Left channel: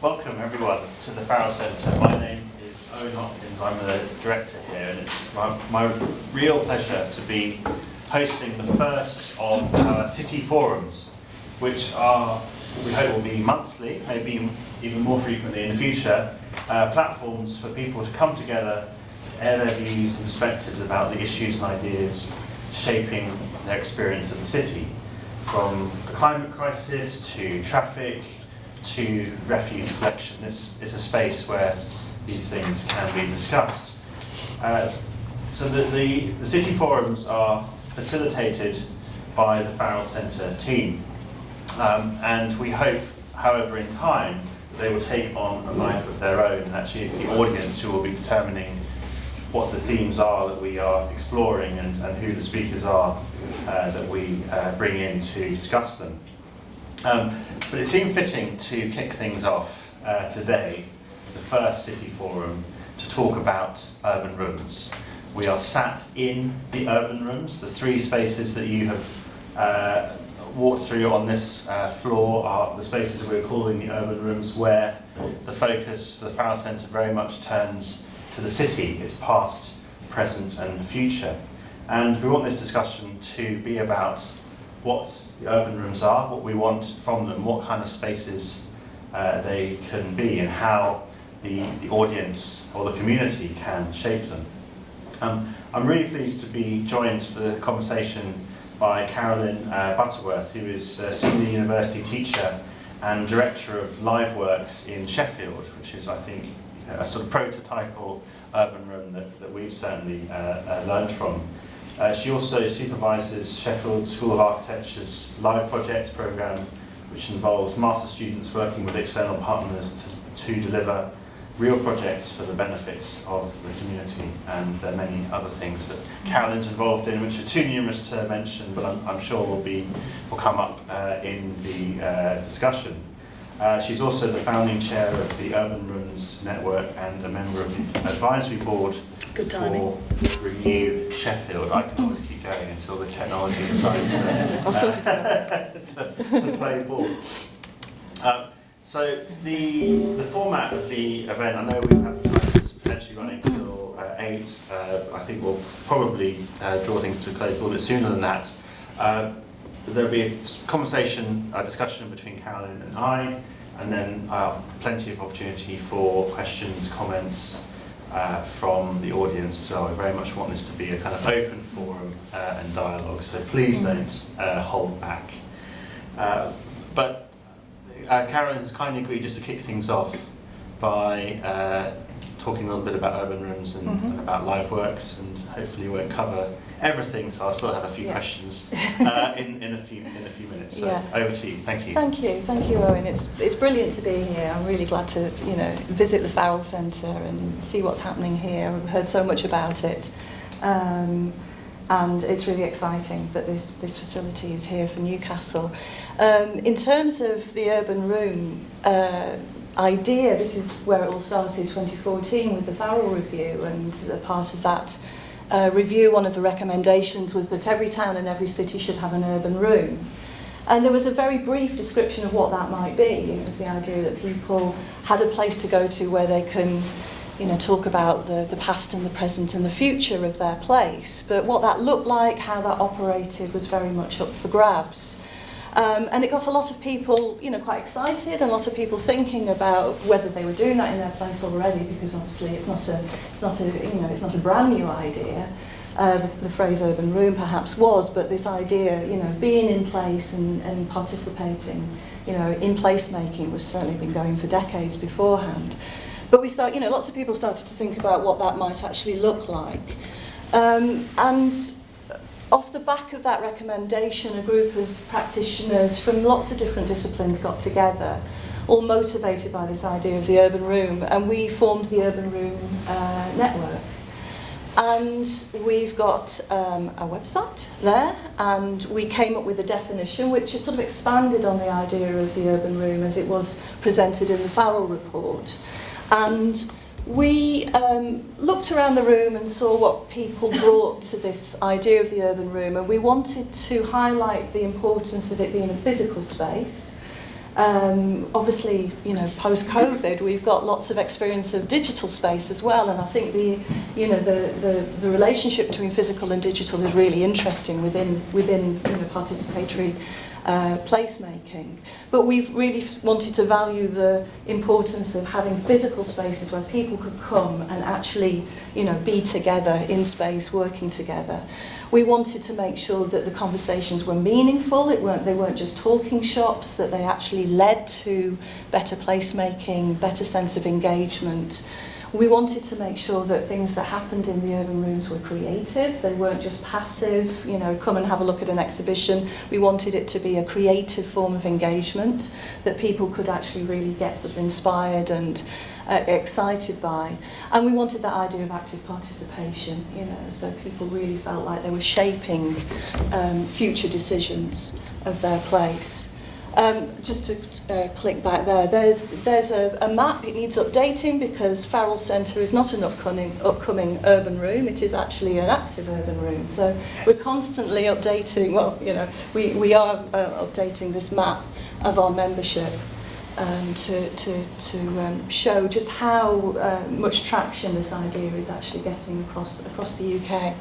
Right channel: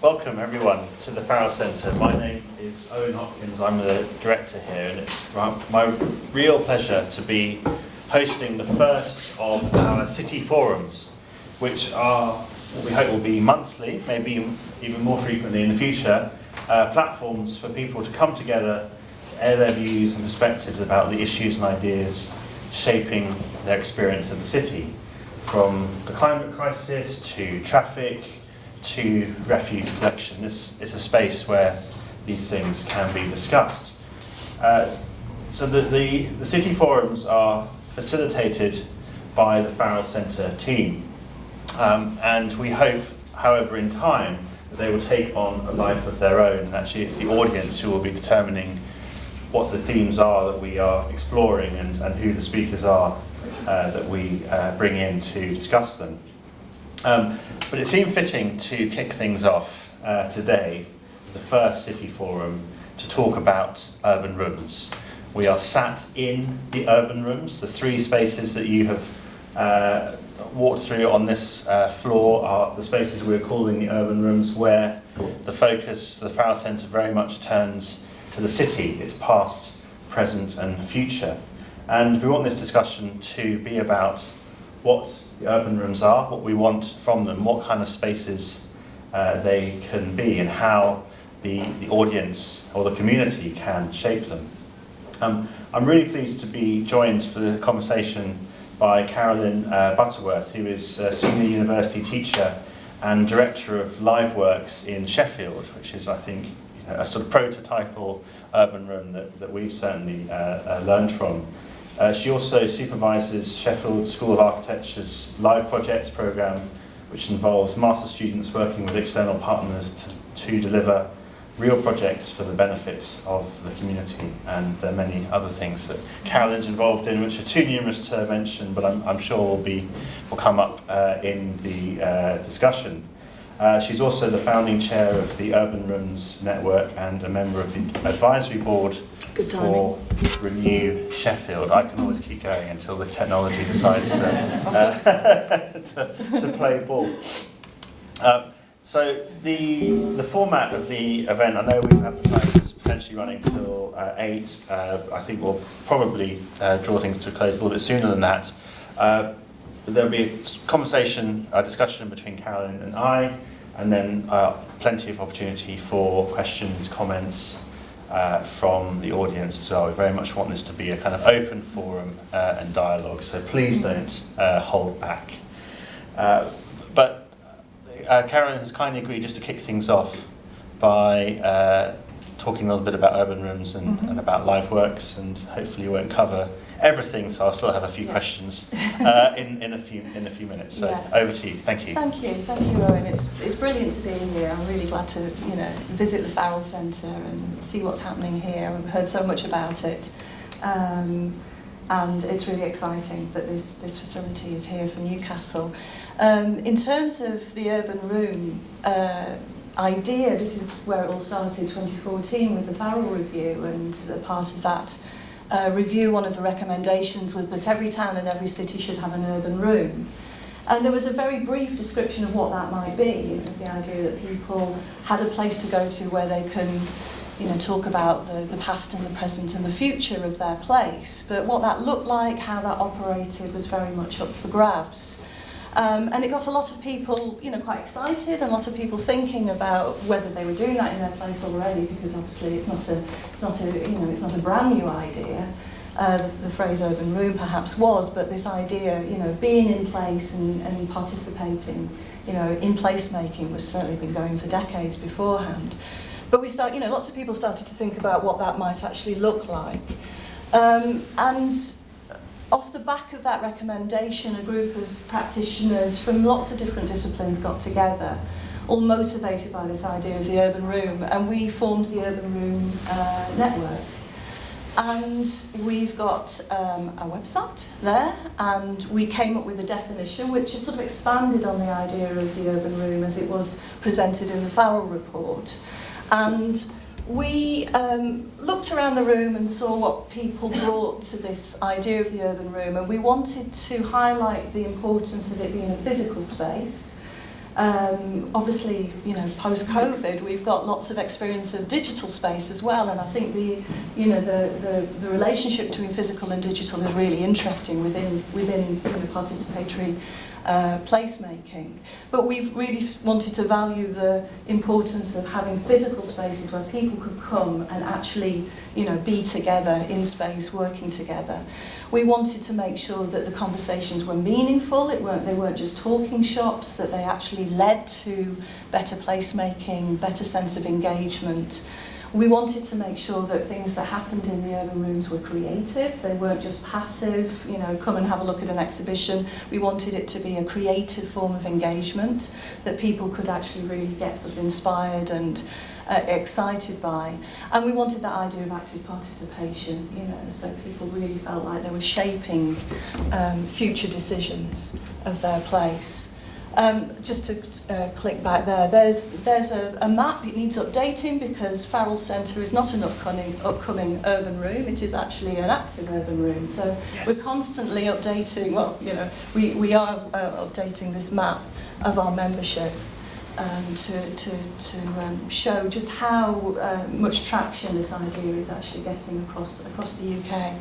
Welcome everyone to the Farrell Centre. My name is Owen Hopkins, I'm the director here, and it's my real pleasure to be hosting the first of our city forums, which are, we hope will be monthly, maybe even more frequently in the future, platforms for people to come together, air their views and perspectives about the issues and ideas shaping their experience of the city, from the climate crisis to traffic, to refuse collection. This is a space where these things can be discussed. So the city forums are facilitated by the Farrell Centre team, and we hope, however, in time, that they will take on a life of their own, and actually it's the audience who will be determining what the themes are that we are exploring and who the speakers are that we bring in to discuss them. But it seemed fitting to kick things off today, the first city forum, to talk about urban rooms. We are sat in the urban rooms. The three spaces that you have walked through on this floor are the spaces we're calling the urban rooms, where the focus for the Farrell Centre very much turns to the city, its past, present and future. And we want this discussion to be about what the urban rooms are, what we want from them, what kind of spaces they can be, and how the audience or the community can shape them. I'm really pleased to be joined for the conversation by Carolyn Butterworth, who is a senior university teacher and director of LiveWorks in Sheffield, which is, I think, a sort of prototypal urban room that we've certainly learned from. She also supervises Sheffield School of Architecture's Live Projects programme, which involves master students working with external partners to deliver real projects for the benefit of the community, and there are many other things that Carolyn's involved in, which are too numerous to mention, but I'm sure will come up in the discussion. She's also the founding chair of the Urban Rooms Network and a member of the advisory board for ReNew Sheffield. I can always keep going until the technology decides to play ball. So the format of the event, I know we've advertised is potentially running till 8. I think we'll probably draw things to a close a little bit sooner than that. But there'll be a conversation, a discussion between Carolyn and I, and then plenty of opportunity for questions, comments from the audience as well. We very much want this to be a kind of open forum and dialogue, so please don't hold back. But Carolyn has kindly agreed just to kick things off by talking a little bit about urban rooms and about LiveWorks, and hopefully we won't cover everything, so I'll still have a few questions in a few minutes. So over to you. Thank you. Thank you, Owen. It's brilliant to be here. I'm really glad to visit the Farrell Centre and see what's happening here. We've heard so much about it, and it's really exciting that this facility is here for Newcastle. In terms of the urban room idea, this is where it all started, 2014, with the Farrell Review, and part of that review, one of the recommendations was that every town and every city should have an urban room. And there was a very brief description of what that might be. It was the idea that people had a place to go to where they can talk about the past and the present and the future of their place. But what that looked like, how that operated, was very much up for grabs. And it got a lot of people, quite excited, and a lot of people thinking about whether they were doing that in their place already, because obviously it's not a brand new idea. The phrase urban room perhaps was, but this idea, being in place and participating, in placemaking was certainly been going for decades beforehand. But lots of people started to think about what that might actually look like, and off the back of that recommendation, a group of practitioners from lots of different disciplines got together, all motivated by this idea of the urban room, and we formed the Urban Room Network. And we've got a website there, and we came up with a definition which has sort of expanded on the idea of the urban room as it was presented in the Farrell report. And we looked around the room and saw what people brought to this idea of the urban room, and we wanted to highlight the importance of it being a physical space, Obviously, you know, post-COVID, we've got lots of experience of digital space as well, and I think the relationship between physical and digital is really interesting within participatory placemaking. But we've really wanted to value the importance of having physical spaces where people could come and actually, be together in space, working together. We wanted to make sure that the conversations were meaningful, they weren't just talking shops, that they actually led to better placemaking, better sense of engagement. We wanted to make sure that things that happened in the urban rooms were creative, they weren't just passive, come and have a look at an exhibition. We wanted it to be a creative form of engagement that people could actually really get sort of inspired and excited by. And we wanted that idea of active participation, so people really felt like they were shaping future decisions of their place. Just to click back there's a map. It needs updating because Farrell Centre is not an upcoming urban room. It is actually an active urban room. So we're constantly updating. Well, we are updating this map of our membership to show just how much traction this idea is actually getting across the UK.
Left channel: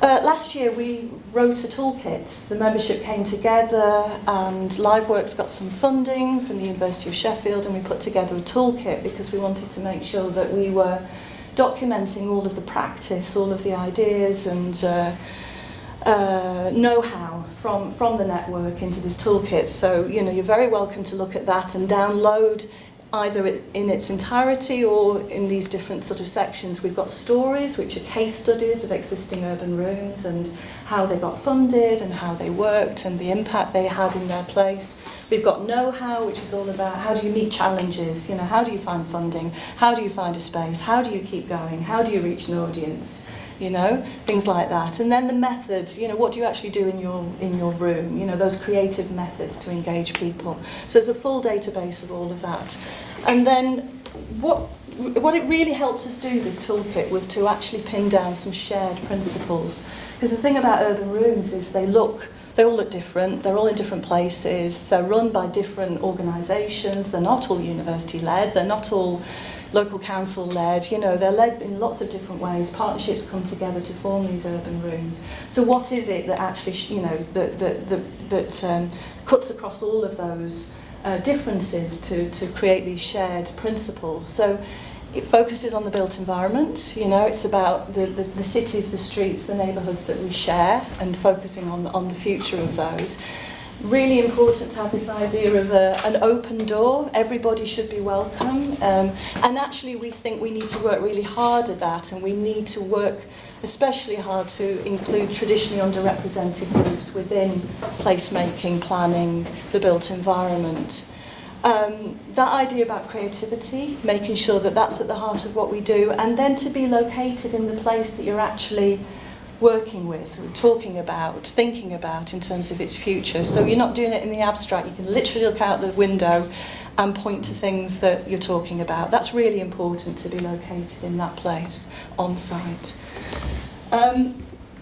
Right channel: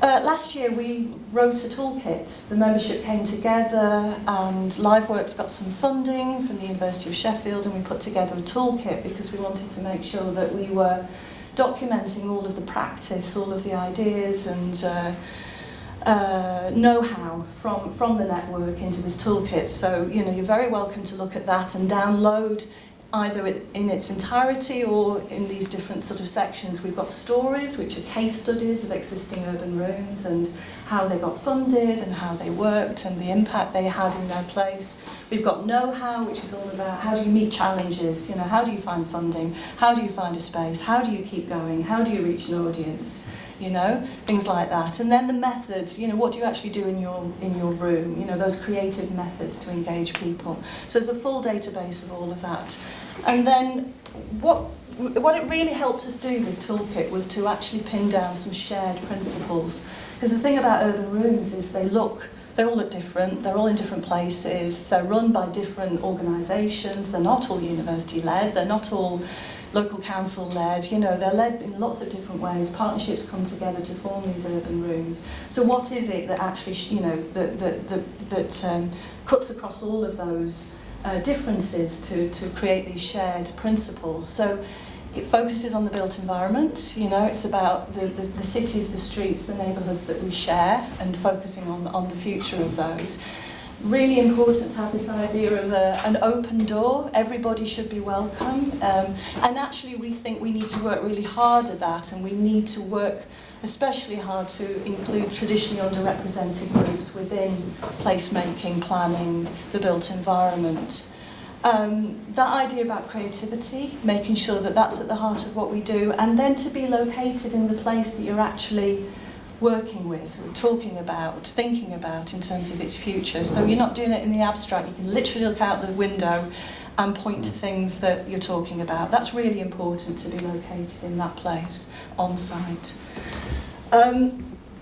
Last year we wrote a toolkit. The membership came together and LiveWorks got some funding from the University of Sheffield, and we put together a toolkit because we wanted to make sure that we were documenting all of the practice, all of the ideas and know-how from the network into this toolkit. So, you're very welcome to look at that and download either in its entirety or in these different sort of sections. We've got stories, which are case studies of existing urban rooms and how they got funded and how they worked and the impact they had in their place. We've got know-how, which is all about how do you meet challenges, how do you find funding, how do you find a space, how do you keep going, how do you reach an audience, things like that. And then the methods, what do you actually do in your room, those creative methods to engage people. So there's a full database of all of that. And then what it really helped us do, this toolkit, was to actually pin down some shared principles. Because the thing about urban rooms is they all look different, they're all in different places, they're run by different organisations, they're not all university-led, they're not all local council-led, they're led in lots of different ways. Partnerships come together to form these urban rooms. So what is it that actually, that cuts across all of those differences to create these shared principles? So it focuses on the built environment, it's about the cities, the streets, the neighbourhoods that we share, and focusing on the future of those. Really important to have this idea of an open door. Everybody should be welcome. And actually we think we need to work really hard at that, and we need to work especially hard to include traditionally underrepresented groups within placemaking, planning, the built environment. That idea about creativity, making sure that that's at the heart of what we do, and then to be located in the place that you're actually working with, and talking about, thinking about in terms of its future. So you're not doing it in the abstract, you can literally look out the window and point to things that you're talking about. That's really important, to be located in that place, on site.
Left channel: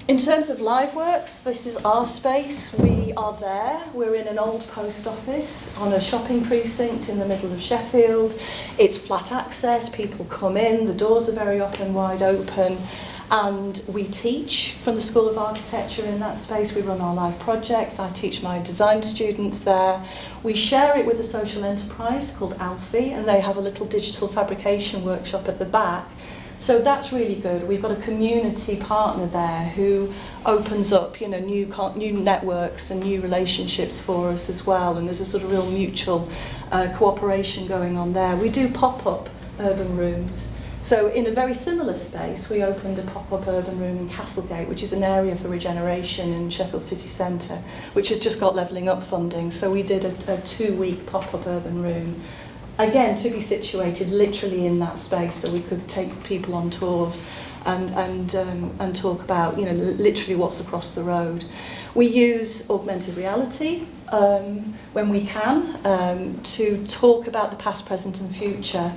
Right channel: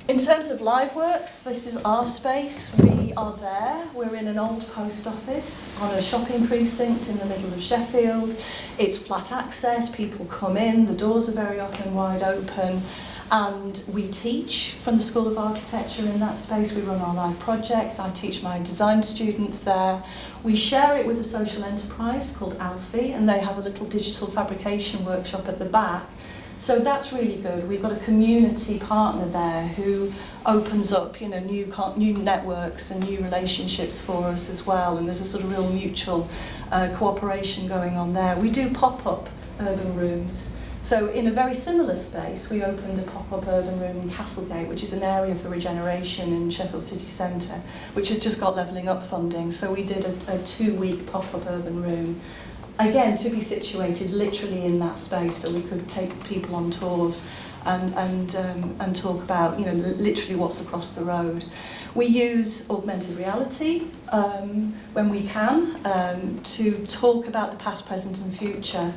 In terms of LiveWorks, this is our space. We are there. We're in an old post office on a shopping precinct in the middle of Sheffield. It's flat access, people come in, the doors are very often wide open, and we teach from the School of Architecture in that space. We run our live projects. I teach my design students there. We share it with a social enterprise called Alfie, and they have a little digital fabrication workshop at the back. So that's really good. We've got a community partner there who opens up, new networks and new relationships for us as well. And there's a sort of real mutual cooperation going on there. We do pop-up urban rooms. So in a very similar space, we opened a pop-up urban room in Castlegate, which is an area for regeneration in Sheffield City Centre, which has just got levelling up funding. So we did a 2-week pop-up urban room, again, to be situated literally in that space, so we could take people on tours and talk about, literally what's across the road. We use augmented reality when we can to talk about the past, present and future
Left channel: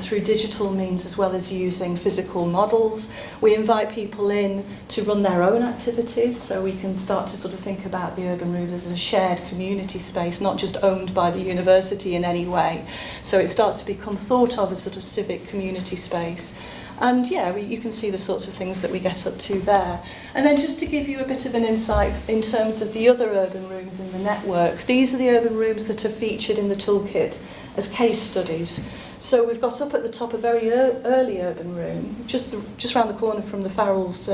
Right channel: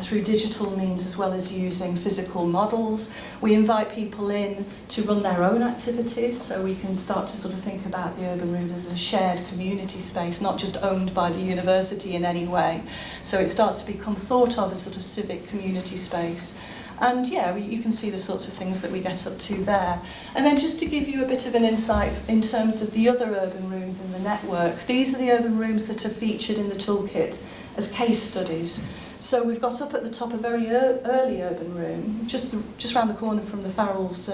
through digital means as well as using physical models. We invite people in to run their own activities, so we can start to sort of think about the urban room as a shared community space, not just owned by the university in any way. So it starts to become thought of as sort of civic community space. And yeah, you can see the sorts of things that we get up to there. And then just to give you a bit of an insight in terms of the other urban rooms in the network, these are the urban rooms that are featured in the toolkit as case studies. So we've got up at the top a very early urban room, just around the corner from the Farrell's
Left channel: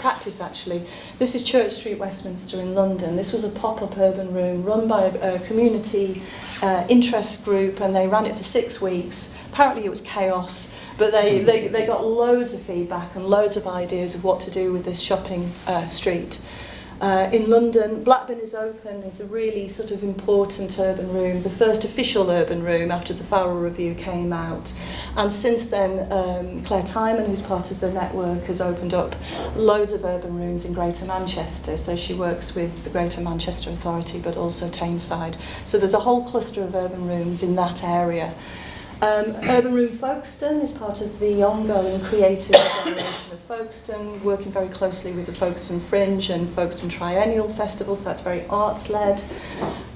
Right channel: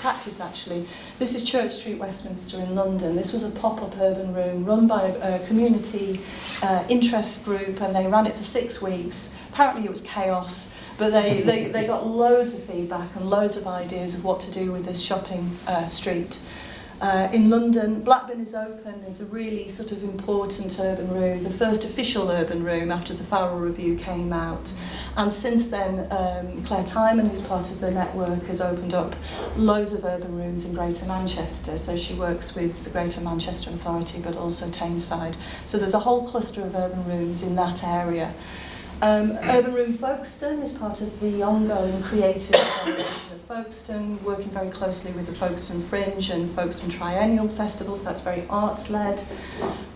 practice actually. This is Church Street, Westminster in London. This was a pop-up urban room run by a community interest group, and they ran it for 6 weeks. Apparently it was chaos, but they got loads of feedback and loads of ideas of what to do with this shopping street. In London, Blackburn is Open is a really sort of important urban room, the first official urban room after the Farrell Review came out. And since then, Claire Tynan, who's part of the network, has opened up loads of urban rooms in Greater Manchester. So she works with the Greater Manchester Authority, but also Tameside. So there's a whole cluster of urban rooms in that area. Urban Room Folkestone is part of the ongoing creative generation of Folkestone, working very closely with the Folkestone Fringe and Folkestone Triennial Festival, so that's very arts-led.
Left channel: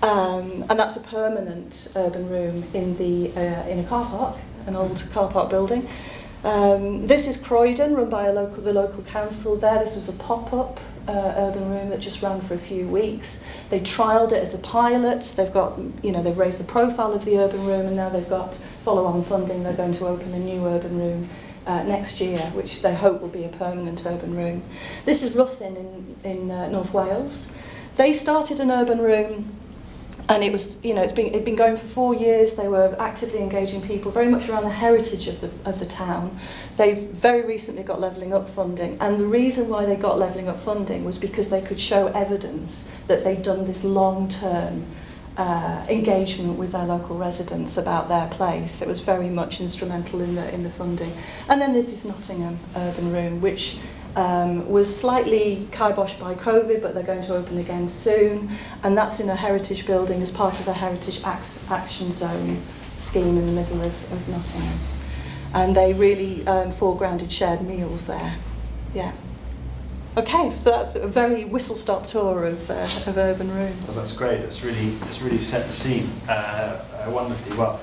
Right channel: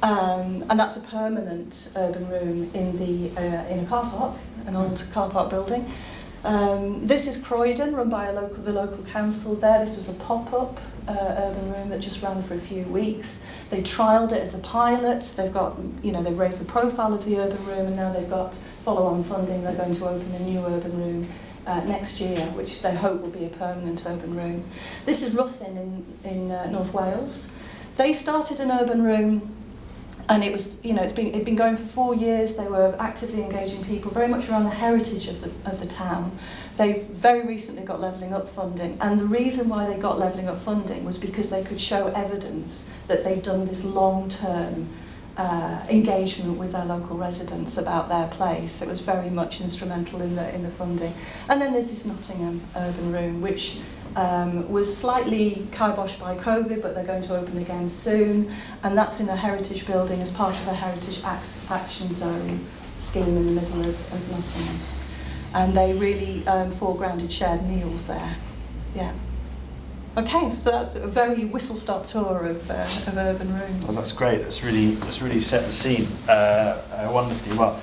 And that's a permanent urban room in a car park, an old car park building. This is Croydon, run by the local council there. This was a pop-up urban room that just ran for a few weeks. They trialled it as a pilot. They've got, they've raised the profile of the urban room, and now they've got follow-on funding. They're going to open a new urban room next year, which they hope will be a permanent urban room. This is Ruthin in North Wales. They started an urban room, and it was, it'd been going for 4 years. They were actively engaging people very much around the heritage of the town. They've very recently got Levelling Up funding, and the reason why they got Levelling Up funding was because they could show evidence that they'd done this long-term engagement with their local residents about their place. It was very much instrumental in the funding. And then there's this Nottingham urban room, which was slightly kiboshed by COVID, but they're going to open again soon, and that's in a heritage building as part of a heritage action zone scheme in the middle of Nottingham. And they really foregrounded shared meals there. Yeah. Okay, so that's a very whistle-stop tour of urban rooms. Well, that's great. It's really set the scene wonderfully well.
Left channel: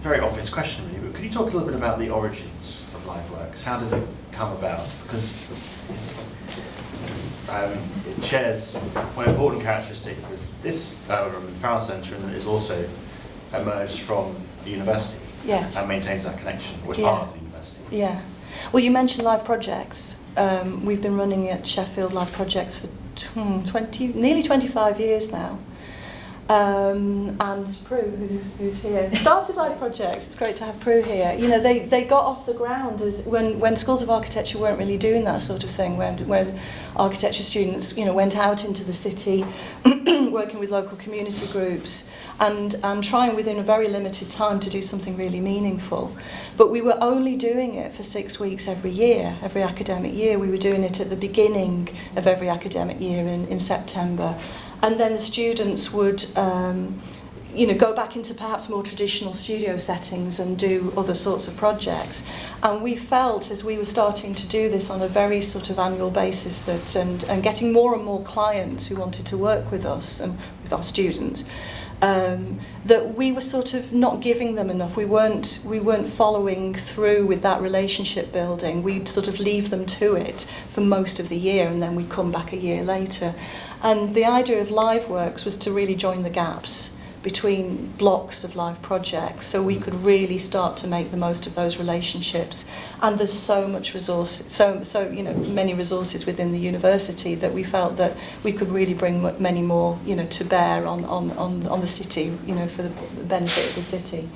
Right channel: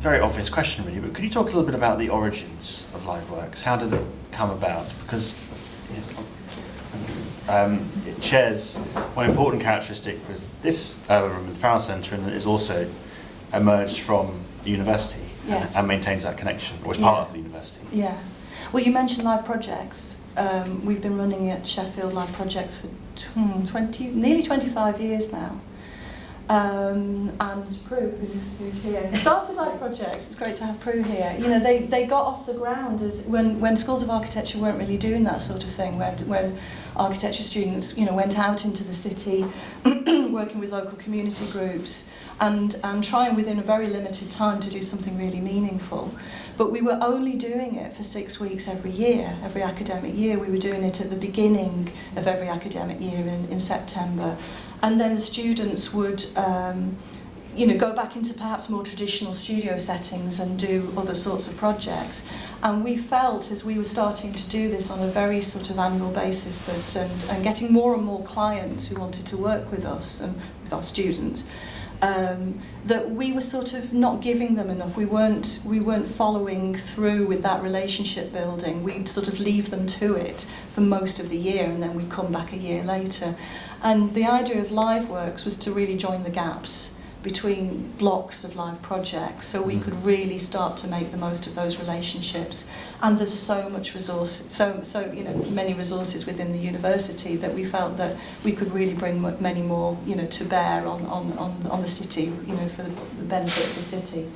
Very obvious question, really, but could you talk a little bit about the origins of LiveWorks? How did it come about? Because it shares one important characteristic with this urban room, the Farrell Centre, and it is also emerged from the university. Yes. And maintains that connection, or is part of the university. Yeah. Well, you mentioned live projects. We've been running at Sheffield live projects for nearly 25 years now. And Prue, who's here, started live projects. It's great to have Prue here. They got off the ground as when schools of architecture weren't really doing that sort of thing. When architecture students, went out into the city, working with local community groups, and trying within a very limited time to do something really meaningful. But we were only doing it for 6 weeks every year, every academic year. We were doing it at the beginning of every academic year in September. And then the students would go back into perhaps more traditional studio settings and do other sorts of projects. And we felt, as we were starting to do this on a very sort of annual basis, that and getting more and more clients who wanted to work with us and with our students, that we were sort of not giving them enough. We weren't following through with that relationship building. We'd sort of leave them to it for most of the year, and then we'd come back a year later. And the idea of LiveWorks was to really join the gaps between blocks of live projects, so we could really start to make the most of those relationships. And there's so much resource, so many resources within the university that we felt that we could really bring many more, to bear on the city, for the benefit of the city.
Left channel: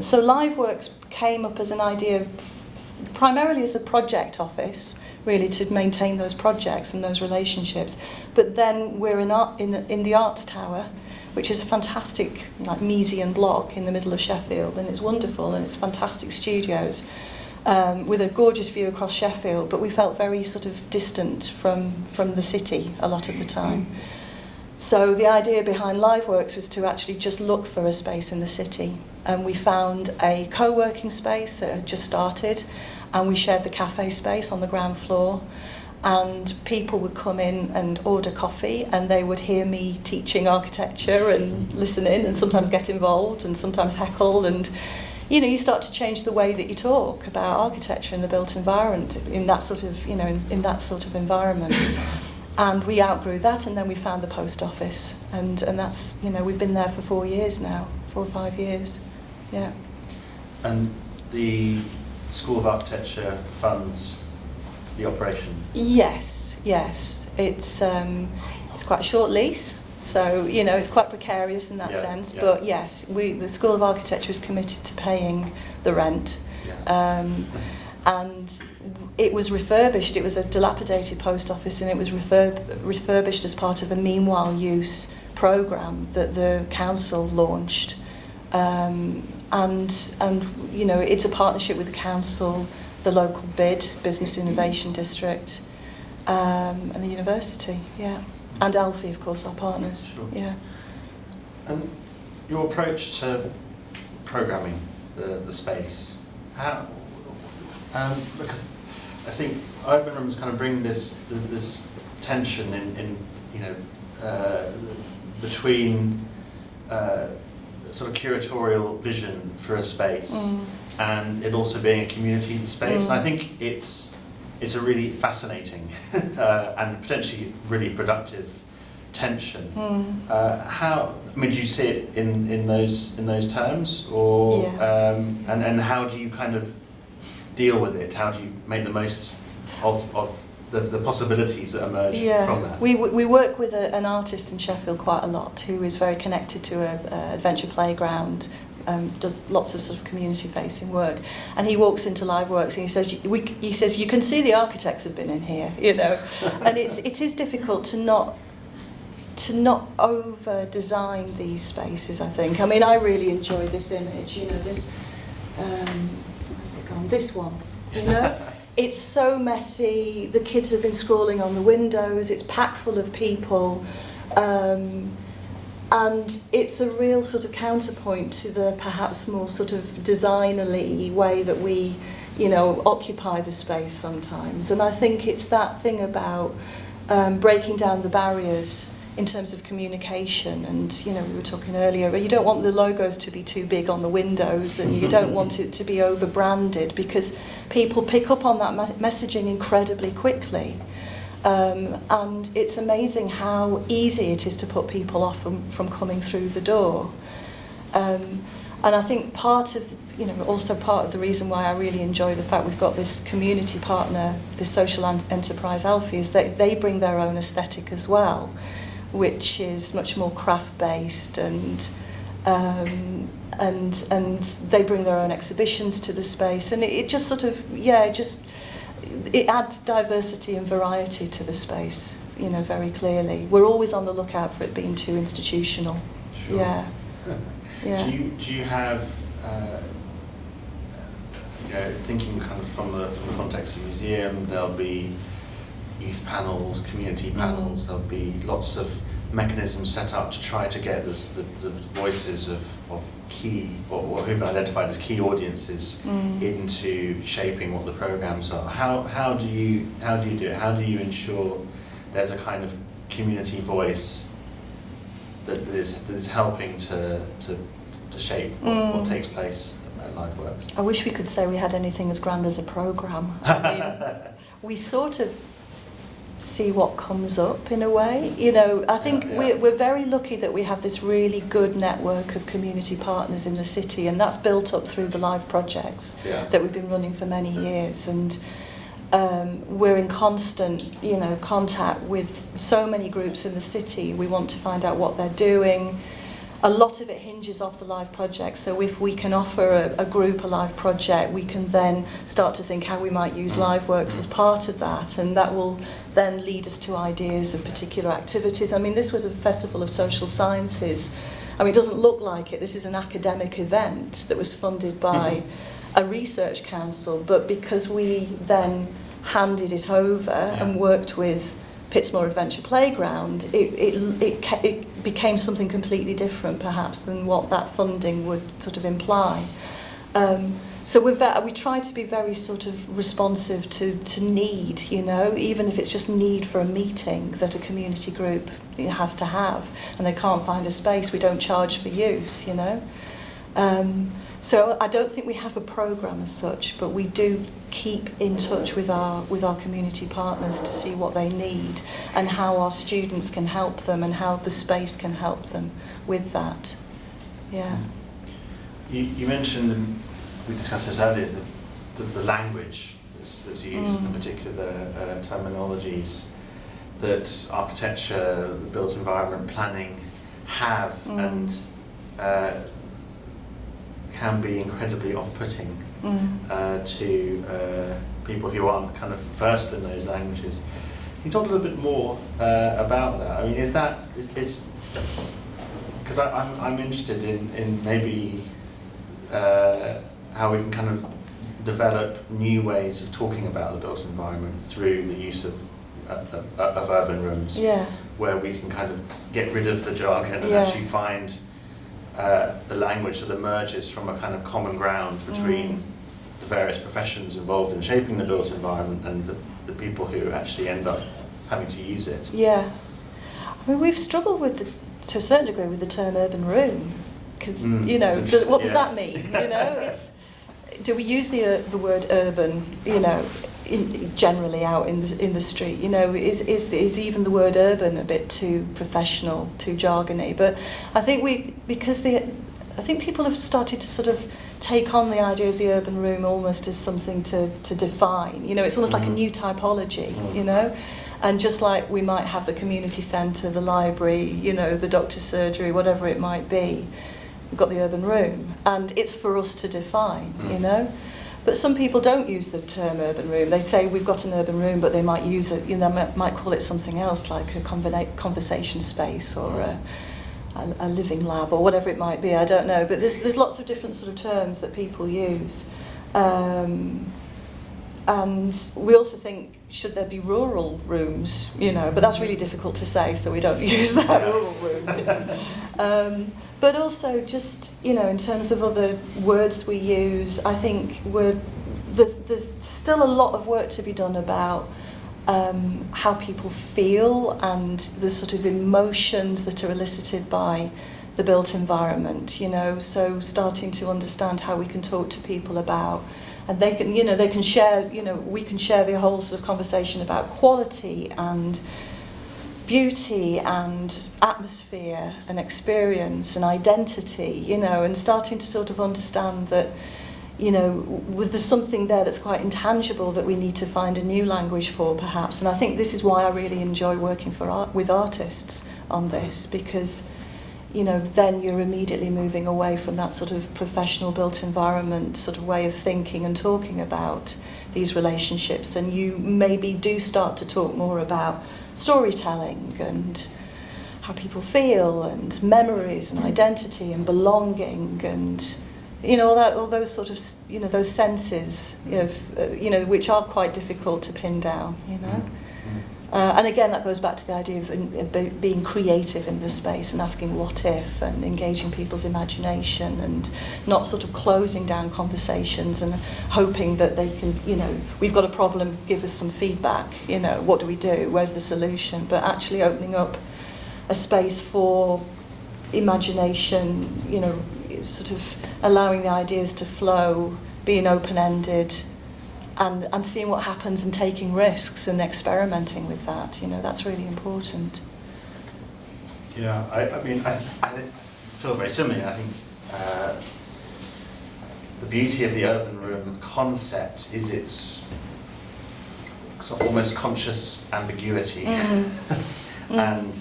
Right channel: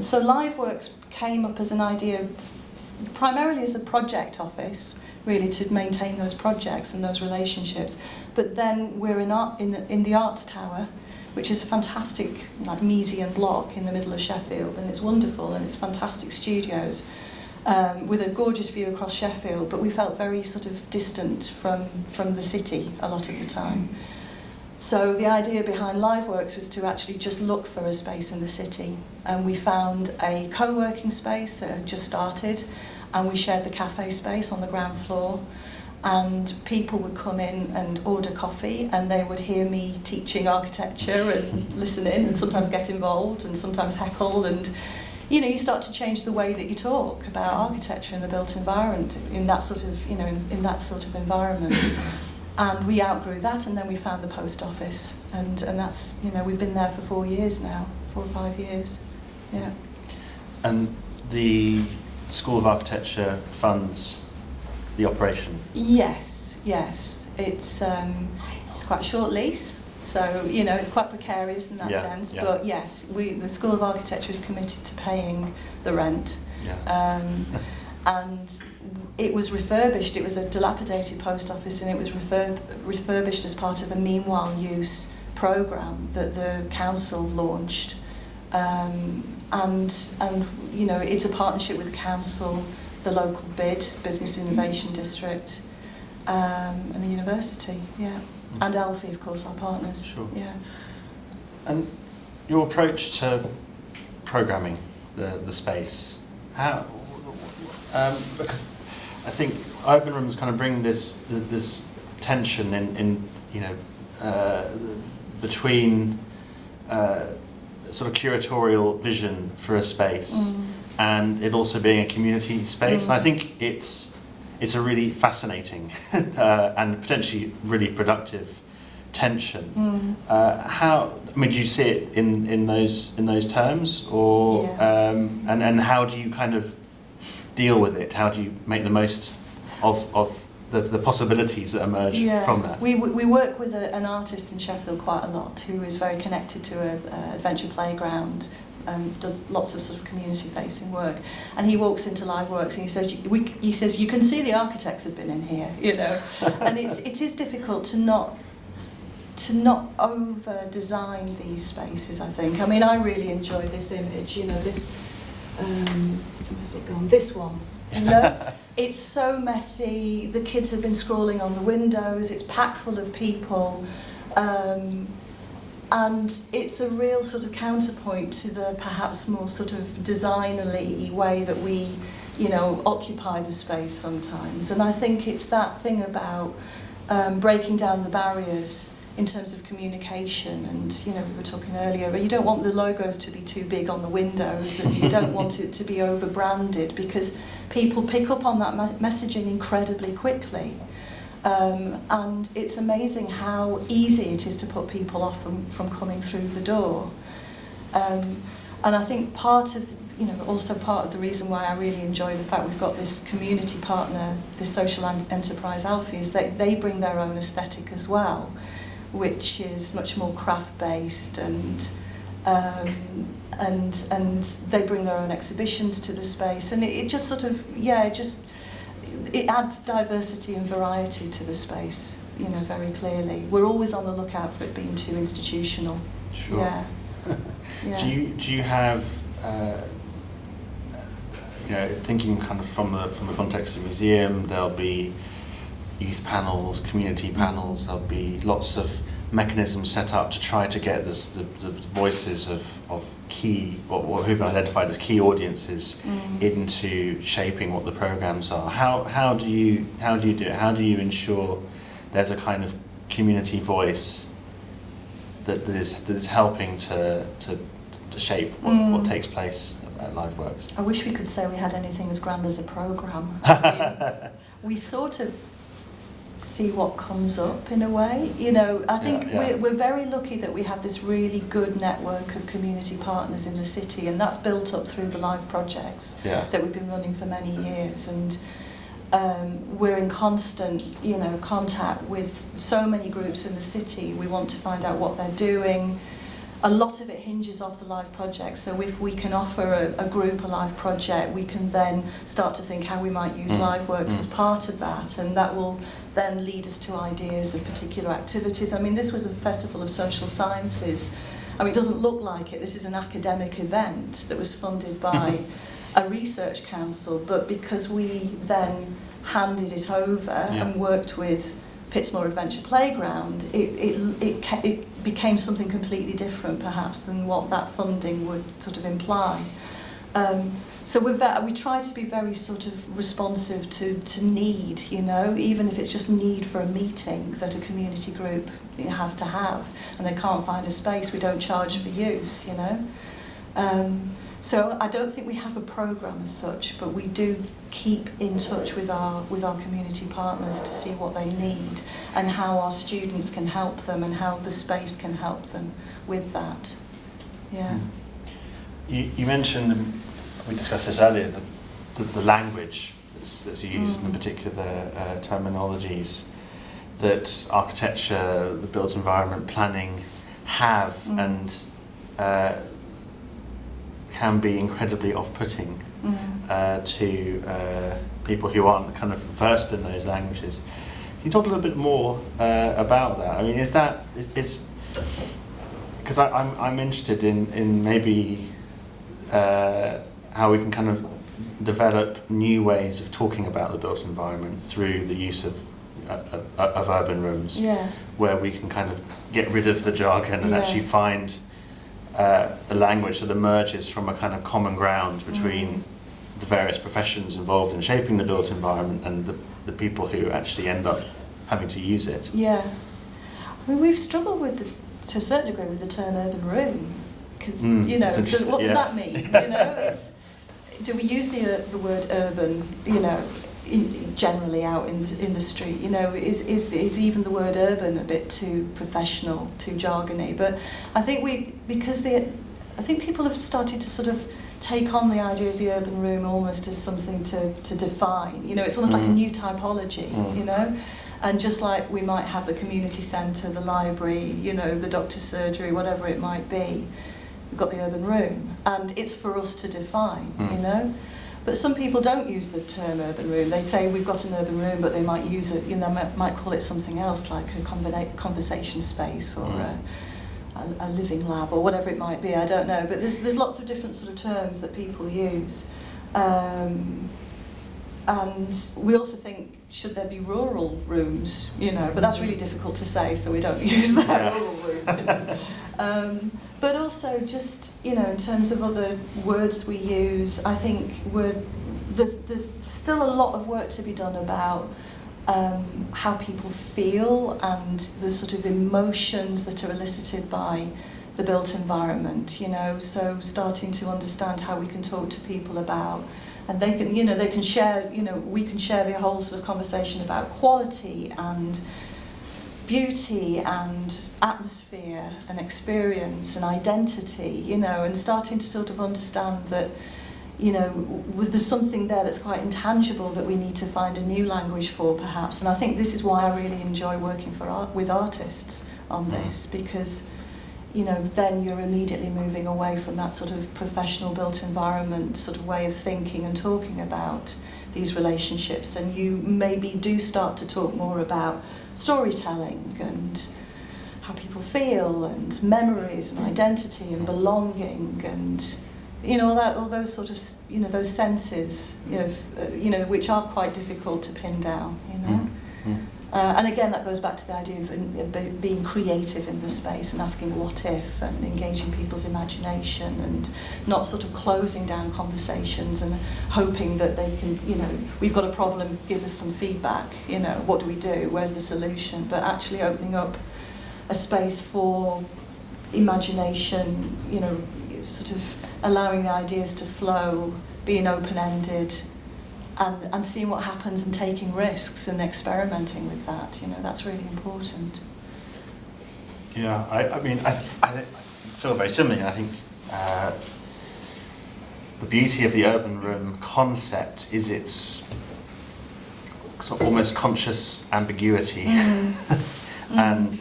So LiveWorks came up as an idea, primarily as a project office, really to maintain those projects and those relationships. But then we're in the Arts Tower, which is a fantastic museum block in the middle of Sheffield, and it's wonderful, and it's fantastic studios. With a gorgeous view across Sheffield, but we felt very sort of distant from the city a lot of the time. So the idea behind LiveWorks was to actually just look for a space in the city, and we found a co-working space that had just started, and we shared the cafe space on the ground floor, and people would come in and order coffee, and they would hear me teaching architecture and listen in and sometimes get involved and sometimes heckle, and you start to change the way that you talk about architecture in the built environment in that sort of in that sort of environment. And we outgrew that, and then we found the post office, and that's we've been there for 4 years now, 4 or 5 years, yeah. And the School of Architecture funds the operation? Yes. It's quite a short lease, so it's quite precarious in that sense. Yeah. But yes, the School of Architecture is committed to paying the rent. Yeah. And it was refurbished. It was a dilapidated post office, and it was refurbished as part of a meanwhile use programme that the council launched. And it's a partnership with the council, the local BID, Business Innovation District, and the university, and Alfie, of course, our partners. Sure. Yeah. And your approach to programming the space, how? Because I think open rooms kind of bring this tension in between sort of curatorial vision for a space and it also being a community space. And I think it's a really fascinating and potentially really productive tension. Do you see it in those terms, or and how do you kind of deal with it? How do you make the most of the possibilities that emerge from that? We work with an artist in Sheffield quite a lot who is very connected to an adventure playground, does lots of sort of community-facing work, and he walks into LiveWorks and he says you can see the architects have been in here, and it is difficult to not over-design these spaces, I think. I mean, I really enjoyed this image, this, where's it gone? This one, It's so messy, the kids have been scrawling on the windows, it's packed full of people, and it's a real sort of counterpoint to the perhaps more sort of designerly way that we, occupy the space sometimes. And I think it's that thing about breaking down the barriers in terms of communication, and we were talking earlier, but you don't want the logos to be too big on the windows, and you don't want it to be over branded, because people pick up on that messaging incredibly quickly, and it's amazing how easy it is to put people off from coming through the door. And I think also part of the reason why I really enjoy the fact we've got this community partner, this social enterprise Alfie, is that they bring their own aesthetic as well, which is much more craft-based, and they bring their own exhibitions to the space, and it just sort of, it adds diversity and variety to the space, very clearly. We're always on the lookout for it being too institutional. Sure. Yeah. Do you have, thinking kind of from the context of the museum, there'll be youth panels, community panels, there'll be lots of mechanisms set up to try to get the voices of key, or who've been identified as key audiences into shaping what the programs are. How do you do it? How do you ensure there's a kind of community voice that is helping to shape what takes place at LiveWorks? I wish we could say we had anything as grand as a programme. We sort of see what comes up in a way. I think we're very lucky that we have this really good network of community partners in the city, and that's built up through the Live projects that we've been running for many years, and we're in constant contact with so many groups in the city. We want to find out what they're doing. A lot of it hinges off the Live project, so if we can offer a group a Live project, we can then start to think how we might use LiveWorks as part of that, and that will then lead us to ideas of particular activities. I mean, this was a festival of social sciences. I mean, it doesn't look like it. This is an academic event that was funded by a research council, but because we then handed it over and worked with Pittsmore Adventure Playground, it became something completely different perhaps than what that funding would sort of imply. So we try to be very sort of responsive to need, you know, even if it's just need for a meeting that a community group has to have, and they can't find a space, we don't charge for use, you know. So I don't think we have a programme as such, but we do keep in touch with our community partners to see what they need and how our students can help them and how the space can help them with that. Yeah. You mentioned, we discussed this earlier, the language that's used, in particular the terminologies that architecture, the built environment planning have, and can be incredibly off-putting to people who aren't kind of versed in those languages. Can you talk a little bit more about that? I mean, is because I'm interested in maybe how we can kind of develop new ways of talking about the built environment through the use of urban rooms, where we can kind of get rid of the jargon and actually find a language that emerges from a kind of common ground between the various professions involved in shaping the built environment and the people who actually end up having to use it. Yeah. I mean, we've struggled to a certain degree with the term urban room, because, you know, what does that mean? You know, do we use the word urban, you know, generally out in the street? You know, is even the word urban a bit too professional, too jargony? But I think I think people have started to sort of take on the idea of the urban room almost as something to define. You know, it's almost like a new typology, you know? And just like we might have the community centre, the library, you know, the doctor's surgery, whatever it might be, we've got the urban room. And it's for us to define, you know? But some people don't use the term urban room. They say we've got an urban room, but they might use it, you know, might call it something else, like a conversation space or a living lab or whatever it might be. I don't know. But there's lots of different sort of terms that people use. And we also think, should there be rural rooms? You know, but that's really difficult to say, so we don't use the rural rooms. But also just, you know, in terms of other words we use, I think there's still a lot of work to be done about how people feel and the sort of emotions that are elicited by the built environment, you know, so starting to understand how we can talk to people about, and they can, you know, they can share, you know, we can share the whole sort of conversation about quality and beauty and atmosphere and experience and identity, you know, and starting to sort of understand that, you know, there's something there that's quite intangible that we need to find a new language for, perhaps. And I think this is why I really enjoy working with artists on this, because, you know, then you're immediately moving away from that sort of professional built environment sort of way of thinking and talking about these relationships, and you maybe do start to talk more about storytelling and how people feel and memories and identity and belonging and, you know, all those sort of, you know, those senses, you know, which are quite difficult to pin down, you know. And again, that goes back to the idea of being creative in the space and asking what if and engaging people's imagination and not sort of closing down conversations and hoping that they can, you know, we've got a problem, give us some feedback, you know, what do we do, where's the solution, but actually opening up a space for imagination, you know, sort of allowing the ideas to flow, being open-ended, and seeing what happens and taking risks and experimenting with that, you know, that's really important. Yeah, I mean, I feel very similarly. I think the beauty of the urban room concept is its sort of almost conscious ambiguity. And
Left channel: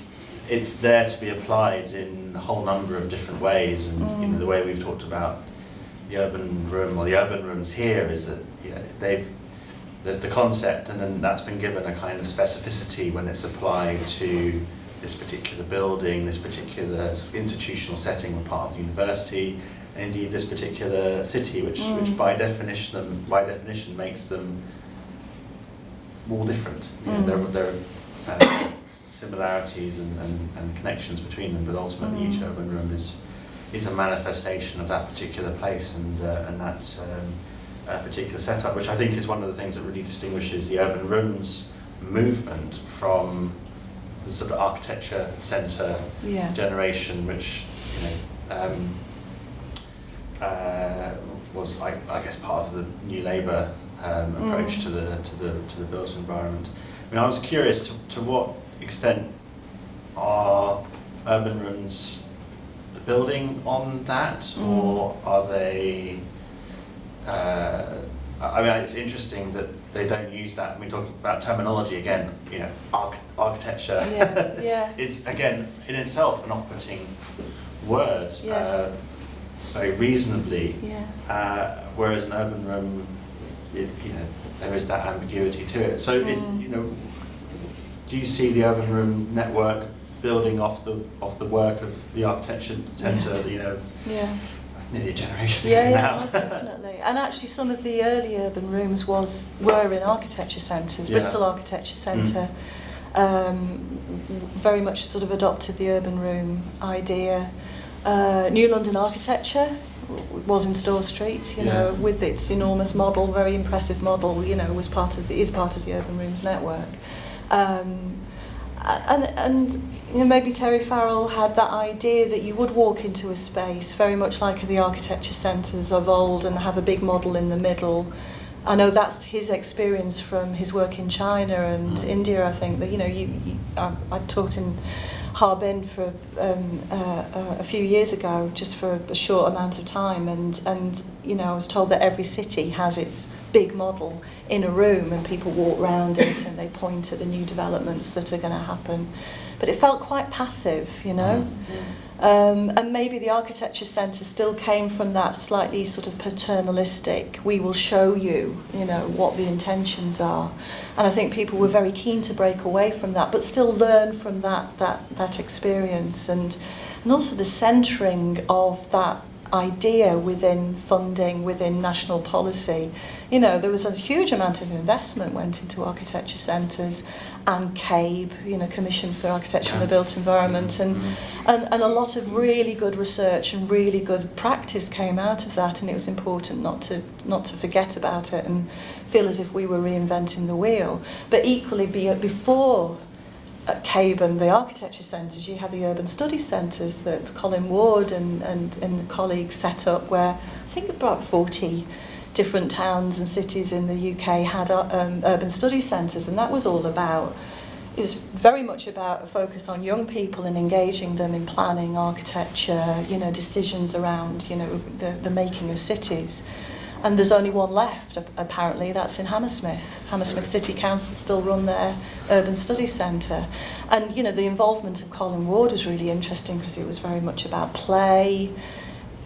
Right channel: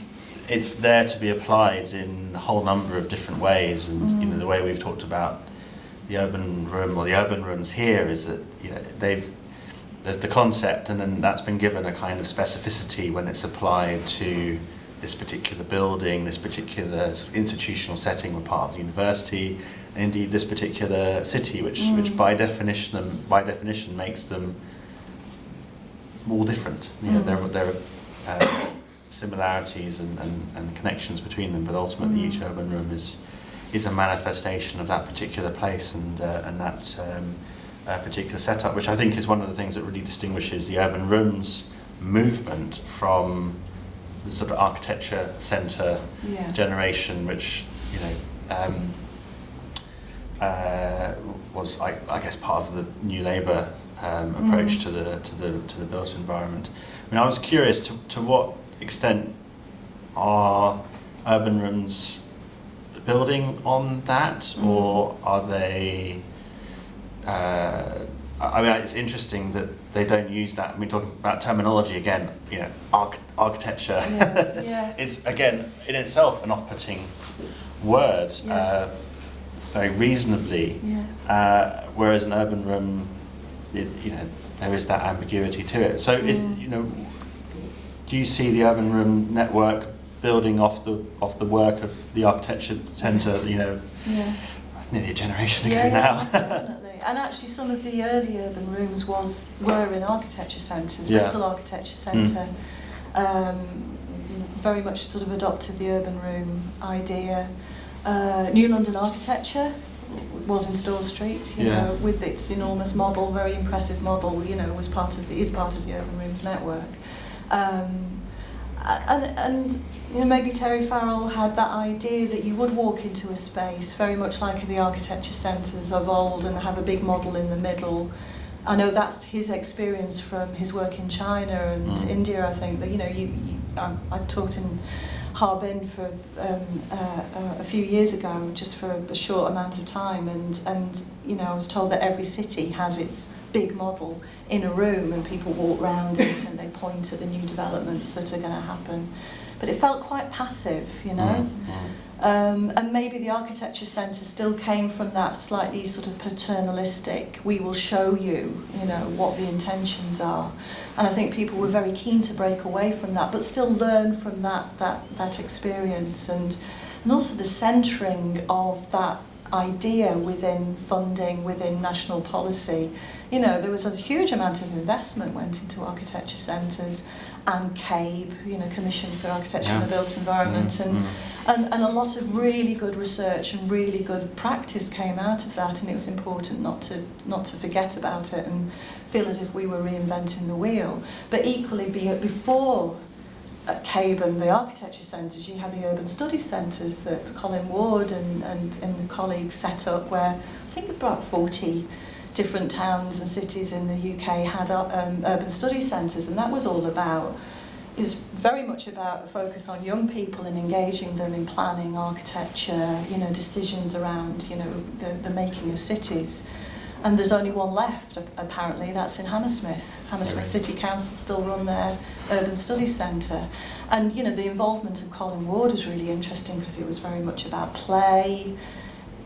it's there to be applied in a whole number of different ways, and you know, the way we've talked about the urban room or the urban rooms here is that, you know, there's the concept, and then that's been given a kind of specificity when it's applied to this particular building, this particular institutional setting or part of the university, and indeed this particular city, which by definition makes them all different. You know, similarities and connections between them, but ultimately each urban room is a manifestation of that particular place and that particular setup, which I think is one of the things that really distinguishes the urban rooms movement from the sort of architecture centre generation, which was I guess part of the New Labour approach to the built environment. I mean, I was curious to what extent are urban rooms building on that, or are they? I mean, it's interesting that they don't use that. I mean, talking about terminology again, architecture is again in itself an off-putting word, very reasonably. Whereas an urban room is, there is that ambiguity to it. So, do you see the urban room network building off the work of the architecture centre? Nearly a generation ago now. Definitely. And actually, some of the early urban rooms were in architecture centres. Bristol Architecture Centre very much sort of adopted the urban room idea. New London Architecture was in Store Street, with its enormous model, very impressive model. Is part of the urban rooms network. And maybe Terry Farrell had that idea that you would walk into a space very much like the architecture centres of old and have a big model in the middle. I know that's his experience from his work in China and India, I think. But I talked in Harbin for a few years ago, just for a short amount of time, and I was told that every city has its big model in a room, and people walk around it and they point to the new developments that are going to happen. But it felt quite passive, and maybe the architecture centre still came from that slightly sort of paternalistic, we will show you, what the intentions are. And I think people were very keen to break away from that, but still learn from that experience, and also the centering of that idea within funding, within national policy. There was a huge amount of investment went into architecture centres, and CABE, Commission for Architecture and the Built Environment, and a lot of really good research and really good practice came out of that, and it was important not to forget about it and feel as if we were reinventing the wheel. But equally, before CABE and the architecture centres, you have the urban study centres that Colin Ward and colleagues set up, where I think about 40 different towns and cities in the UK had urban study centres, and that was all about, it was very much about a focus on young people and engaging them in planning, architecture, decisions around, the making of cities. And there's only one left, apparently, that's in Hammersmith. Hammersmith City Council still run their urban study centre. And, the involvement of Colin Ward was really interesting because it was very much about play,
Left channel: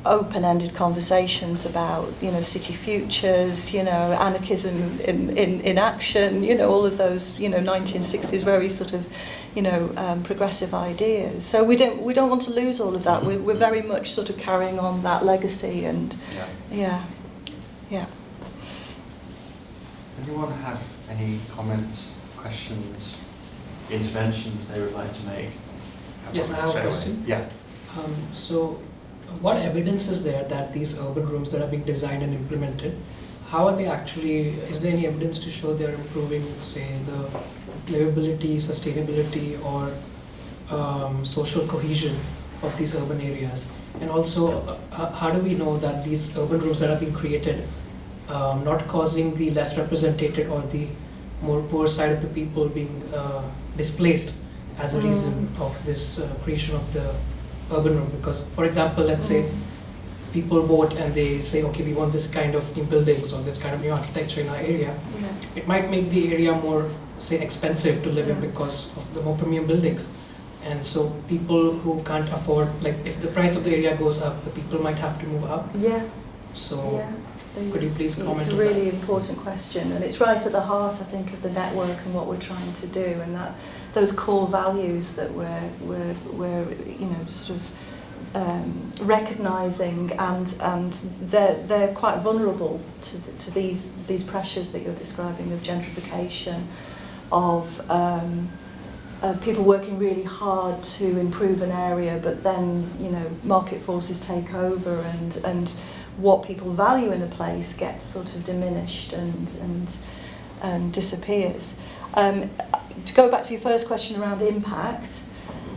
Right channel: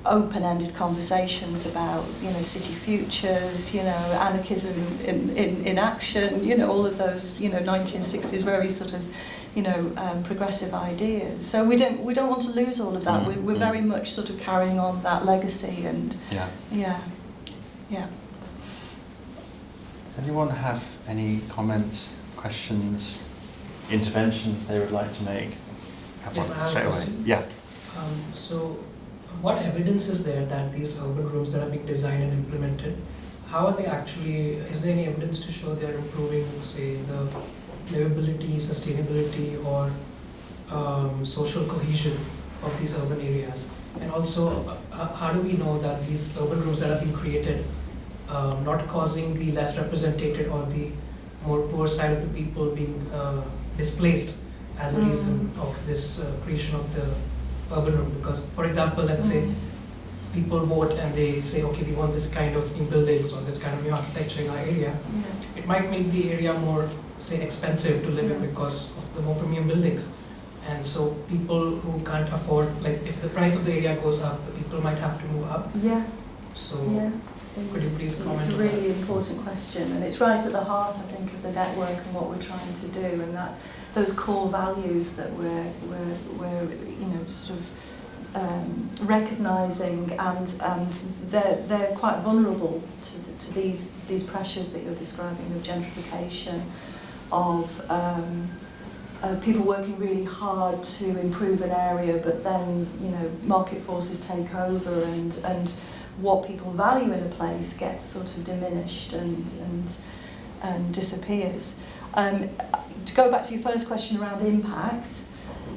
open-ended conversations about, city futures, anarchism in action, all of those, 1960s very sort of, progressive ideas. So we don't want to lose all of that. We're very much sort of carrying on that legacy, and yeah. Does anyone have any comments, questions, interventions they would like to make? Yes, I have a question. Yeah. So, what evidence is there that these urban rooms that are being designed and implemented, how are they actually, is there any evidence to show they are improving, say, the livability, sustainability, or social cohesion of these urban areas? And also, how do we know that these urban rooms that are being created not causing the less represented or the more poor side of the people being displaced as a reason of this creation of the urban room? Because, for example, let's say people vote and they say, okay, we want this kind of new buildings or this kind of new architecture in our area. It might make the area more, say, expensive to live in because of the more premium buildings. And so people who can't afford, like if the price of the area goes up, the people might have to move up. So could you please comment on that? It's a really important question, and it's right at the heart, I think, of the network and what we're trying to do, and that those core values that we're sort of recognising, and they're quite vulnerable to these pressures that you're describing of gentrification, of people working really hard to improve an area, but then, you know, market forces take over and what people value in a place gets sort of diminished and disappears. To go back to your first question around impact,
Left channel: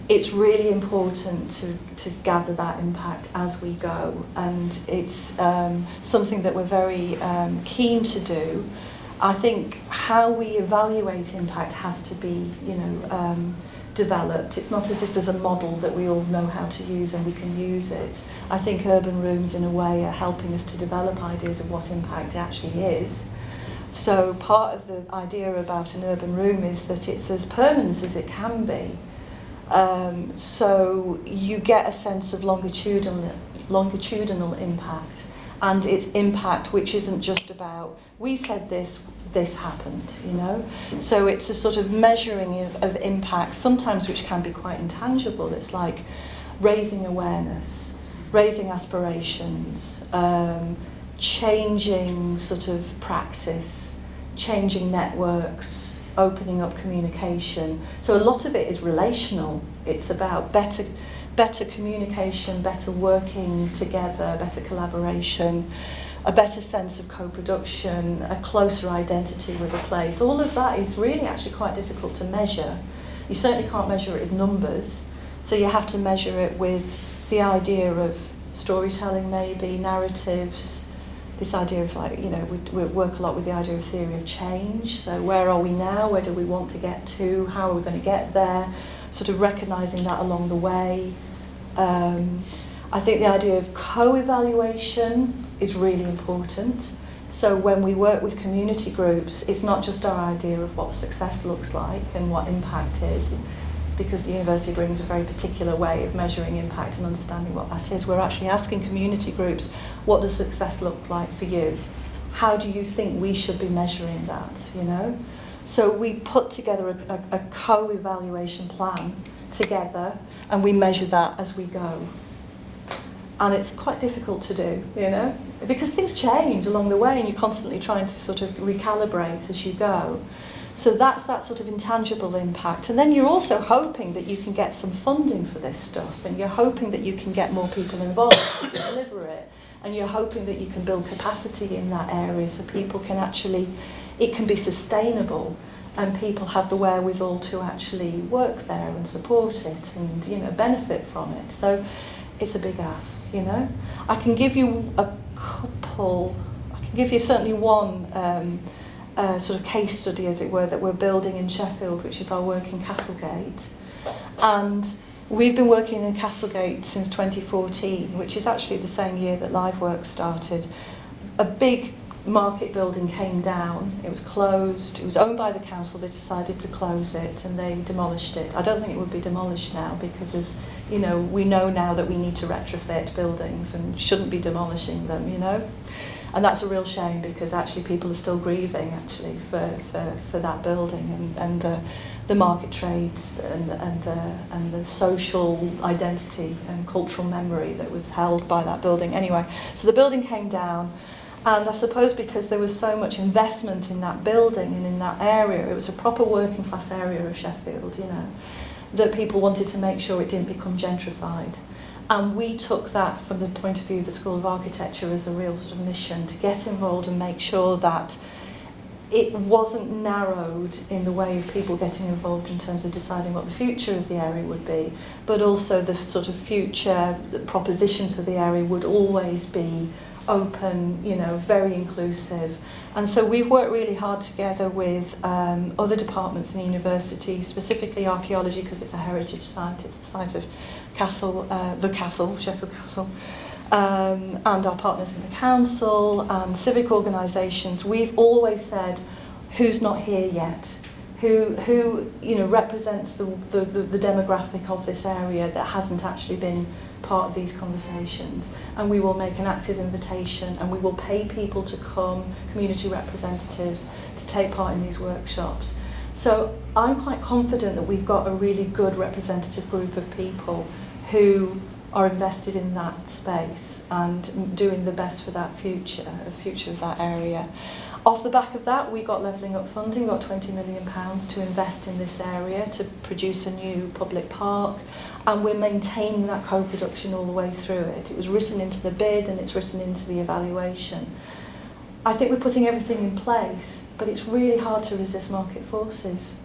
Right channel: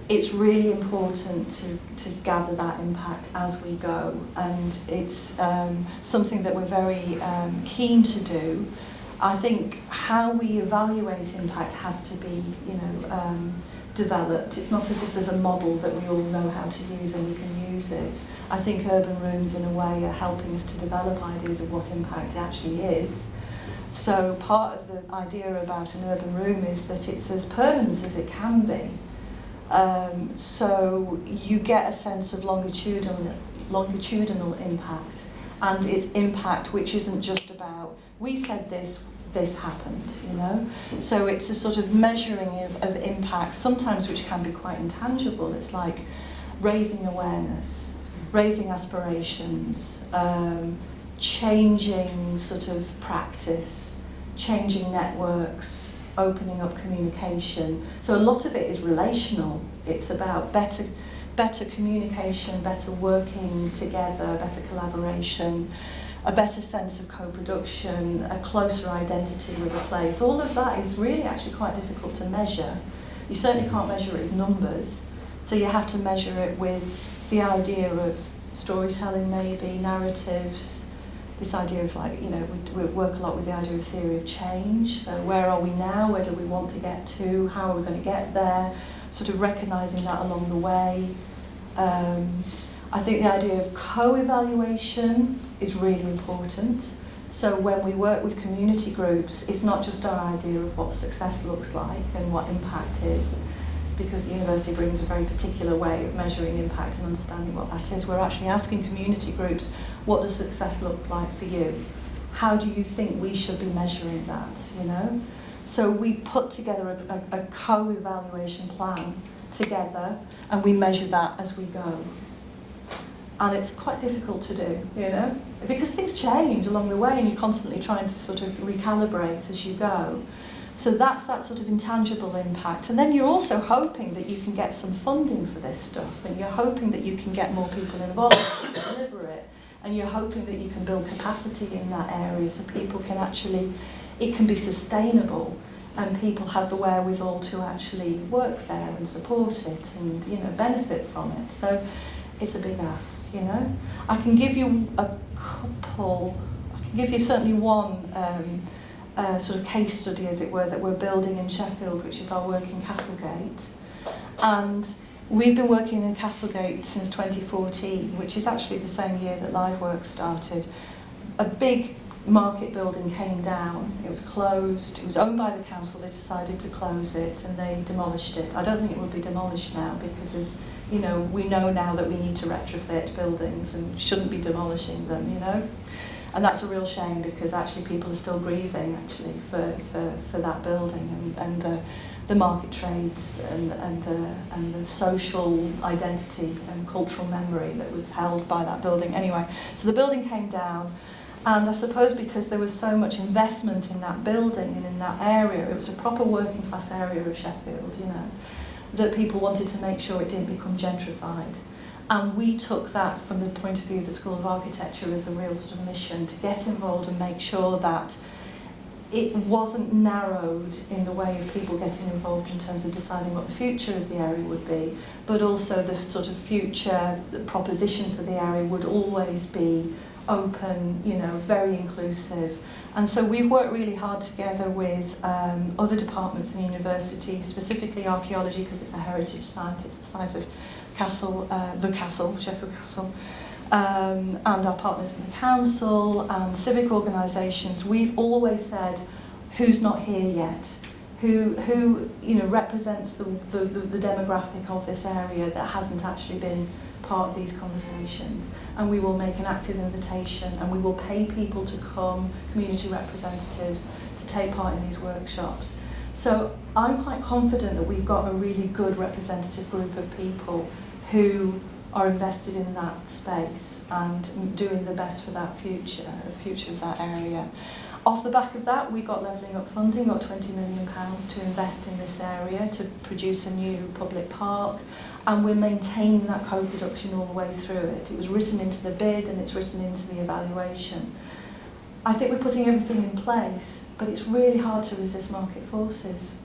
it's really important to gather that impact as we go, and it's something that we're very keen to do. I think how we evaluate impact has to be, you know, developed. It's not as if there's a model that we all know how to use and we can use it. I think urban rooms, in a way, are helping us to develop ideas of what impact actually is. So part of the idea about an urban room is that it's as permanent as it can be. So you get a sense of longitudinal impact, and it's impact which isn't just about, we said this happened, you know? So it's a sort of measuring of impact, sometimes which can be quite intangible. It's like raising awareness, raising aspirations, changing sort of practice, changing networks, opening up communication. So a lot of it is relational. It's about better communication, better working together, better collaboration, a better sense of co-production, a closer identity with a place. All of that is really actually quite difficult to measure. You certainly can't measure it with numbers, so you have to measure it with the idea of storytelling, maybe, narratives, this idea of, like, you know, we work a lot with the idea of theory of change. So where are we now? Where do we want to get to? How are we going to get there? Sort of recognising that along the way. I think the idea of co-evaluation is really important. So when we work with community groups, it's not just our idea of what success looks like and what impact is, because the university brings a very particular way of measuring impact and understanding what that is. We're actually asking community groups, what does success look like for you? How do you think we should be measuring that, you know? So we put together a co-evaluation plan together, and we measure that as we go. And it's quite difficult to do, you know, because things change along the way and you're constantly trying to sort of recalibrate as you go. So that's that sort of intangible impact. And then you're also hoping that you can get some funding for this stuff, and you're hoping that you can get more people involved to deliver it, and you're hoping that you can build capacity in that area so people can actually, it can be sustainable and people have the wherewithal to actually work there and support it and, you know, benefit from it. So it's a big ask, you know. I can give you certainly one sort of case study, as it were, that we're building in Sheffield, which is our work in Castlegate. And we've been working in Castlegate since 2014, which is actually the same year that LiveWorks started. A big market building came down, it was closed, it was owned by the council, they decided to close it and they demolished it. I don't think it would be demolished now because of, you know, we know now that we need to retrofit buildings and shouldn't be demolishing them, you know. And that's a real shame because actually people are still grieving actually for that building and the market trades and the social identity and cultural memory that was held by that building. Anyway, so the building came down, and I suppose because there was so much investment in that building and in that area, it was a proper working class area of Sheffield, you know, that people wanted to make sure it didn't become gentrified. And we took that from the point of view of the School of Architecture as a real sort of mission to get involved and make sure that it wasn't narrowed in the way of people getting involved in terms of deciding what the future of the area would be, but also the sort of future proposition for the area would always be open, you know, very inclusive. And so we've worked really hard together with other departments in the university, specifically archaeology, because it's a heritage site, it's the site of the castle, Sheffield Castle, and our partners in the council and civic organisations. We've always said, who's not here yet? Who you know, represents the demographic of this area that hasn't actually been part of these conversations, and we will make an active invitation and we will pay people to come, community representatives, to take part in these workshops. So I'm quite confident that we've got a really good representative group of people who are invested in that space and doing the best for that future, the future of that area. Off the back of that, we got levelling up funding, we got £20 million to invest in this area to produce a new public park, and we're maintaining that co-production all the way through it. It was written into the bid and it's written into the evaluation. I think we're putting everything in place, but it's really hard to resist market forces.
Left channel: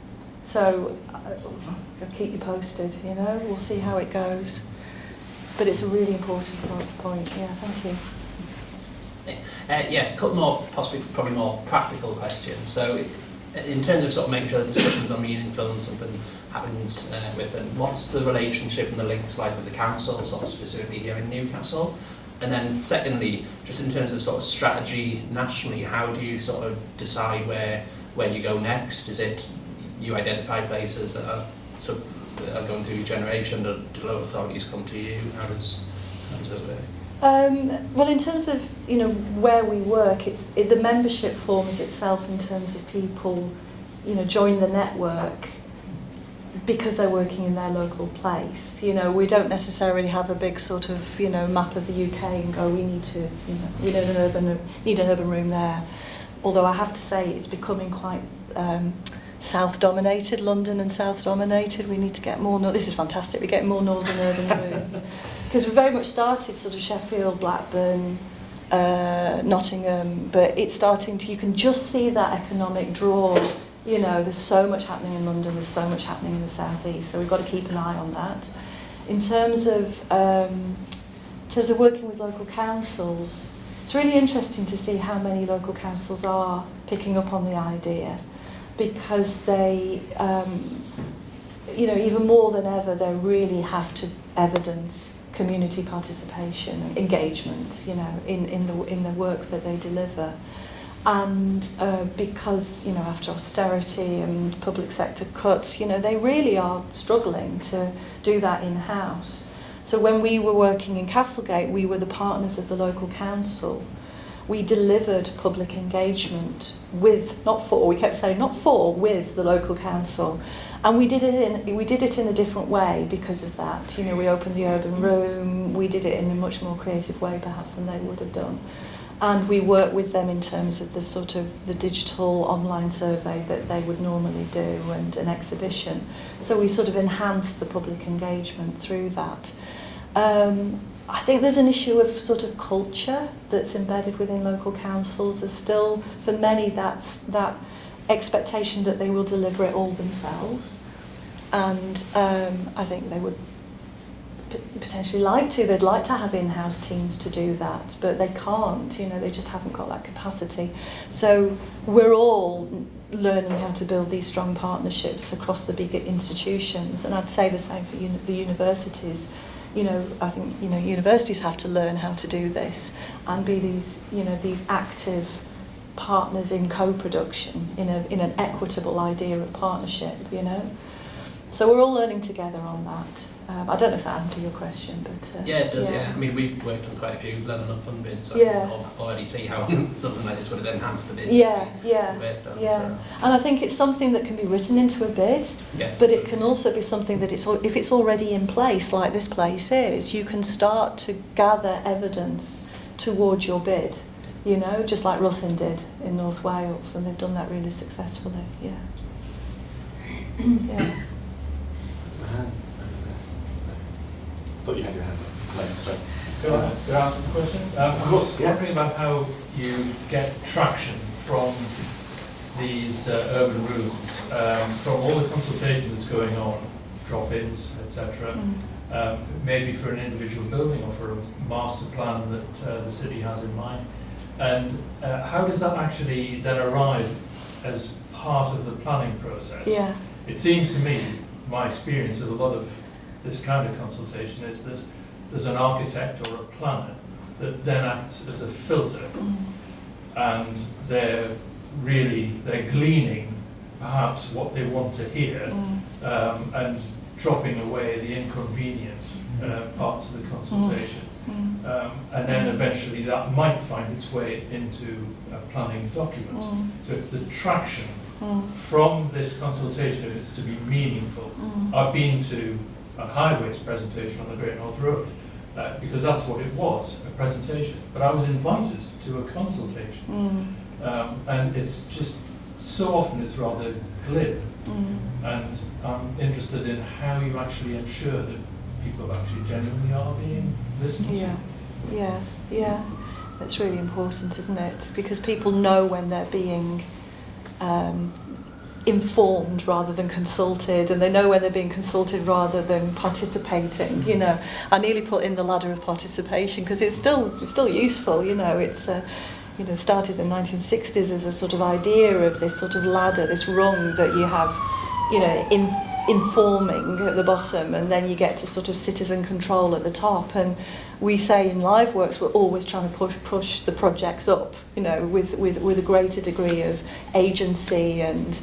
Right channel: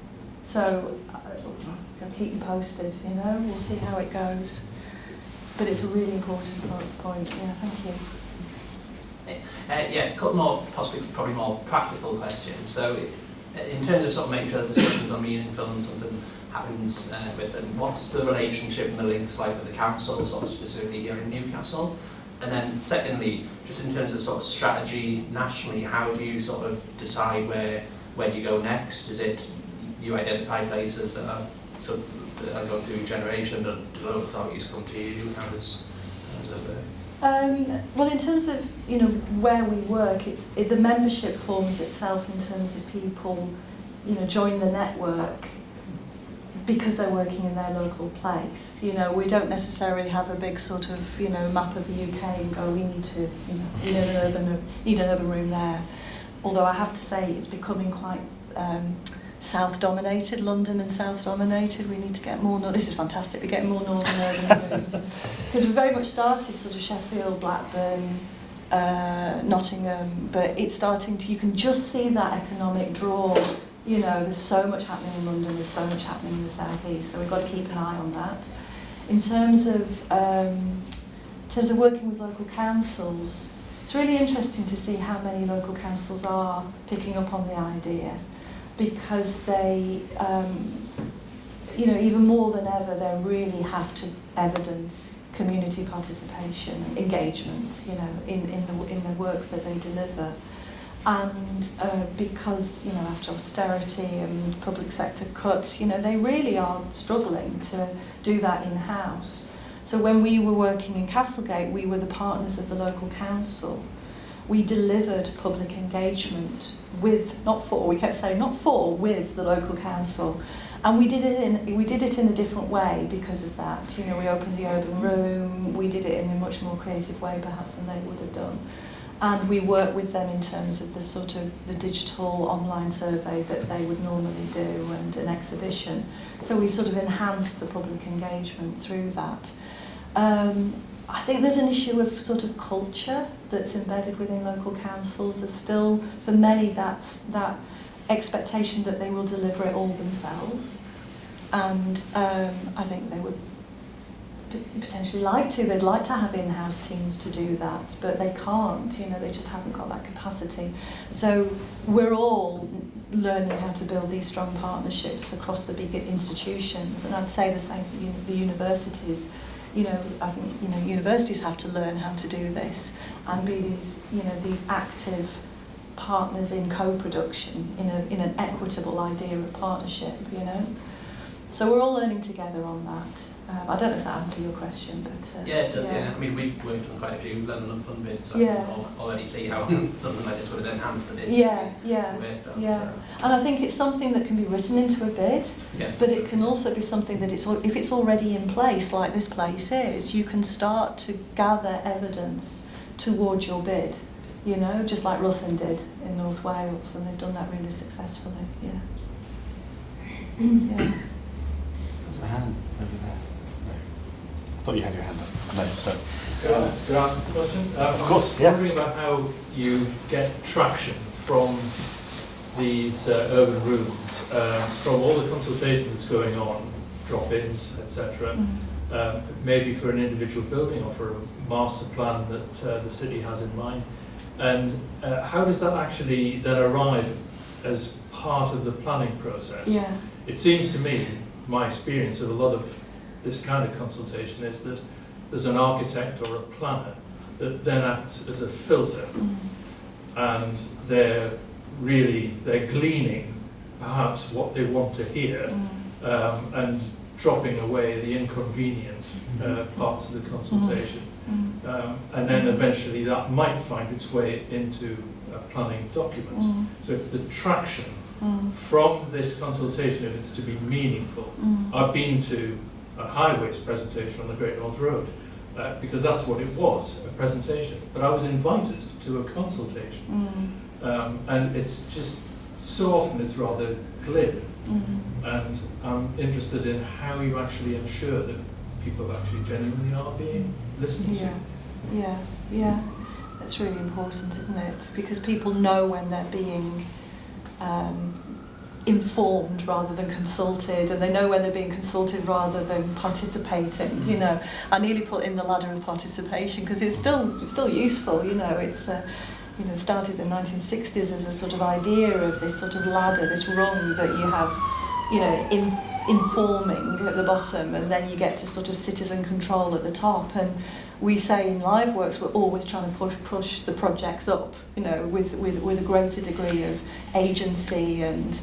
So I'll keep you posted, you know, we'll see how it goes. But it's a really important point, yeah, thank you. Yeah, a couple more, probably more practical questions. So, in terms of sort of making sure the discussions are meaningful and something happens with them, what's the relationship and the links like with the council, sort of specifically here in Newcastle? And then, secondly, just in terms of sort of strategy nationally, how do you sort of decide where you go next? Is it you identify places that are going through regeneration, or do local authorities come to you? How does it work? Well, in terms of where we work, the membership forms itself in terms of people join the network because they're working in their local place. We don't necessarily have a big sort of map of the UK and go, we need to need an urban room there. Although I have to say it's becoming quite South-dominated, London and South-dominated. We need to get more, this is fantastic, we're getting more northern urban rooms. Because we very much started sort of Sheffield, Blackburn, Nottingham, but it's starting to, you can just see that economic draw. There's so much happening in London, there's so much happening in the South East, so we've got to keep an eye on that. In terms of working with local councils, it's really interesting to see how many local councils are picking up on the idea, because they, even more than ever, they really have to evidence community participation, engagement, in the work that they deliver. And because, after austerity and public sector cuts, they really are struggling to do that in-house. So when we were working in Castlegate, we were the partners of the local council. We delivered public engagement with, with the local council. And we did it in a different way because of that. We opened the urban room, we did it in a much more creative way perhaps than they would have done. And we worked with them in terms of the sort of the digital online survey that they would normally do and an exhibition. So we sort of enhanced the public engagement through that. I think there's an issue of sort of culture that's embedded within local councils. There's still, for many, that's that expectation that they will deliver it all themselves. And I think they would potentially like to. They'd like to have in-house teams to do that, but they can't. They just haven't got that capacity. So we're all learning how to build these strong partnerships across the bigger institutions. And I'd say the same for the universities. I think universities have to learn how to do this and be these active partners in co-production in an equitable idea of partnership. So we're all learning together on that. I don't know if that answers your question, but yeah, it does. Yeah. I mean, we've worked on quite a few level up fund bids, so yeah. we can already see how something like this would have enhanced the bids. Yeah. Worked on, Yeah. So. And I think it's something that can be written into a bid, but it can also be something that if it's already in place, like this place is, you can start to gather evidence towards your bid. Just like Ruthin did in North Wales, and they've done that really successfully. Yeah. Yeah. I thought you had your hand up. So. Could I ask a question? Of course, yeah. I'm wondering about how you get traction from these urban rooms, from all the consultation that's going on, drop-ins, etc. Maybe for an individual building or for a master plan that the city has in mind. And how does that actually then arrive as part of the planning process? Yeah. It seems to me, my experience of a lot of this kind of consultation is that there's an architect or a planner that then acts as a filter, and they're gleaning perhaps what they want to hear and dropping away the inconvenient parts of the consultation. And then eventually that might find its way into a planning document. So it's the traction from this consultation, if it's to be meaningful. I've been to a highways presentation on the Great North Road because that's what it was, a presentation. But I was invited to a consultation. And it's just, so often it's rather glib. And I'm interested in how you actually ensure that people actually genuinely are being listened to. Yeah. That's really important, isn't it? Because people know when they're being informed rather than consulted, and they know when they're being consulted rather than participating. You know, I nearly put in the ladder of participation because it's still useful. You know, it's started in the 1960s as a sort of idea of this sort of ladder, this rung that you have, informing at the bottom, and then you get to sort of citizen control at the top. And we say in LiveWorks we're always trying to push the projects up, with a greater degree of agency and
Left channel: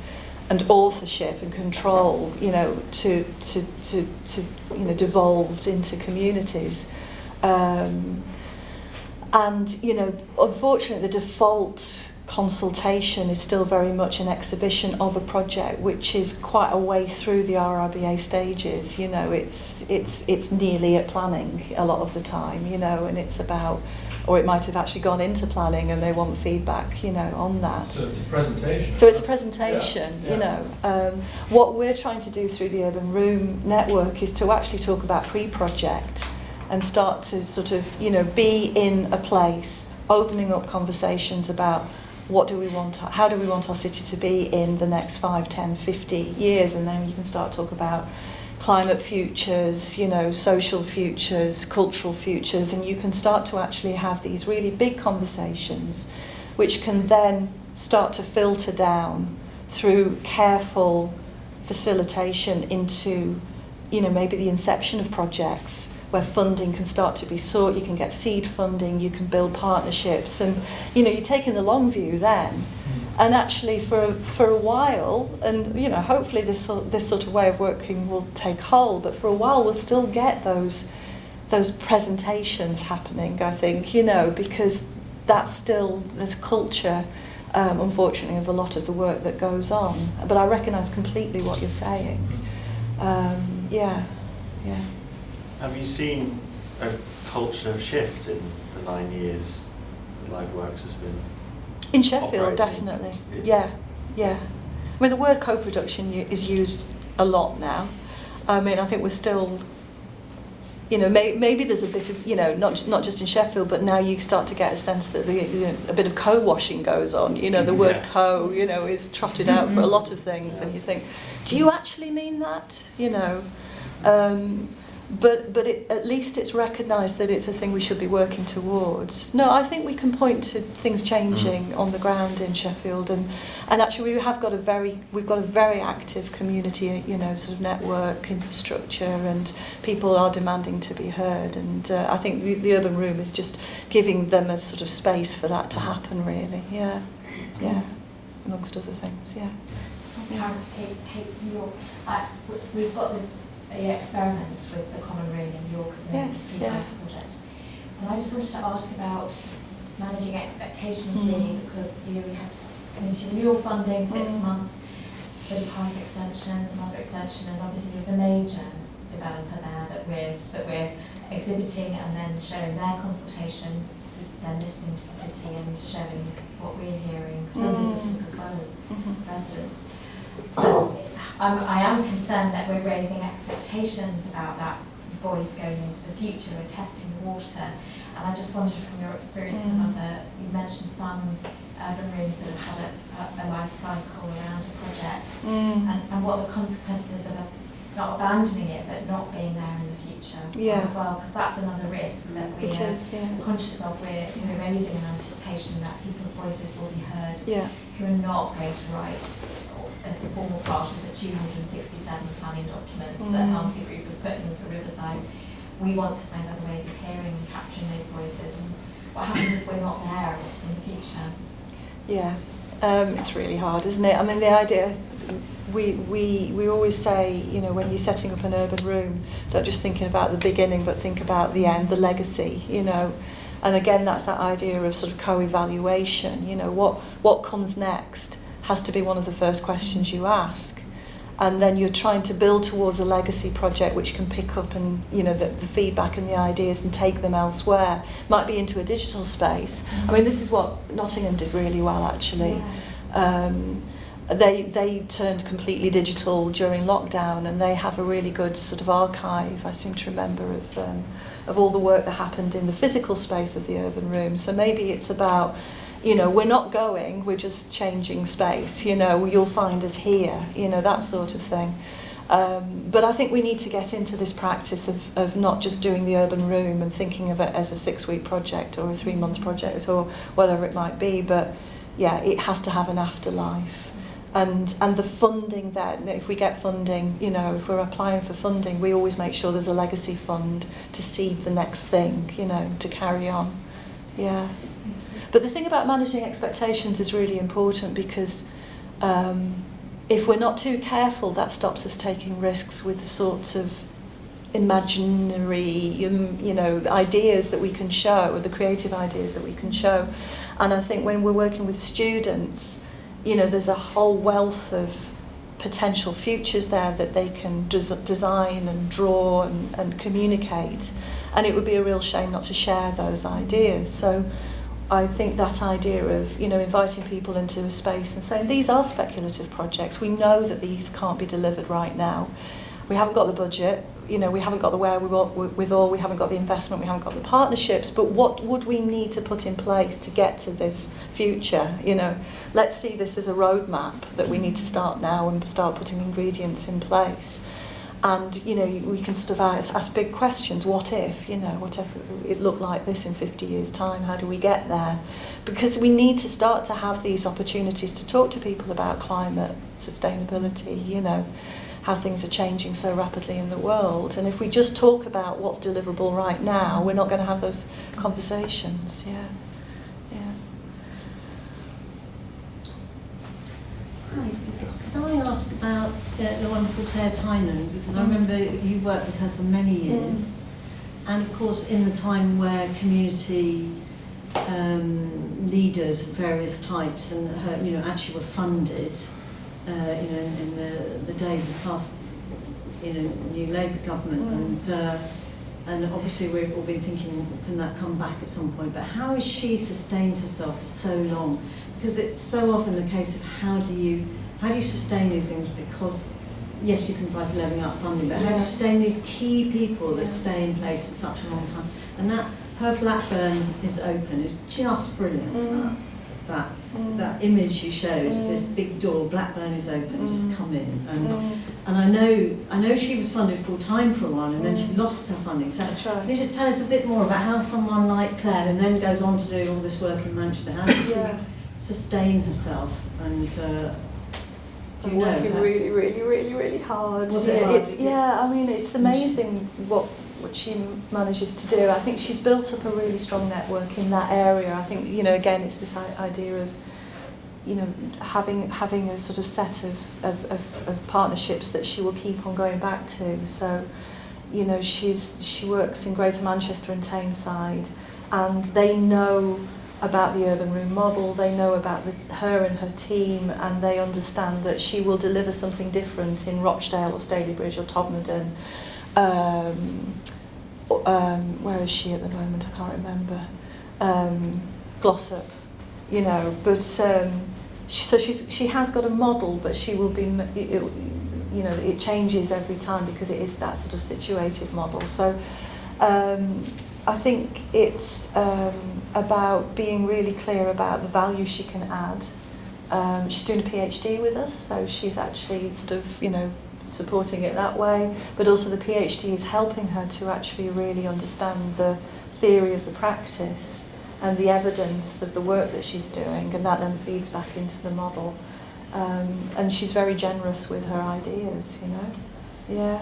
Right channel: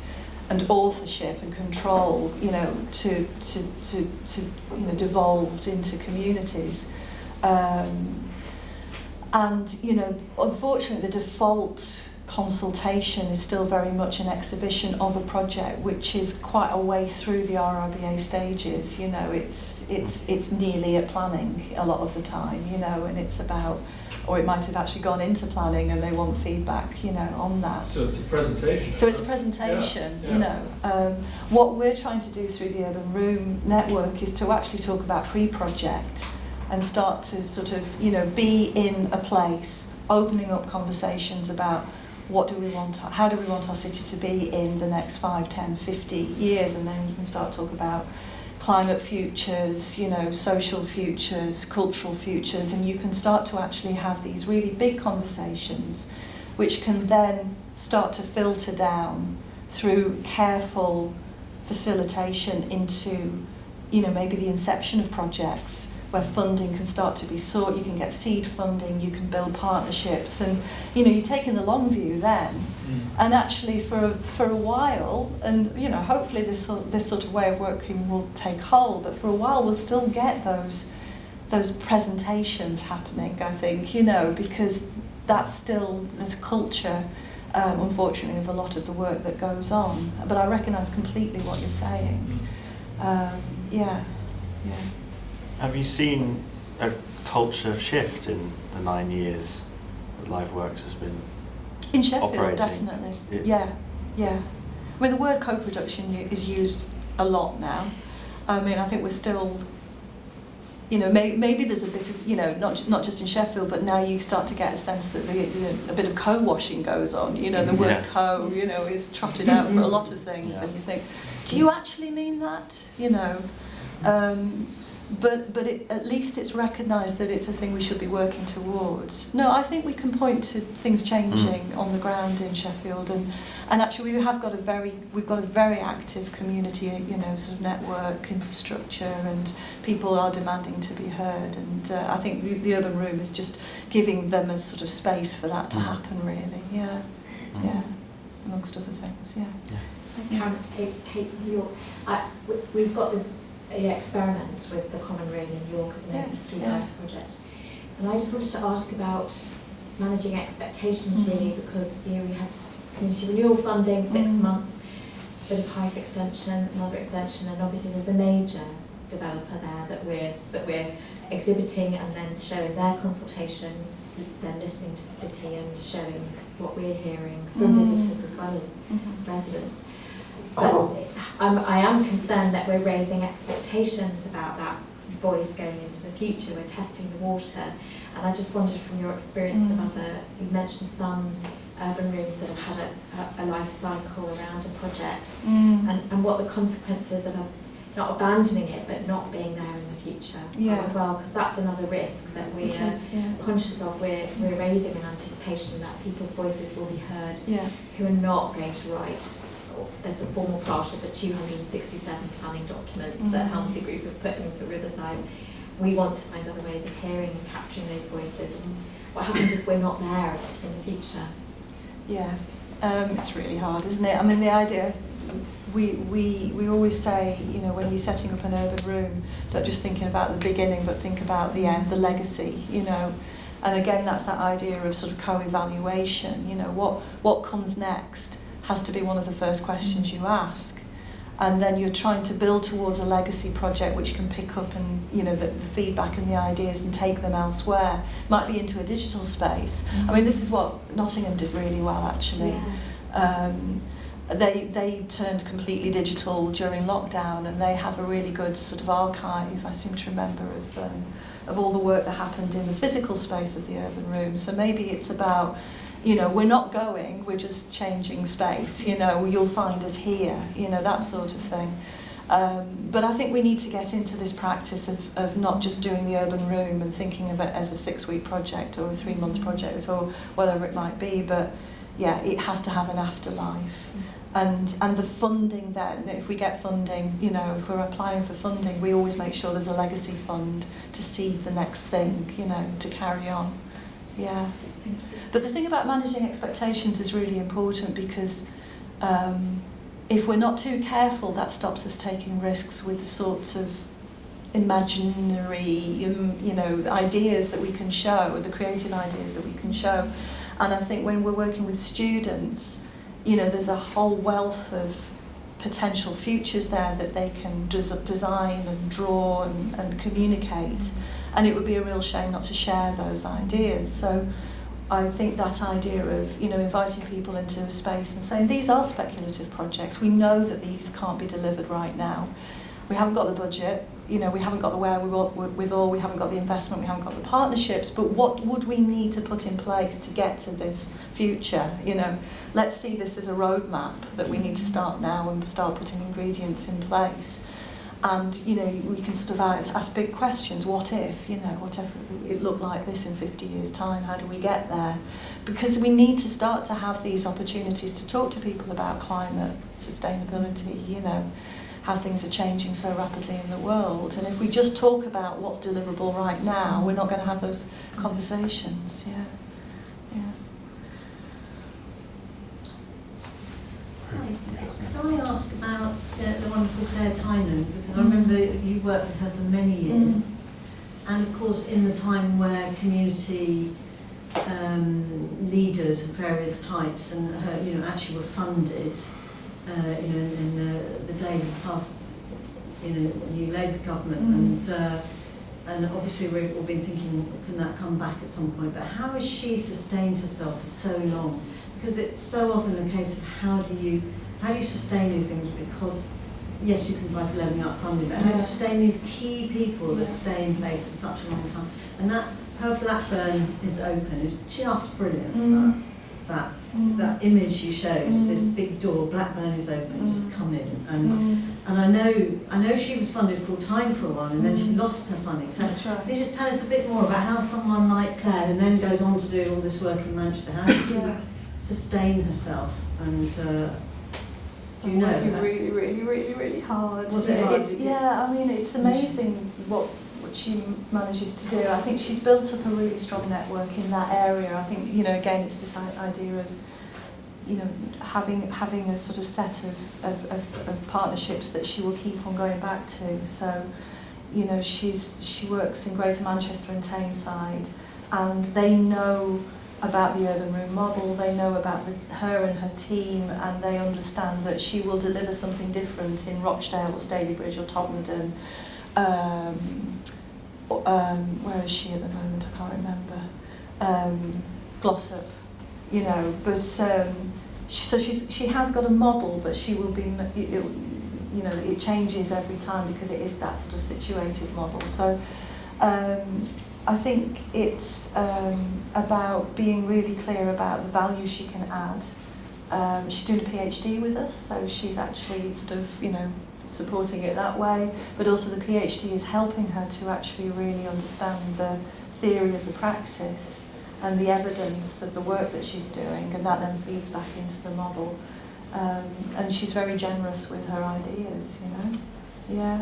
authorship and control, to devolved into communities. And, unfortunately, the default consultation is still very much an exhibition of a project, which is quite a way through the RIBA stages. It's nearly at planning a lot of the time, and it's about, or it might have actually gone into planning and they want feedback, on that. So it's a presentation. So it's a presentation, What we're trying to do through the Urban Room Network is to actually talk about pre-project and start to sort of, be in a place, opening up conversations about what do we want, how do we want our city to be in the next 5, 10, 50 years, and then you can start to talk about climate futures, social futures, cultural futures, and you can start to actually have these really big conversations which can then start to filter down through careful facilitation into, maybe the inception of projects where funding can start to be sought. You can get seed funding, you can build partnerships, and you're taking the long view then. And actually for a while, and hopefully this sort of way of working will take hold, but for a while we'll still get those presentations happening, I think, because that's still the culture, unfortunately, of a lot of the work that goes on. But I recognise completely what you're saying. Yeah. Have you seen a culture shift in the 9 years that LiveWorks has been in Sheffield? operating? Definitely. Yeah. I mean, the word co-production is used a lot now. I mean, I think we're still, maybe there's a bit of, not just in Sheffield, but now you start to get a sense that a bit of co-washing goes on. The word co, is trotted out for a lot of things, and you think, do you actually mean that? But at least it's recognised that it's a thing we should be working towards. No, I think we can point to things changing on the ground in Sheffield, and actually we've got a very active community, sort of network infrastructure, and people are demanding to be heard. And I think the Urban Room is just giving them a sort of space for that to happen, really. Yeah, amongst other things. We've got this experiment with the Common Room in York at the Street Life Project, and I just wanted to ask about managing expectations really, because we have community renewal funding, 6 months, a bit of Hive extension, another extension, and obviously there's a major developer there that we're exhibiting and then showing their consultation, then listening to the city and showing what we're hearing from visitors as well as residents. But I am concerned that we're raising expectations about that voice going into the future. We're testing the water, and I just wondered from your experience of you mentioned some urban rooms that have had a life cycle around a project, and what the consequences of not abandoning it but not being there in the future as well, because that's another risk that we are conscious of. We're raising an anticipation that people's voices will be heard who are not going to write as a formal part of the 267 planning documents that Halsey Group have put in for Riverside. We want to find other ways of hearing and capturing those voices, and what happens if we're not there in the future? It's really hard, isn't it? I mean, the idea, we always say, when you're setting up an urban room, don't just thinking about the beginning, but think about the end, the legacy, And again, that's that idea of sort of co-evaluation, what comes next has to be one of the first questions you ask. and then you're trying to build towards a legacy project which can pick up and, you know, the feedback and the ideas and take them elsewhere, might be into a digital space. I mean, this is what Nottingham did really well, actually. Yeah. They turned completely digital during lockdown, and they have a really good sort of archive, I seem to remember, of all the work that happened in the physical space of the urban room. So maybe it's about, you know, we're not going, we're just changing space, you know, you'll find us here, you know, that sort of thing. But I think we need to get into this practice of not just doing the urban room and thinking of it as a 6-week project or a 3-month project or whatever it might be, but yeah, it has to have an afterlife. And the funding then, if we get funding, you know, if we're applying for funding, we always make sure there's a legacy fund to seed the next thing, you know, to carry on. Yeah. Thank you. But the thing about managing expectations is really important, because if we're not too careful, that stops us taking risks with the sorts of imaginary, you know, ideas that we can show, or the creative ideas that we can show. And I think when we're working with students, you know, there's a whole wealth of potential futures there that they can design and draw and communicate. And it would be a real shame not to share those ideas. So I think that idea of, you know, inviting people into the space and saying, these are speculative projects. We know that these can't be delivered right now. We haven't got the budget, you know, we haven't got the wherewithal, we haven't got the investment, we haven't got the partnerships, but what would we need to put in place to get to this future? You know, let's see this as a roadmap that we need to start now and start putting ingredients in place. And, you know, we can sort of ask big questions. What if, you know, what if it looked like this in 50 years' time? How do we get there? Because we need to start to have these opportunities to talk to people about climate, sustainability, you know, how things are changing so rapidly in the world. And if we just talk about what's deliverable right now, we're not going to have those conversations. Yeah. Hi. Can I ask about the wonderful Claire Tynan, because I remember you worked with her for many years, and of course in the time where community leaders of various types and her, you know, actually were funded, you know, in the days of past, you know, new Labour government, and obviously we've all been thinking, can that come back at some point? But how has she sustained herself for so long? Because it's so often a case of how do you sustain these things? Because yes, you can apply for levelling up funding, but how do you sustain these key people that stay in place for such a long time? And that her Blackburn is open is just brilliant. That image you showed of this big door, Blackburn is open, just come in. And I know she was funded full time for a while, and then she lost her funding. So can you just tell us a bit more about how someone like Claire, who then goes on to do all this work in Manchester, how did she sustain herself? And do you know? Really hard. Was it hard? I mean, it's amazing what she manages to do. I think she's built up a really strong network in that area. I think, you know, again, it's this idea of, you know, having this sort of set of partnerships that she will keep on going back to. So, you know, she works in Greater Manchester and Tameside, and they know about the urban room model, they know about her and her team, and they understand that she will deliver something different in Rochdale or Stalybridge or Todmorden. Where is she at the moment? I can't remember. Glossop, you know. But she has got a model, but she will be, you know, it changes every time because it is that sort of situated model. So I think it's about being really clear about the value she can add. She's doing a PhD with us, so she's actually sort of, you know, supporting it that way, but also the PhD is helping her to actually really understand the theory of the practice and the evidence of the work that she's doing, and that then feeds back into the model. And she's very generous with her ideas, you know. Yeah.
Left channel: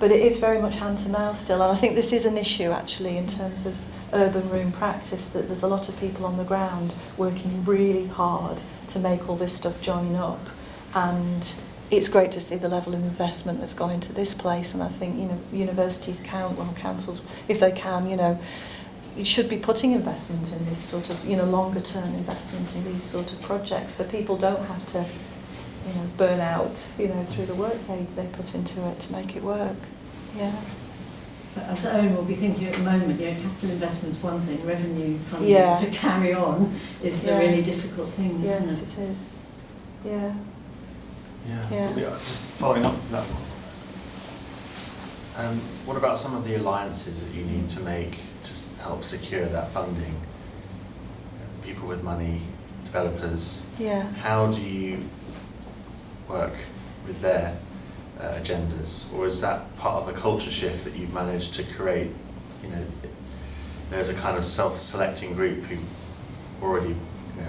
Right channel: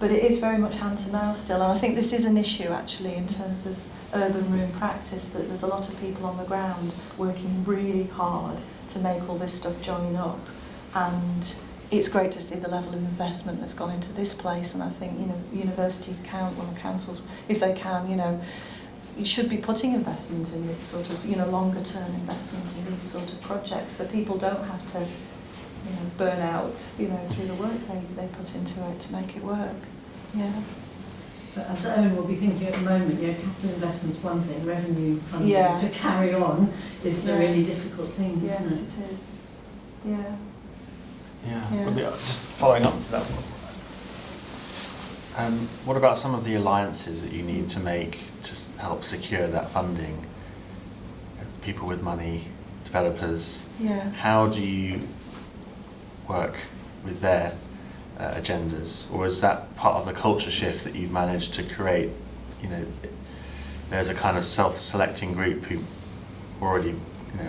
But it is very much hand to mouth still, and I think this is an issue actually in terms of urban room practice, that there's a lot of people on the ground working really hard to make all this stuff join up, and it's great to see the level of investment that's gone into this place. And I think, you know, universities councils, if they can, you know, you should be putting investment in this sort of, you know, longer term investment in these sort of projects, so people don't have to burn out, through the work they put into it to make it work. Yeah. But as Owen will be thinking at the moment, capital investment's one thing, revenue funding Yeah. to carry on is the really difficult thing, isn't it? Yes, it is. Yeah. Yeah. Just following up with that. What about some of the alliances that you need to make to help secure that funding? People with money, developers. Yeah. How do you work with their agendas, or is that part of the culture shift that you've managed to create? There's a kind of self-selecting group who already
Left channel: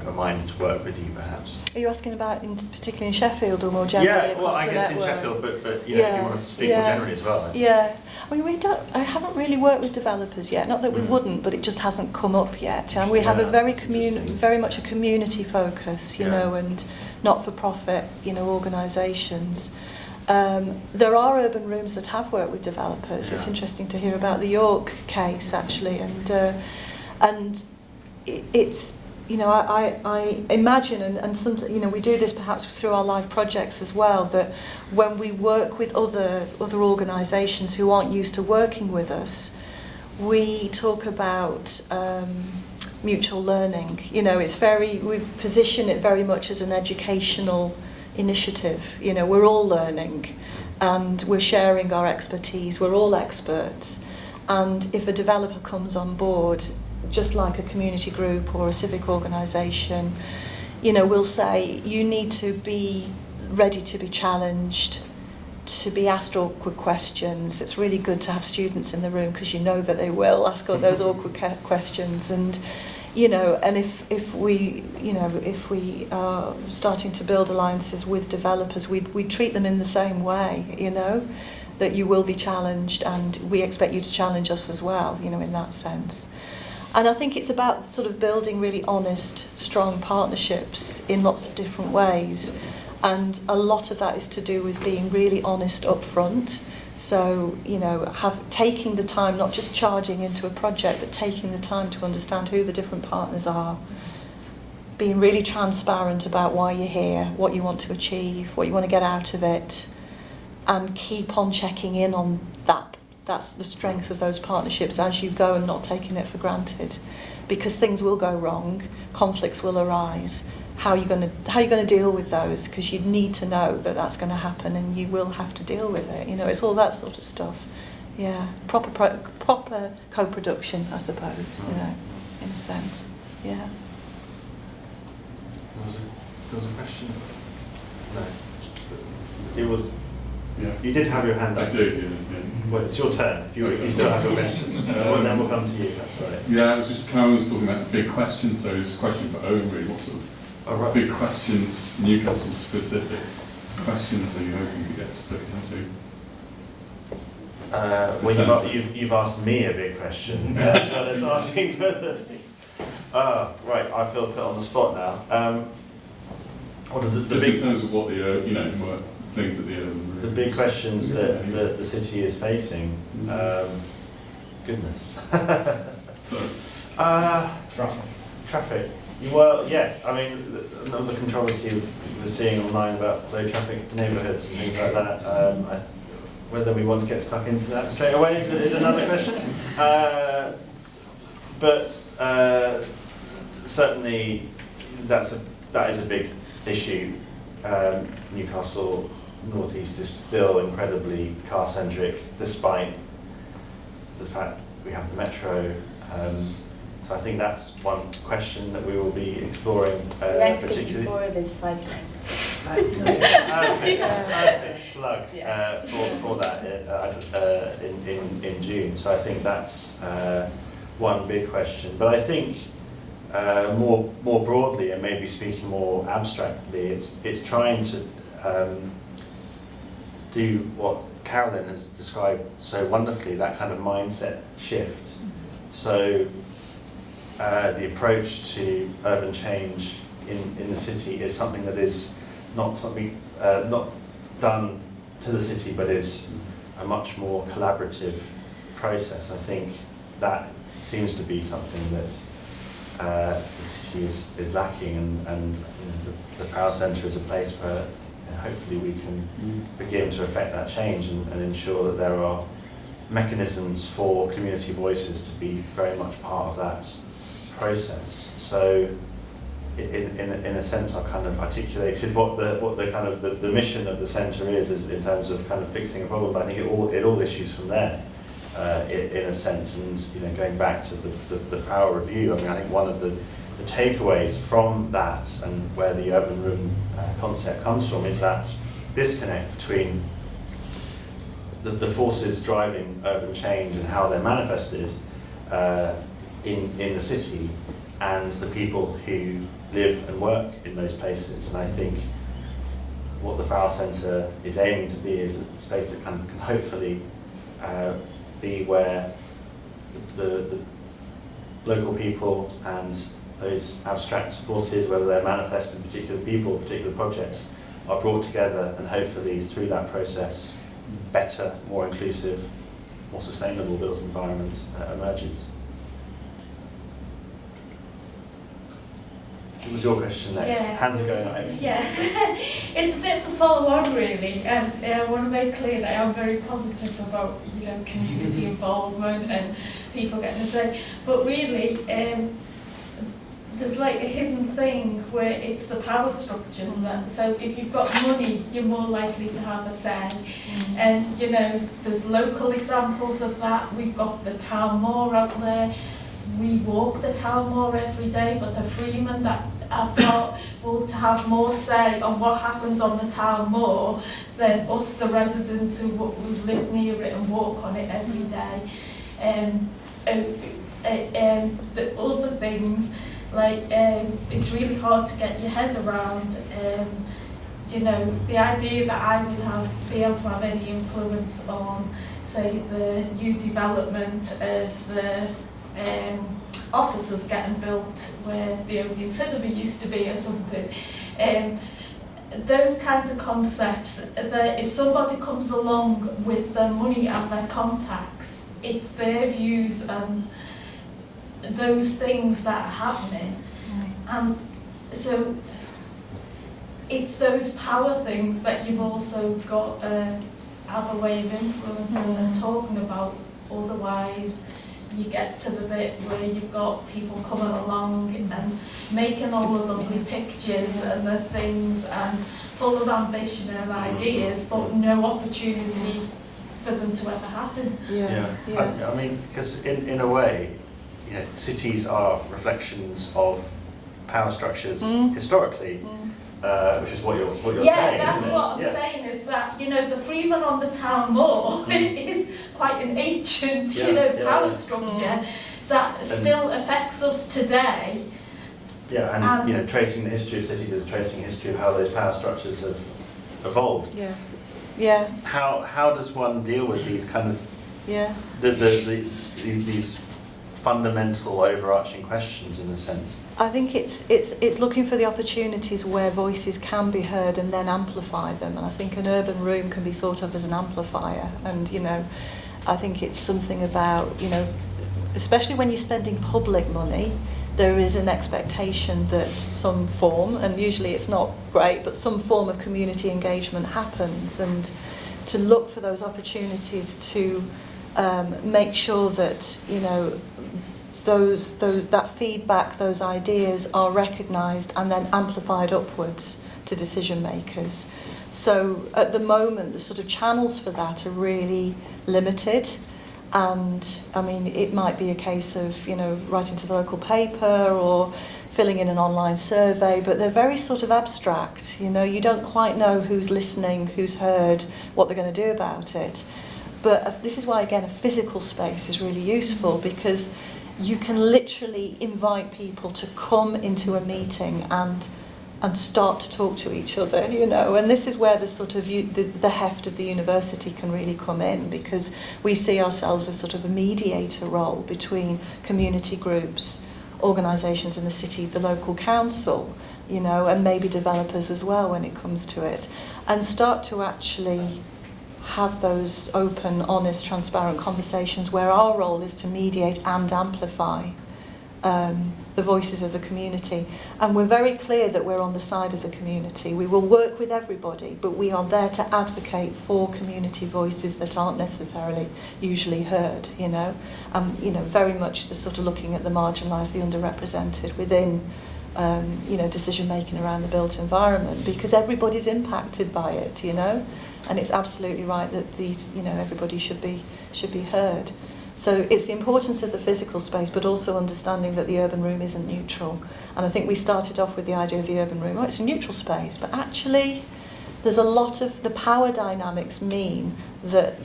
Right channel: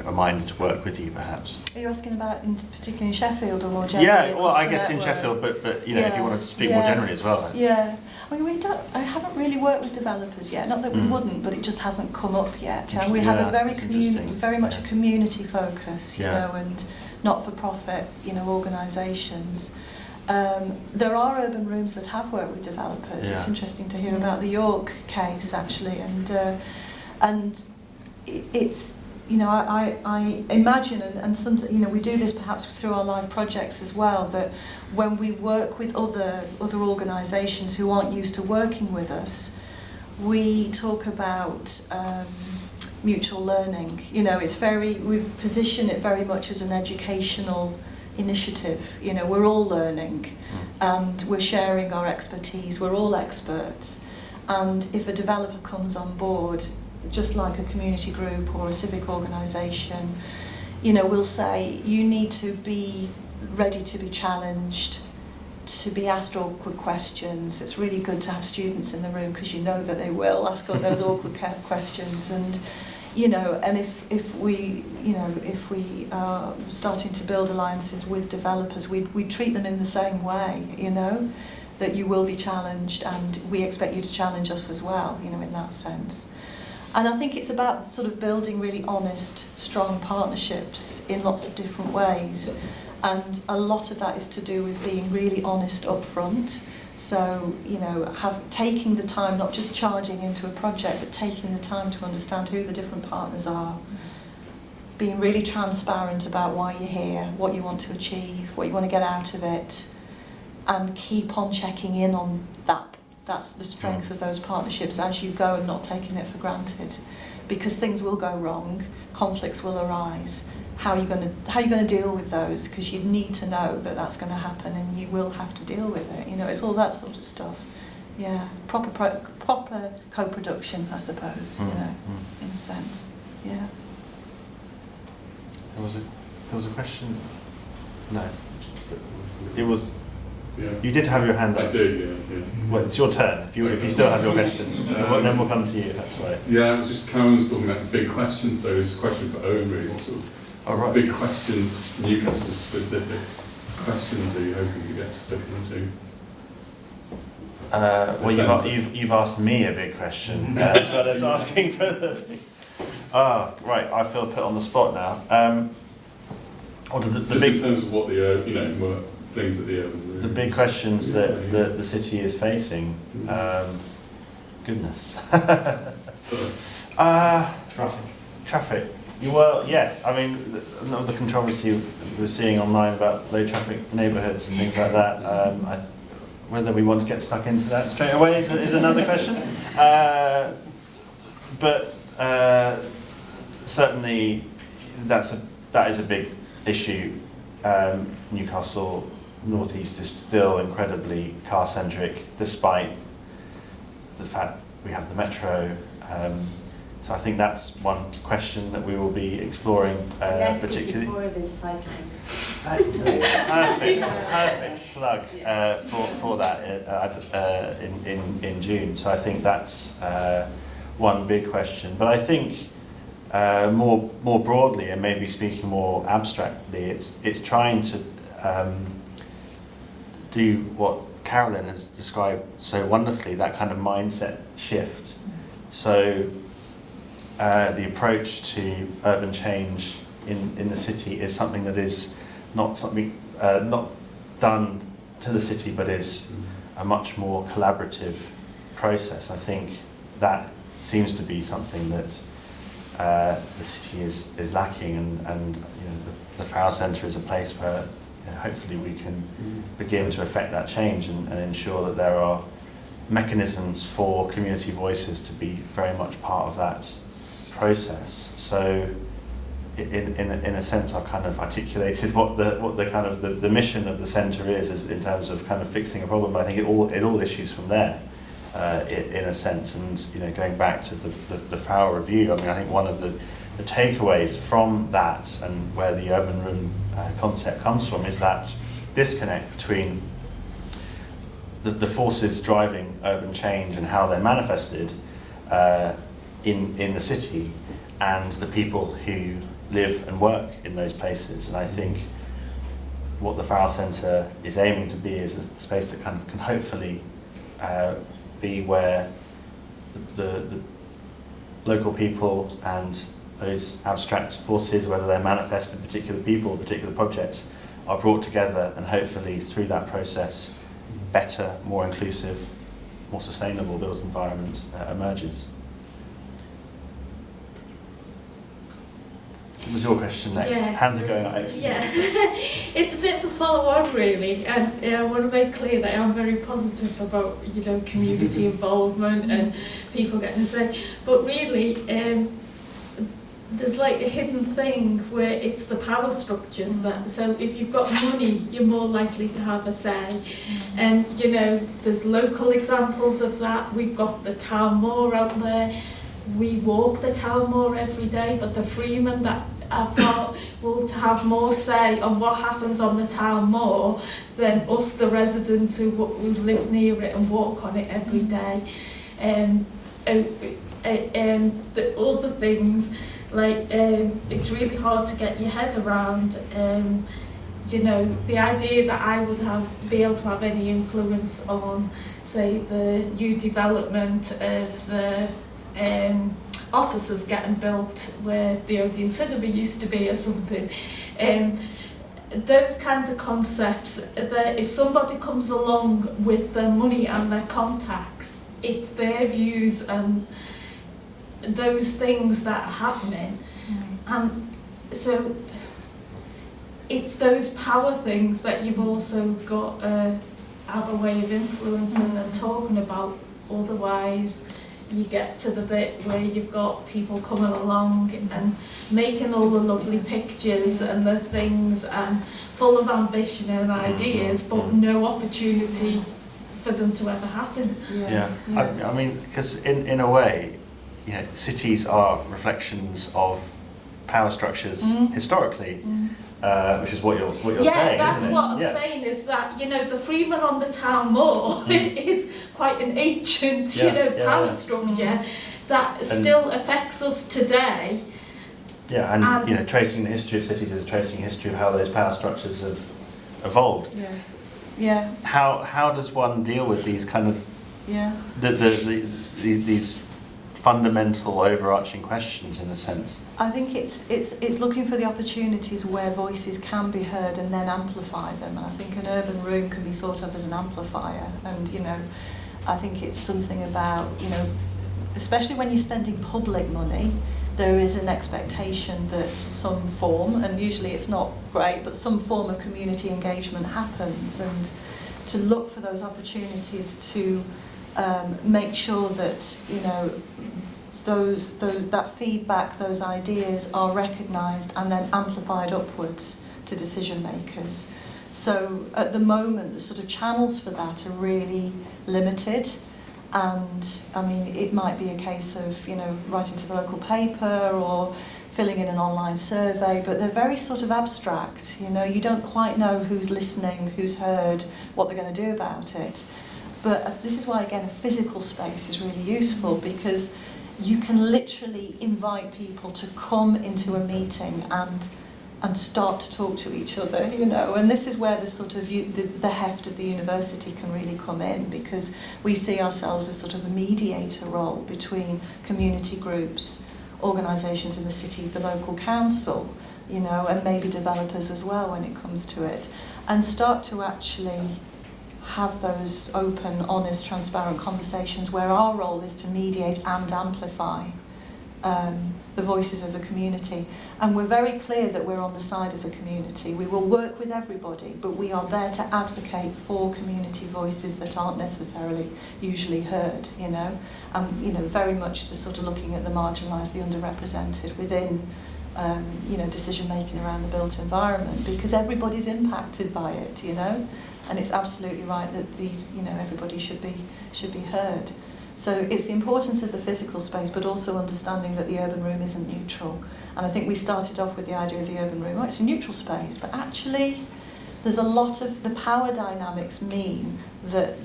are minded to work with you, perhaps. Are you asking about particularly in Sheffield or more generally? Yeah, well, across I the guess in network? Sheffield, but if you wanted to speak more generally as well. Yeah. I mean, I haven't really worked with developers yet. Not that we wouldn't, but it just hasn't come up yet. And we have a very much a community focus, and not-for-profit, organisations. There are urban rooms that have worked with developers. It's interesting to hear about the York case, actually, and it's. I imagine, and sometimes, we do this perhaps through our live projects as well, that when we work with other organisations who aren't used to working with us, we talk about mutual learning. We've positioned it very much as an educational initiative. We're all learning, and we're sharing our expertise. We're all experts, and if a developer comes on board, just like a community group or a civic organisation, we'll say, you need to be ready to be challenged, to be asked awkward questions. It's really good to have students in the room because you know that they will ask those awkward questions. And, and if we are starting to build alliances with developers, we treat them in the same way, that you will be challenged and we expect you to challenge us as well, in that sense. And I think it's about sort of building really honest, strong partnerships in lots of different ways. And a lot of that is to do with being really honest up front. So, taking the time, not just charging into a project, but taking the time to understand who the different partners are. Being really transparent about why you're here, what you want to achieve, what you want to get out of it. And keep on checking in on that. That's the strength of those partnerships as you go, and not taking it for granted, because things will go wrong, conflicts will arise. How are you going to deal with those? Because you need to know that that's going to happen, and you will have to deal with it. It's all that sort of stuff. Yeah, proper co-production, I suppose. In a sense. Yeah. There was a question. No, it was. Yeah. You did have your hand up. I did, yeah. Well, it's your turn. If you still have your question, then we'll come to you. That's right. Yeah, it was just Carolyn was talking about big questions, so it's a question for Owen really. What sort of big questions, Newcastle specific questions are you hoping to get stuck into? Well, you've asked me a big question as well as asking for the. Right. I feel put on the spot now. What are the big, in terms of what the what things that the big questions that the city is facing? Goodness. So. Traffic. Yes. I mean, the controversy we're seeing online about low traffic neighbourhoods and things like that. Whether we want to get stuck into that straight away is another question. But certainly that is a big issue. Newcastle North East is still incredibly car-centric, despite the fact we have the metro. So I think that's one question that we will be exploring particularly. Perfect plug for that in June. So I think that's one big question. But I think more broadly, and maybe speaking more abstractly, it's trying to do what Carolyn has described so wonderfully, that kind of mindset shift. So the approach to urban change in the city is something that is not done to the city, but is a much more collaborative process. I think that seems to be something that the city is lacking, and the Farrell Centre is a place where hopefully we can begin to affect that change and ensure that there are mechanisms for community voices to be very much part of that process. So in a sense I've kind of articulated what the kind of the mission of the centre is in terms of kind of fixing a problem, but I think it all issues from there in a sense. And going back to the Farrell review, I mean, I think one of the takeaways from that and where the urban room concept comes from is that disconnect between the forces driving urban change and how they're manifested in the city and the people who live and work in those places. And I think what the Farrell Centre is aiming to be is a space that can hopefully be where the local people and those abstract forces, whether they're manifest in particular people, particular projects, are brought together, and hopefully through that process better, more inclusive, more sustainable built environment emerges. What was your question next? Yeah, Hands are going up. Yeah, it's a bit of a follow-on really, and I want to make clear that I'm very positive about community involvement and people getting to say, but really there's like a hidden thing where it's the power structures that, so if you've got money you're more likely to have a say, and there's local examples of that. We've got the town moor out there. We walk the town moor every day, but the freemen that have got will have more say on what happens on the town moor than us, the residents who live near it and walk on it every day. The other things, like it's really hard to get your head around. The idea that I would be able to have any influence on, say, the new development of the offices getting built where the Odeon Cinema used to be or something. Those kinds of concepts, that if somebody comes along with their money and their contacts, it's their views and those things that are happening. And so it's those power things that you've also got to have a way of influencing and talking about. Otherwise you get to the bit where you've got people coming along and making all the lovely pictures and the things and full of ambition and ideas, but no opportunity for them to ever happen. Yeah. I mean, because in a way, cities are reflections of power structures historically, which is what you're saying, that's isn't it? what I'm saying, is that the freeman on the town moor is quite an ancient power structure that still affects us today. Yeah, and tracing the history of cities is tracing the history of how those power structures have evolved. Yeah. How does one deal with these kind of these fundamental overarching questions in a sense? I think it's looking for the opportunities where voices can be heard and then amplify them. And I think an urban room can be thought of as an amplifier. And I think it's something about especially when you're spending public money, there is an expectation that some form, and usually it's not great, but some form of community engagement happens, and to look for those opportunities to make sure that that feedback, those ideas are recognised and then amplified upwards to decision makers. So at the moment, the sort of channels for that are really limited. And I mean, it might be a case of writing to the local paper or filling in an online survey, but they're very sort of abstract. You don't quite know who's listening, who's heard, what they're going to do about it. But this is why, again, a physical space is really useful, because you can literally invite people to come into a meeting and start to talk to each other, and this is where the sort of the heft of the university can really come in, because we see ourselves as sort of a mediator role between community groups, organisations in the city, the local council, and maybe developers as well when it comes to it, and start to actually have those open, honest, transparent conversations where our role is to mediate and amplify the voices of the community. And we're very clear that we're on the side of the community. We will work with everybody, but we are there to advocate for community voices that aren't necessarily usually heard, you know. You know, very much the sort of looking at the marginalised, the underrepresented within, you know, decision making around the built environment, because everybody's impacted by it, you know. And it's absolutely right that these, you know, everybody should be heard. So it's the importance of the physical space, but also understanding that the urban room isn't neutral. And I think we started off with the idea of the urban room. Oh, it's a neutral space, but actually, there's a lot of the power dynamics mean that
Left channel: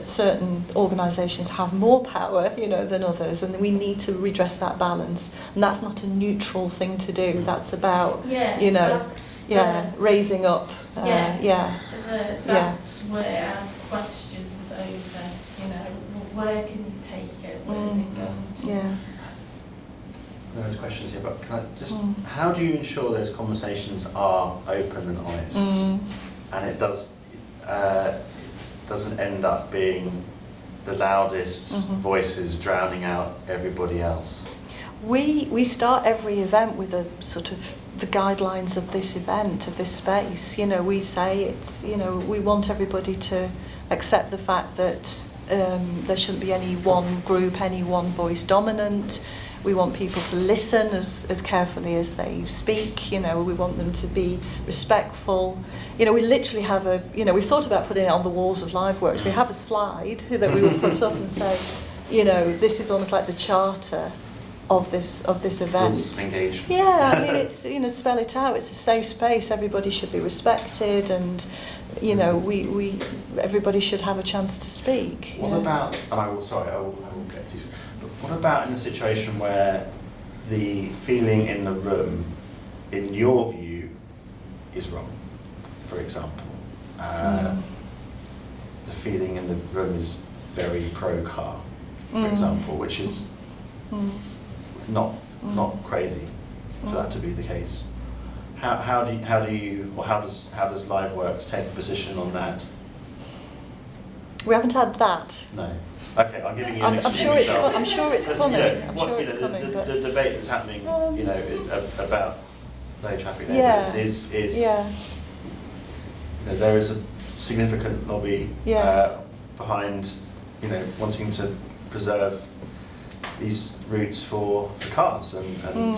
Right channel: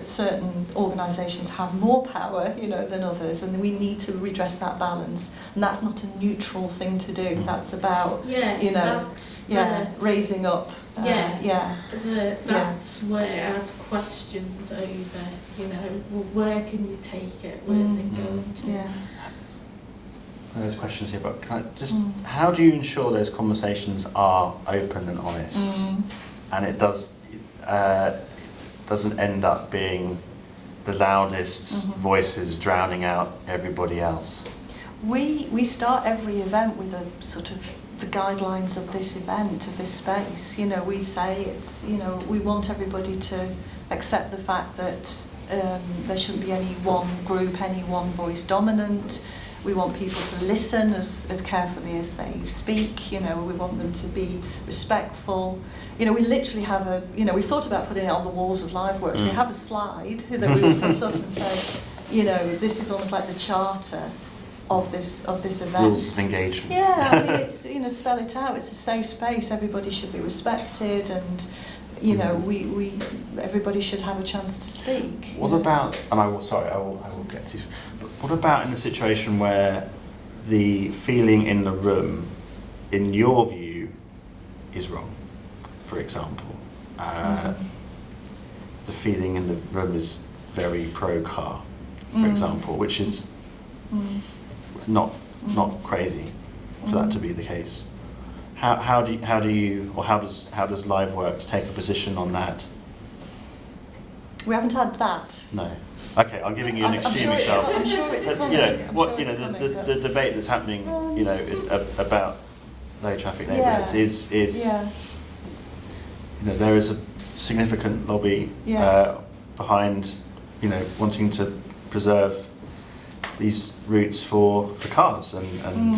certain organisations have more power, you know, than others, and we need to redress that balance. And that's not a neutral thing to do. That's about, you know, raising up. That's where I'd questions over, you know, where can you take it? Where's it going to? Yeah. There's questions here, but can I just, how do you ensure those conversations are open and honest, and it doesn't end up being the loudest voices drowning out everybody else? We start every event with a sort of the guidelines of this event, of this space. You know, we say it's, you know, we want everybody to accept the fact that there shouldn't be any one group, any one voice dominant. We want people to listen as carefully as they speak. You know, we want them to be respectful. You know, we literally have a, you know, we thought about putting it on the walls of LiveWorks. We have a slide that we put up and say, you know, this is almost like the charter of this event. Rules of engagement. Yeah, it's, you know, spell it out. It's a safe space. Everybody should be respected, and you know, everybody should have a chance to speak. What about? And I will get to. But what about in the situation where the feeling in the room, in your view, is wrong? For example, the feeling in the room is very pro-car, for example, which is not crazy for that to be the case. How does LiveWorks take a position on that? We haven't had that. No. Okay, I'm giving you an extreme example. I'm sure it's coming. You know, the debate that's happening, you know, about low traffic neighbourhoods is you know, there is a significant lobby behind, you know, wanting to preserve these routes for cars, and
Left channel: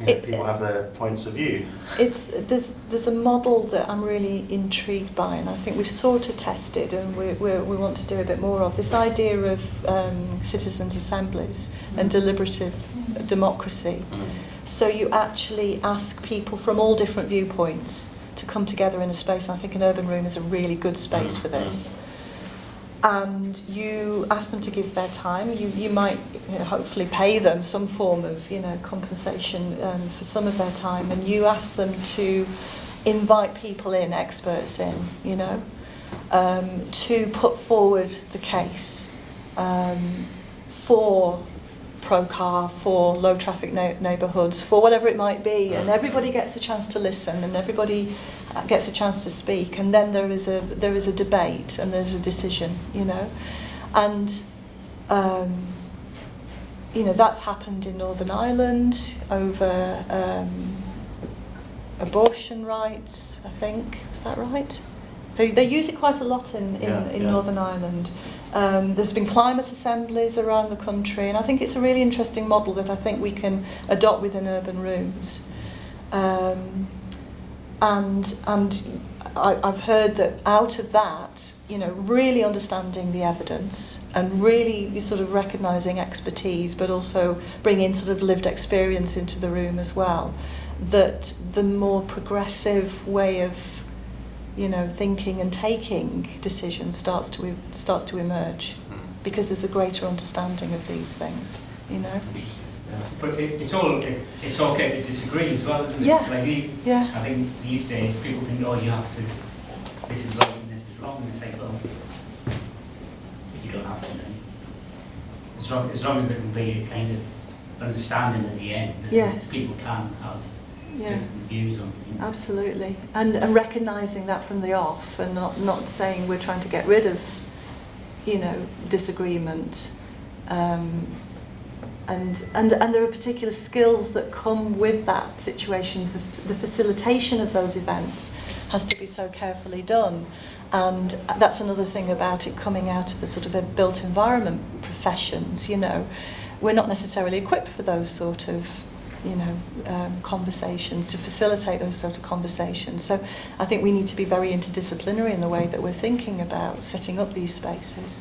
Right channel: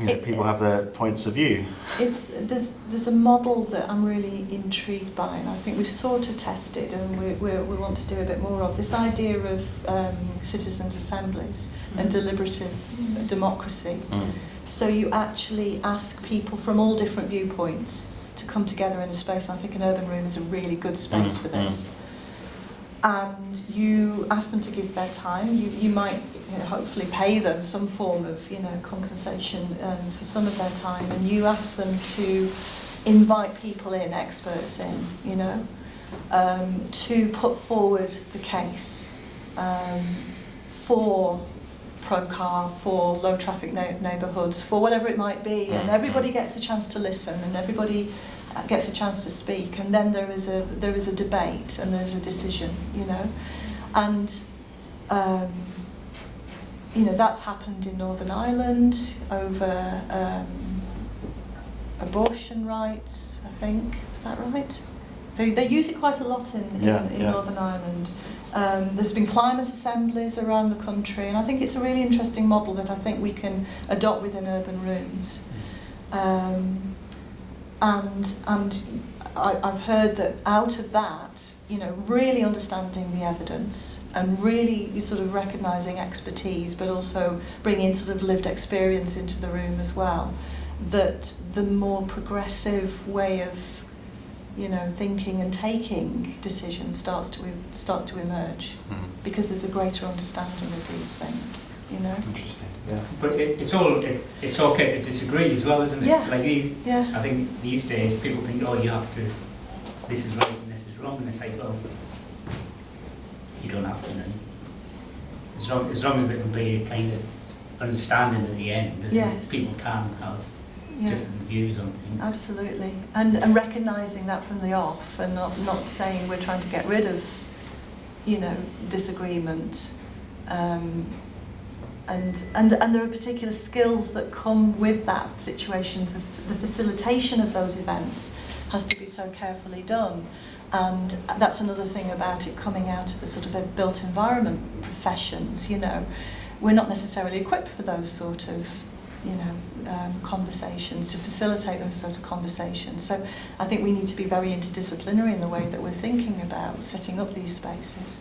you know, people have their points of view. There's a model that I'm really intrigued by, and I think we've sort of tested, and we want to do a bit more of this idea of citizens' assemblies and deliberative democracy. So you actually ask people from all different viewpoints to come together in a space. I think an urban room is a really good space for this. And you ask them to give their time. You might, you know, hopefully pay them some form of, you know, compensation for some of their time, and you ask them to invite people in, experts in, you know, to put forward the case for pro-car, for low traffic neighbourhoods, for whatever it might be, and everybody gets a chance to listen, and everybody gets a chance to speak, and then there is a debate, and there's a decision, you know, and you know, that's happened in Northern Ireland over abortion rights, I think. Is that right? They use it quite a lot in Northern Ireland. There's been climate assemblies around the country, and I think it's a really interesting model that I think we can adopt within urban rooms. And I've heard that out of that, you know, really understanding the evidence and really sort of recognising expertise, but also bringing sort of lived experience into the room as well, that the more progressive way of, you know, thinking and taking decisions starts to emerge, because there's a greater understanding of these things, you know. Interesting. Yeah. But it's okay to disagree as well, isn't it? Yeah. Like I think these days people think, oh, you have to, this is right and this is wrong, and they say, well, you don't have to, know. As long as there can be a kind of understanding at the end that people can have different views on things. Absolutely, and recognising that from the off, and not saying we're trying to get rid of, you know, disagreement. And there are particular skills that come with that situation. The facilitation of those events has to be so carefully done. And that's another thing about it coming out of the sort of built environment professions, you know. We're not necessarily equipped for those sort of, you know, conversations, to facilitate those sort of conversations. So I think we need to be very interdisciplinary in the way that we're thinking about setting up these spaces.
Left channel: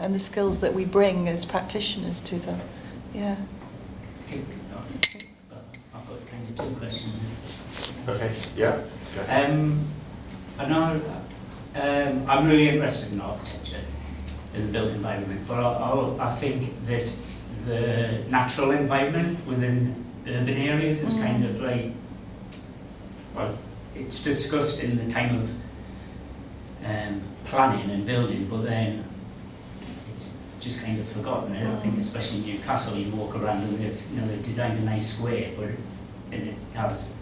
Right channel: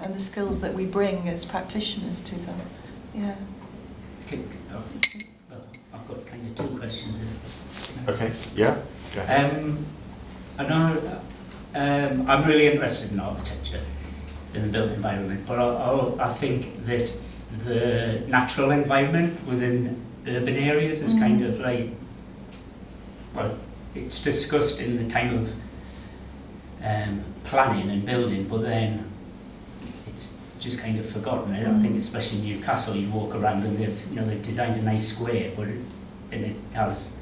And the skills that we bring as practitioners to them. Yeah. Okay. I've got kind of two questions. Okay, yeah. I know I'm really interested in architecture, in the built environment, but I think that the natural environment within urban areas is kind of like, well, it's discussed in the time of planning and building, but then it's just kind of forgotten. I think especially in Newcastle, you walk around and they've designed a nice square, but it has,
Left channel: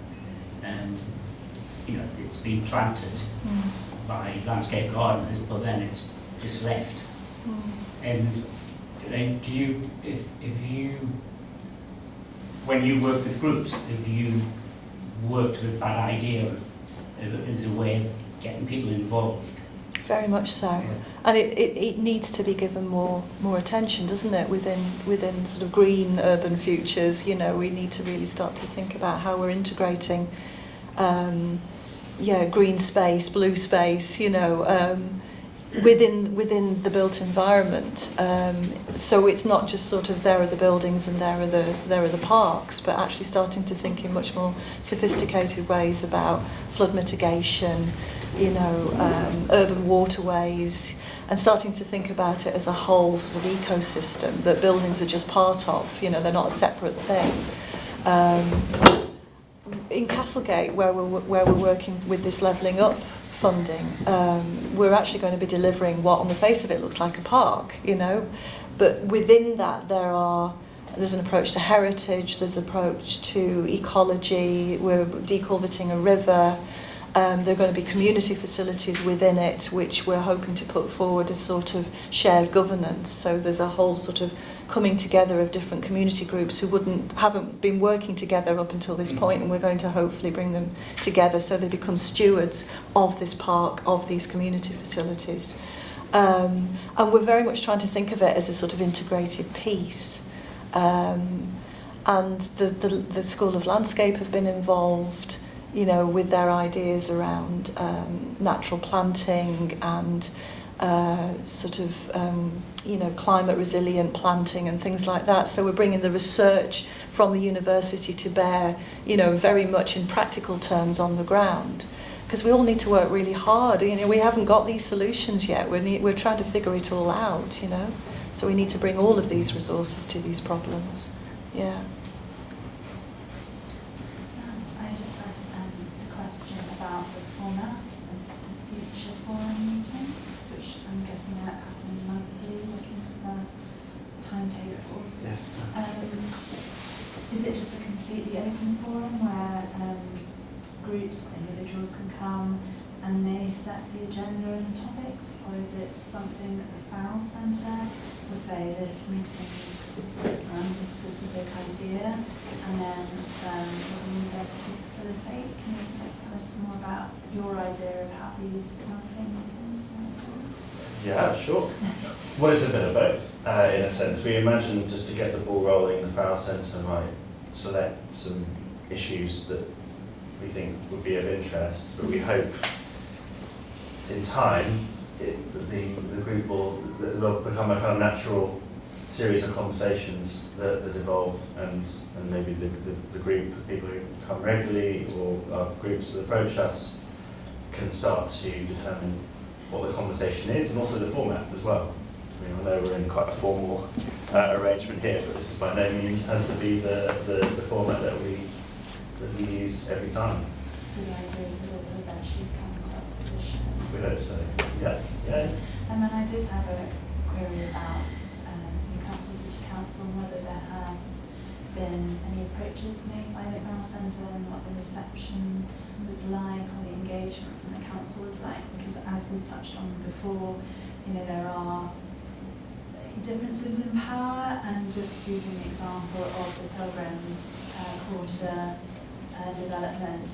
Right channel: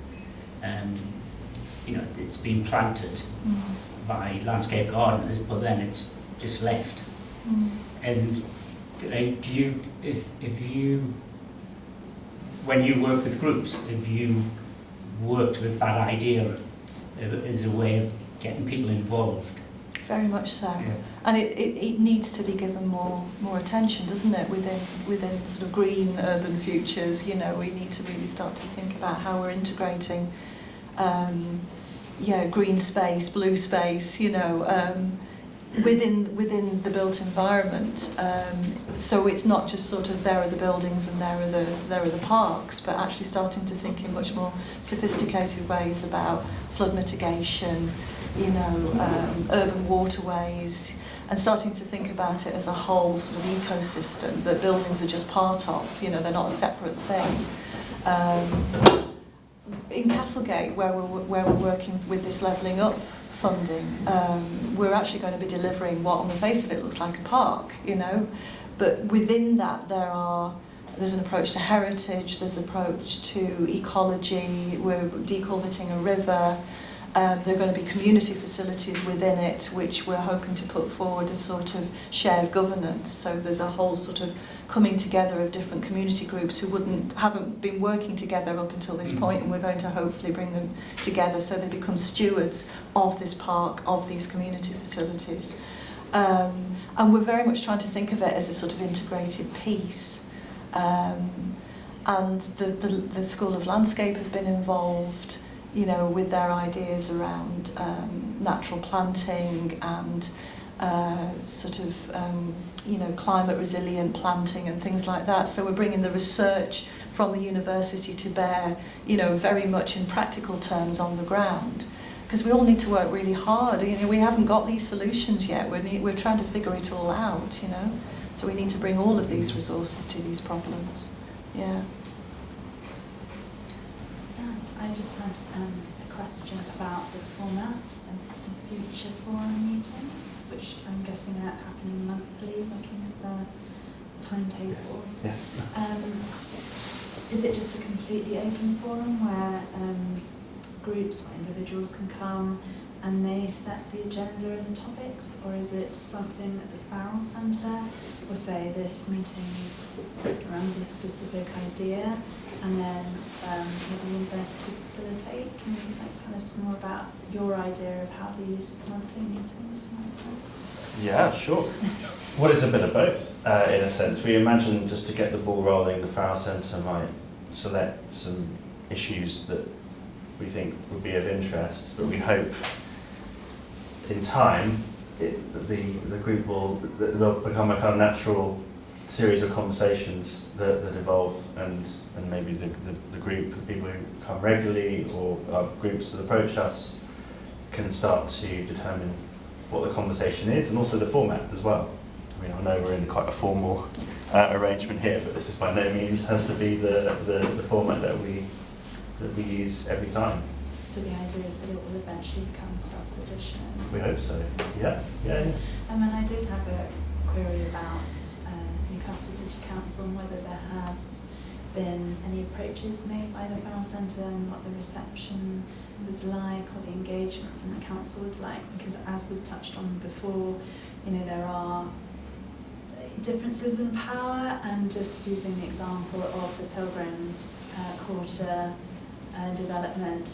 it's been planted by landscape gardeners, but then it's just left. And do you, if you, when you work with groups, have you worked with that idea as a way of getting people involved? Very much so. Yeah. And it needs to be given more attention, doesn't it, within sort of green urban futures. You know, we need to really start to think about how we're integrating green space, blue space, you know, within the built environment. So it's not just sort of there are the buildings and there are the parks, but actually starting to think in much more sophisticated ways about flood mitigation, you know, urban waterways, and starting to think about it as a whole sort of ecosystem that buildings are just part of. You know, they're not a separate thing. In Castlegate, where we're working with this levelling up funding, we're actually going to be delivering what on the face of it looks like a park, you know, but within that there's an approach to heritage, there's an approach to ecology, we're deculverting a river, there are going to be community facilities within it which we're hoping to put forward as sort of shared governance. So there's a whole sort of coming together of different community groups who haven't been working together up until this point, and we're going to hopefully bring them together so they become stewards of this park, of these community facilities. And we're very much trying to think of it as a sort of integrated piece. And the School of Landscape have been involved, you know, with their ideas around natural planting and climate resilient planting and things like that. So we're bringing the research from the university to bear, you know, very much in practical terms on the ground. Because we all need to work really hard. You know, we haven't got these solutions yet. We're trying to figure it all out, you know. So we need to bring all of these resources to these problems. Yeah. I just had a question about the format of future forum meetings, which I'm guessing are happening monthly, looking at the timetables. Yes. Is it just a completely open forum where groups or individuals can come and they set the agenda and topics, or is it something that the Farrell Centre will say this meeting is around a specific idea, and then the university facilitate? Can you tell us more about your idea of how these monthly meetings work? Yeah, sure. Well, it's a bit of both, in a sense. We imagine, just to get the ball rolling, the Farrell Centre might select some issues that we think would be of interest, but we hope in time the group they'll become a kind of natural series of conversations that evolve, and maybe the group of people who come regularly or our groups that approach us can start to determine what the conversation is, and also the format as well. I mean, I know we're in quite a formal arrangement here, but this is by no means has to be the format that we use every time. So the idea is that it will eventually become self-sufficient. We hope so. Yeah. And then I did have a query about Newcastle City Council and whether there have been any approaches made by the Farrell Centre and what the reception was like or the engagement from the council was like, because as was touched on before, you know, there are, differences in power, and just using the example of the Pilgrims Quarter development.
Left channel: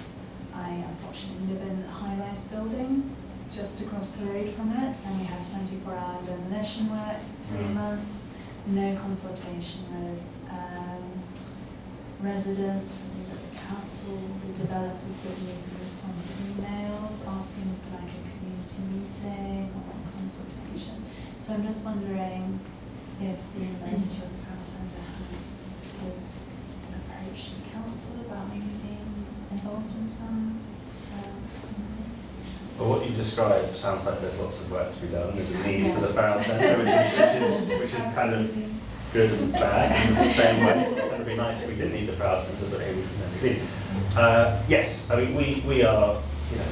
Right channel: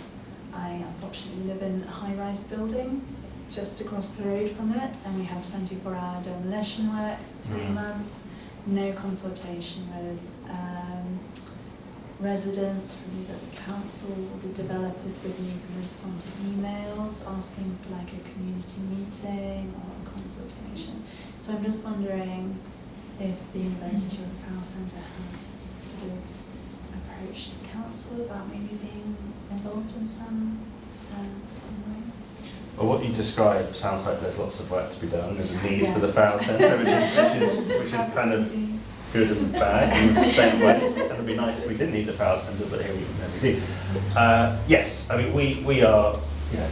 I unfortunately live in a high-rise building just across the road from it, and we had 24-hour demolition work, 3 months, no consultation with residents, really with the council, the developers didn't even respond to emails asking for like a community meeting or consultation. So I'm just wondering if the University or the Farrell Centre has sort of approached the council about maybe being involved in some way. Well, what you described sounds like there's lots of work to be done. There's a need for the Farrell Centre, which is kind of good and bad in the same way. It would be nice if we didn't need the Farrell Centre, but here we do. Yes, I mean we are, you know,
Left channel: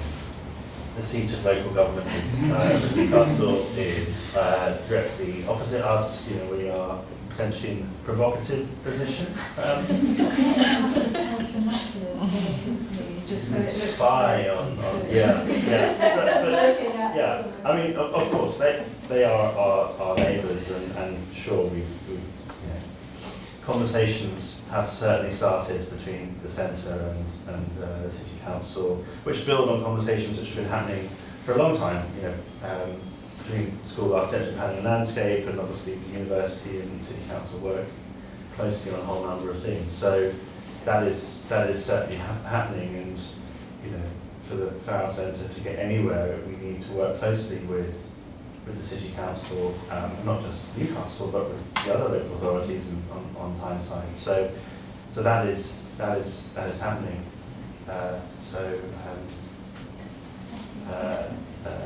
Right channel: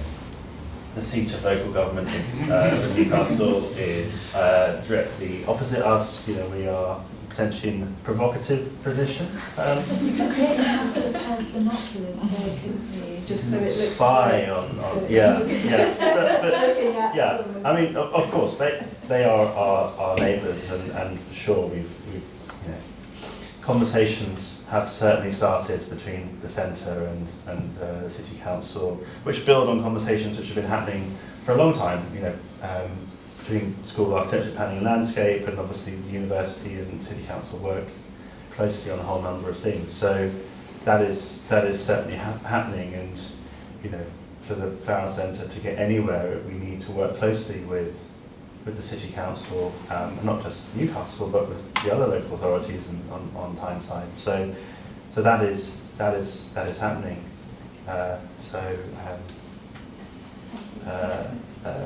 the seat of local government is Newcastle is directly opposite us. You know, we are potentially in a provocative position. Just so it looks spy on yeah. But yeah, I mean, of course, they are our neighbours, and sure, we've you know, conversations have certainly started between the centre and the city council, which build on conversations which have been happening for a long time. You know, between school architecture, planning and landscape, and obviously the university and city council work closely on a whole number of things. So that is certainly happening, and you know, for the Farrell Centre to get anywhere, we need to work closely with the city council, not just Newcastle, but with the other local authorities and on Tyneside. So that is happening.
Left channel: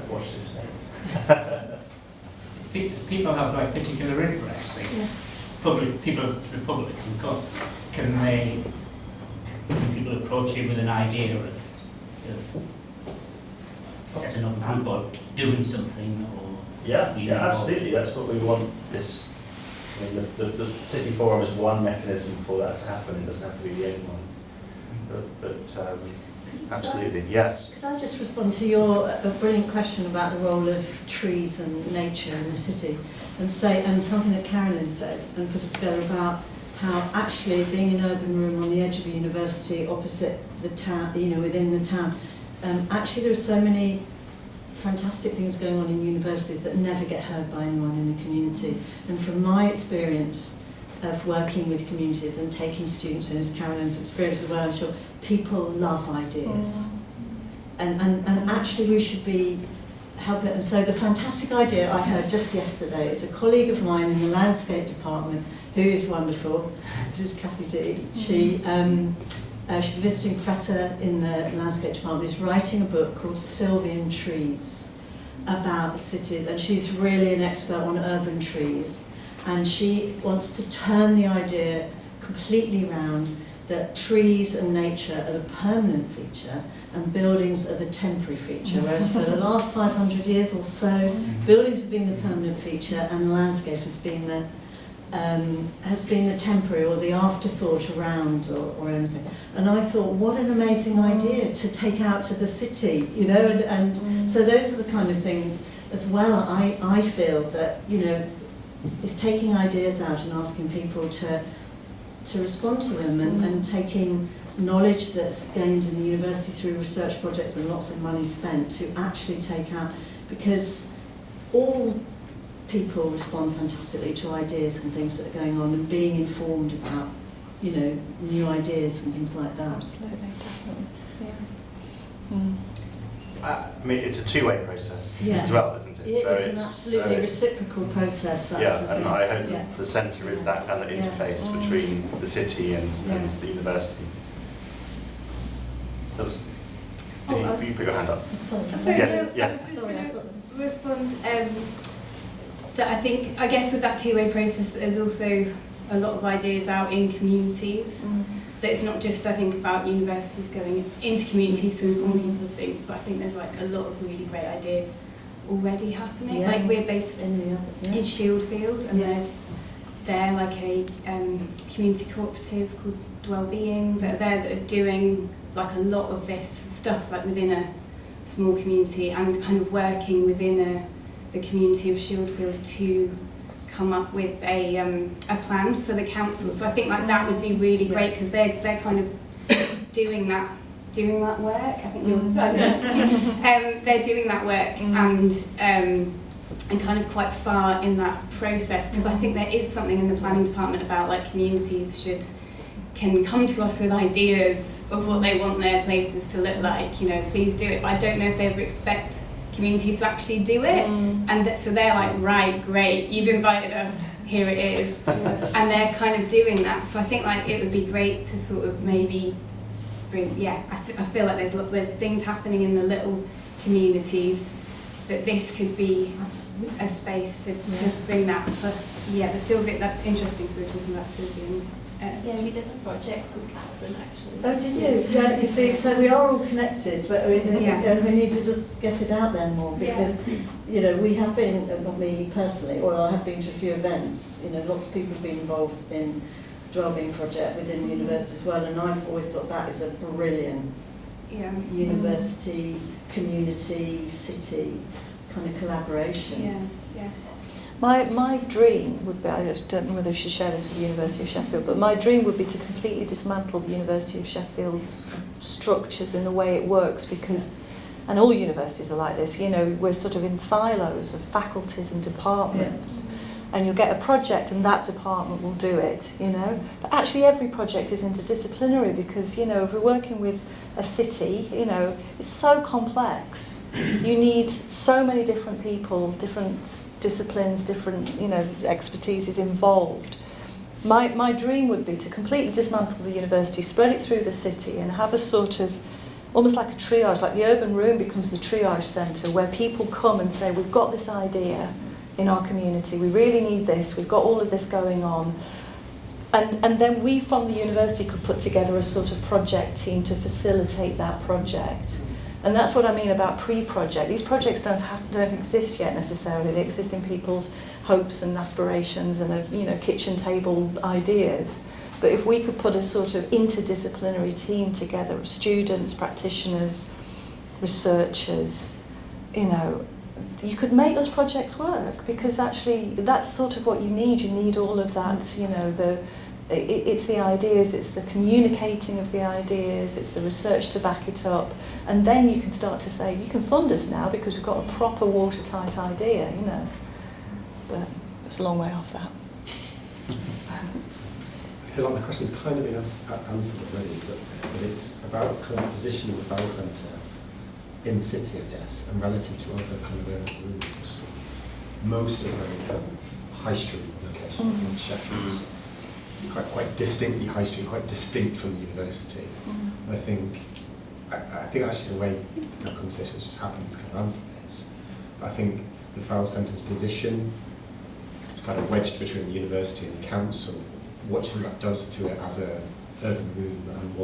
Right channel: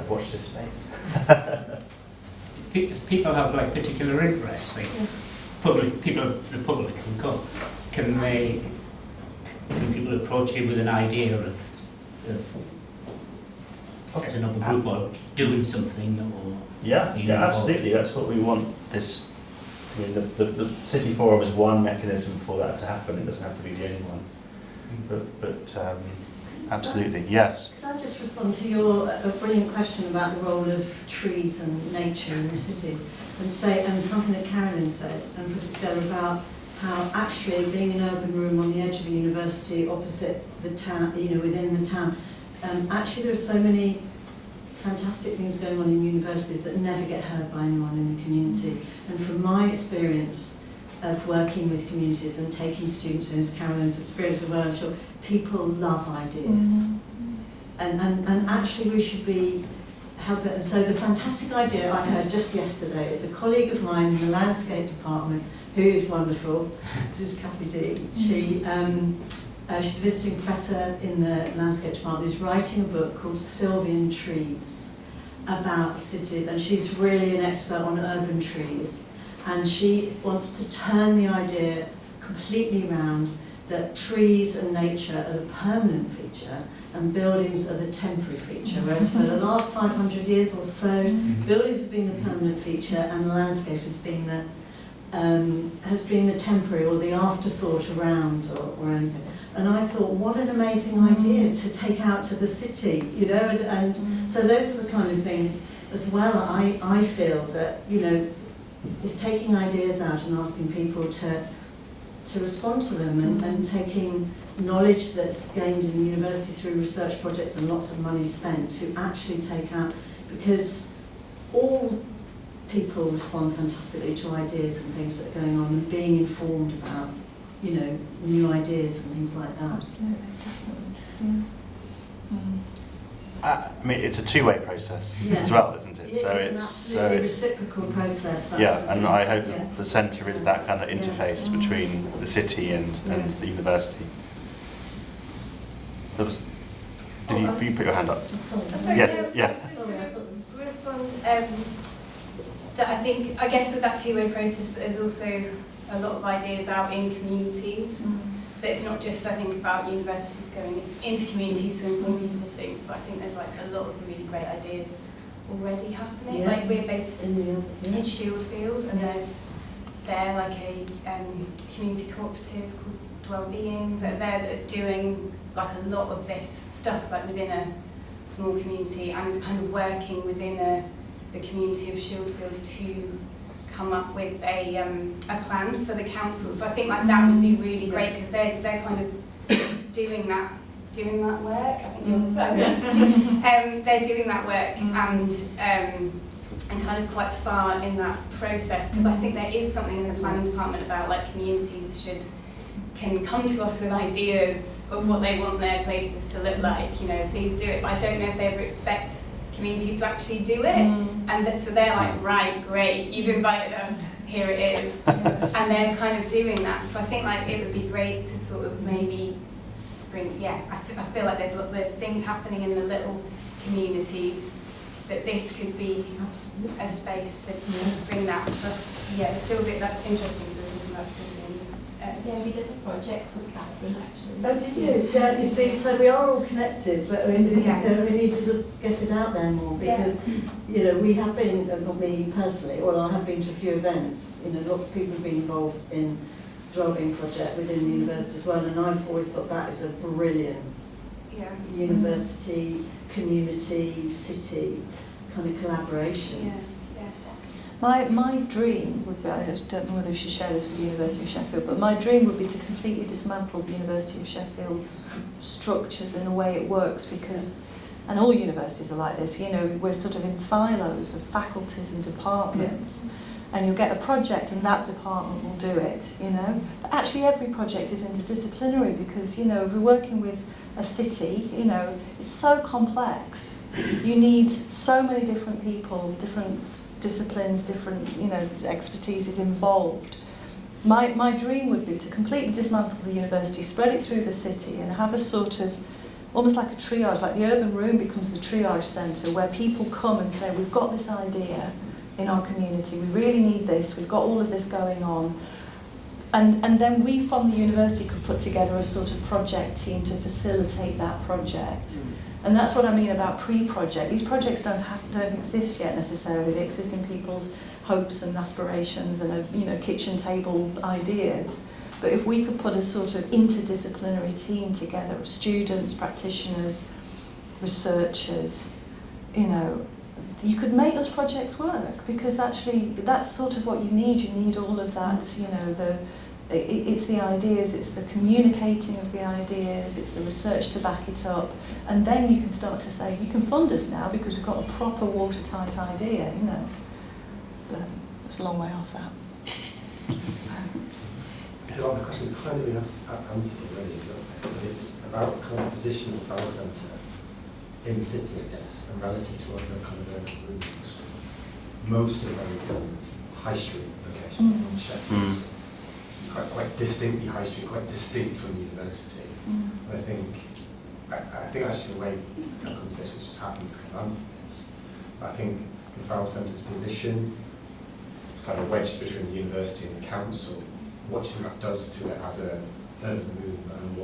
Watch this space. People have like particular interests, like people of the public. Can people approach you with an idea of setting up a group or doing something, or yeah, absolutely. That's what we want. This, I mean, the city forum is one mechanism for that to happen. It doesn't have to be the only one. But absolutely, yes. Can I just respond to your brilliant question about the role of trees and nature in the city, and something that Carolyn said and put it together about how actually being an urban room on the edge of a university opposite the town, you know, within the town, actually there are so many fantastic things going on in universities that never get heard by anyone in the community. And from my experience of working with communities and taking students, and as Carolyn's experience as well, I'm sure people love ideas. And actually we should be helping. And so the fantastic idea I heard just yesterday is a colleague of mine in the landscape department, who is wonderful. This is Kathy D. She's a visiting professor in the landscape department, is writing a book called Sylvian Trees about cities, and she's really an expert on urban trees. And she wants to turn the idea completely round that trees and nature are the permanent feature and buildings are the temporary feature, whereas for the last 500 years or so, buildings have been the permanent feature and landscape has been the temporary or the afterthought around or anything. And I thought, what an amazing idea to take out to the city, you know, and so those are the kind of things as well. I feel that, you know, is taking ideas out and asking people to respond to them, and taking knowledge that's gained in the university through research projects and lots of money spent to actually take out, because all people respond fantastically to ideas and things that are going on, and being informed about, you know, new ideas and things like that. I mean, it's a two-way process as well, isn't it? Yeah, so it's an absolutely reciprocal process. That's yeah, the and thing. I hope that the centre is that kind of interface between the city and the university. Oops. You put your hand up. Yes, I was just going to respond that I guess with that two-way process, there's also a lot of ideas out in communities. That it's not just, I think, about universities going into communities to inform people of things, but I think there's like a lot of really great ideas already happening. Like we're based in Sheffield, and there's like a community cooperative called Wellbeing that are there that are doing like a lot of this stuff like within a small community and kind of working within the community of Sheffield to come up with a plan for the council. So I think like that would be really great because they're kind of doing that work. I think they're doing that work and kind of quite far in that process, because I think there is something in the planning department about like communities can come to us with ideas of what they want their places to look like, you know, please do it. But I don't know if they ever expect communities to actually do it, and so they're like, right, great, you've invited us, here it is, and they're kind of doing that. So I think like it would be great to sort of maybe bring, I feel like there's things happening in the little communities that this could be a space to bring that. Plus, the Sylvia, that's interesting to be talking about Sylvia. Yeah, we did a project with Carolyn actually. Oh, did you? Yeah, you see, so we are all connected, but we need to just get it out there more, because, you know, we have been, not me personally, or I have been to a few events, you know, lots of people have been involved in the Wellbeing Project within the university as well, and I've always thought that is a brilliant university, community, city kind of collaboration. My dream would be, I don't know whether I should share this with the University of Sheffield, but my dream would be to completely dismantle the University of Sheffield's structures in the way it works, because, and all universities are like this, you know, we're sort of in silos of faculties and departments, and you'll get a project and that department will do it, you know. But actually every project is interdisciplinary, because, you know, if we're working with a city, you know, it's so complex. You need so many different people, different disciplines, different, you know, expertises involved. My dream would be to completely dismantle the university, spread it through the city, and have a sort of, almost like a triage, like the urban room becomes the triage centre, where people come and say, we've got this idea in our community, we really need this, we've got all of this going on. And then we from the university could put together a sort of project team to facilitate that project. And that's what I mean about pre-project. These projects don't exist yet necessarily. They exist in people's hopes and aspirations and, you know, kitchen table ideas. But if we could put a sort of interdisciplinary team together of students, practitioners, researchers, you know, you could make those projects work, because actually that's sort of what you need. You need all of that, you know, it's the ideas, it's the communicating of the ideas, it's the research to back it up, and then you can start to say, you can fund us now because we've got a proper watertight idea, you know. But it's a long way off that. A lot of the questions kind of been answered already, but it's about kind of positioning the Farrell Centre in the city, I guess, and relative to other kind of urban rooms. Most are very kind of high street locations. Sheffield's quite distinctly high street, quite distinct from the university. And I think actually the way the conversations just happens kind of answer this. But I think the Farrell Centre's position is kind of wedged between the university and the council. What do you think that does to it as an urban room, and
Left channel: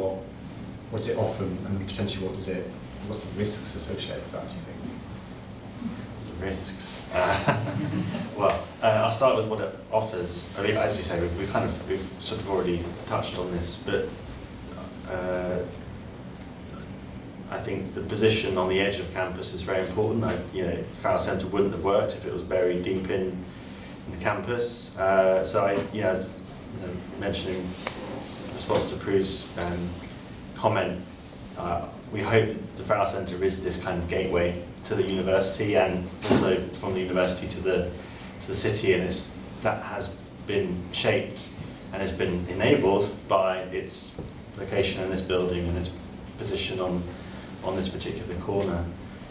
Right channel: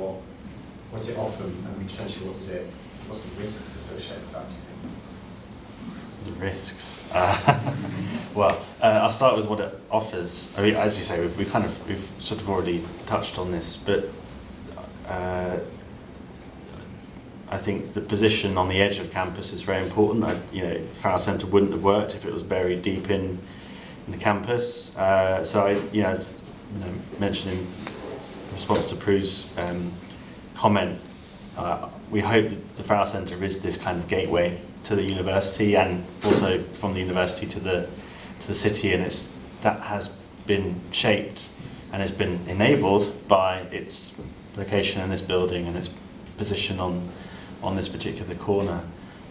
what's it offer, and potentially what's the risks associated with that, do you think? The risks? Well, I'll start with what it offers. I mean, as you say, we've sort of already touched on this, but I think the position on the edge of campus is very important. You know, Farrell Centre wouldn't have worked if it was buried deep in the campus. Mentioning in response to Prue's comment, we hope the Farrell Centre is this kind of gateway to the university, and also from the university to the city, and that has been shaped and has been enabled by its location in this building and its position on this particular corner.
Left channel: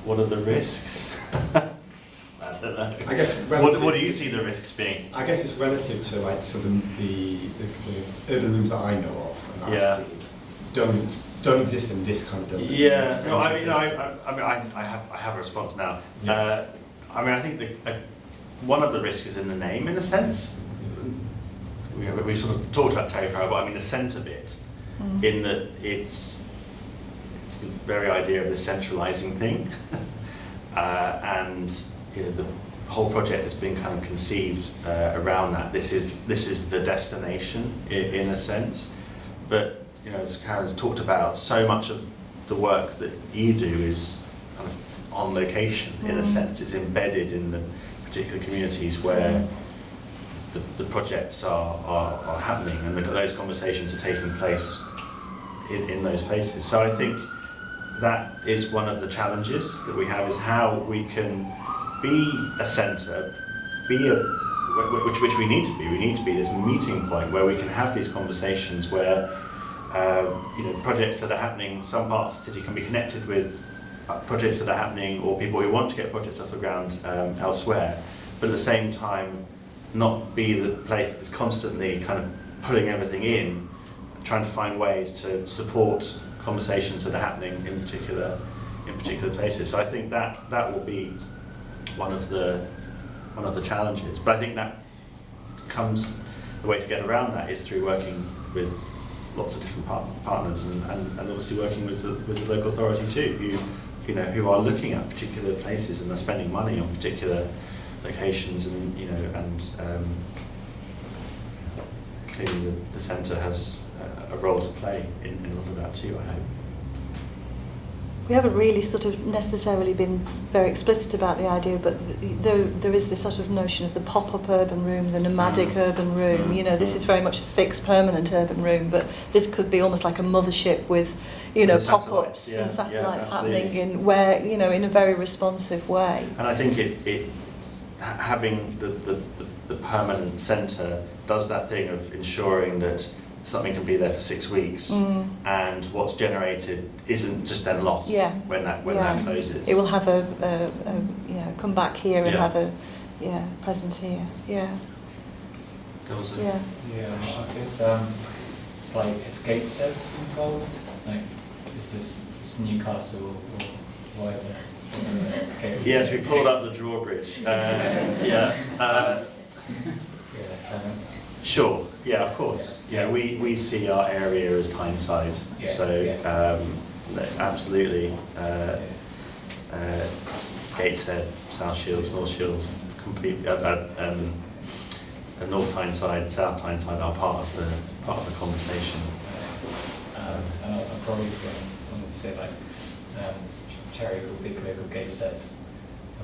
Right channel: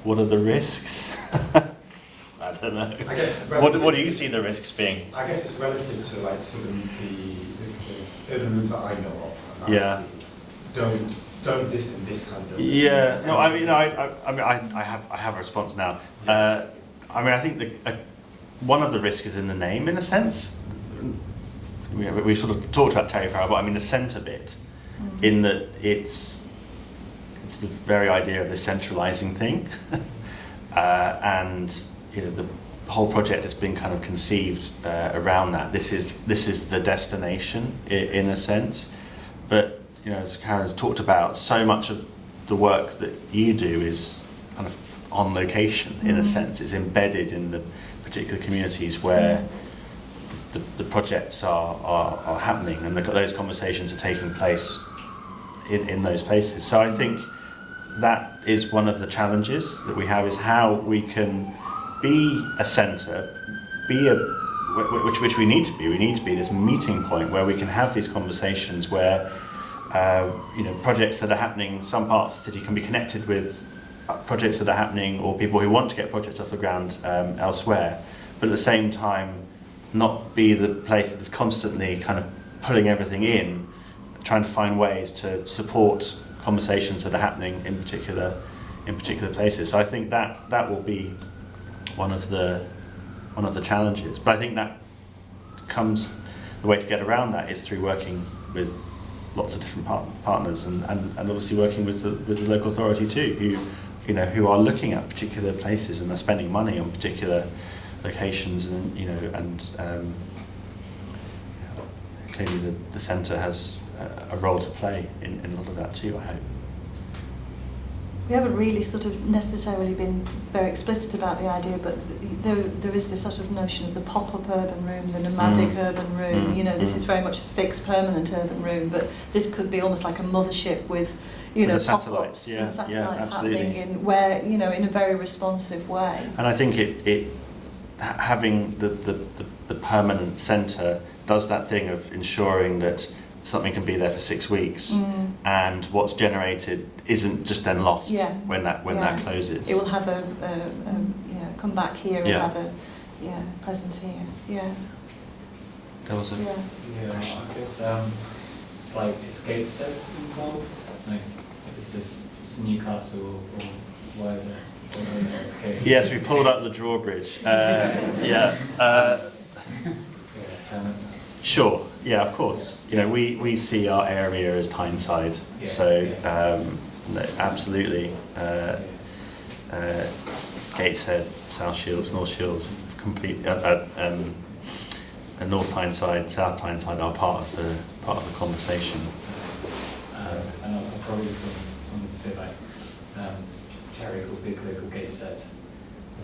What are the risks? I don't know. I guess what do you see the risks being? I guess it's relative to like sort of the urban rooms that I know of and that I've seen don't exist in this kind of building. Yeah, no, I mean, I have a response now. Yeah. I mean, I think one of the risks is in the name, in a sense. We sort of talked about Terry Farrell, but I mean the centre bit, in that it's the very idea of this centralising thing, and you know, the whole project has been kind of conceived around that. This is the destination in a sense, but you know, as Carolyn's talked about, so much of the work that you do is kind of on location in a sense. It's embedded in the particular communities where the projects are happening, and those conversations are taking place in those places. So I think that is one of the challenges that we have, is how we can be a centre, which we need to be. We need to be this meeting point where we can have these conversations where projects that are happening, some parts of the city can be connected with projects that are happening, or people who want to get projects off the ground elsewhere, but at the same time not be the place that's constantly kind of pulling everything in, trying to find ways to support conversations that are happening in particular places. So I think that will be one of the challenges. But I think that the way to get around that is through working with lots of different partners, and obviously working with the local authority too, who are looking at particular places and are spending money on particular locations, and clearly the centre has a role to play in a lot of that too, I hope. We haven't really sort of necessarily been very explicit about the idea, but there is this sort of notion of the pop-up urban room, the nomadic urban room. This is very much a fixed, permanent urban room, but this could be almost like a mothership with, pop-ups and satellites happening in where, in a very responsive way. And I think it having the permanent centre does that thing of ensuring that something can be there for 6 weeks, and what's generated isn't just then lost when that closes. It will have a come back here and have a presence here. There was a I guess it's like it's gate set involved. Like it's Newcastle or whatever. Yes, we pulled up the drawbridge. Sure. Yeah, of course. We see our area as Tyneside, absolutely. Gateshead, South Shields, North Shields, complete, and North Tyneside, South Tyneside are part of the conversation. I probably wanted to say charity called Big Rig or Gateshead,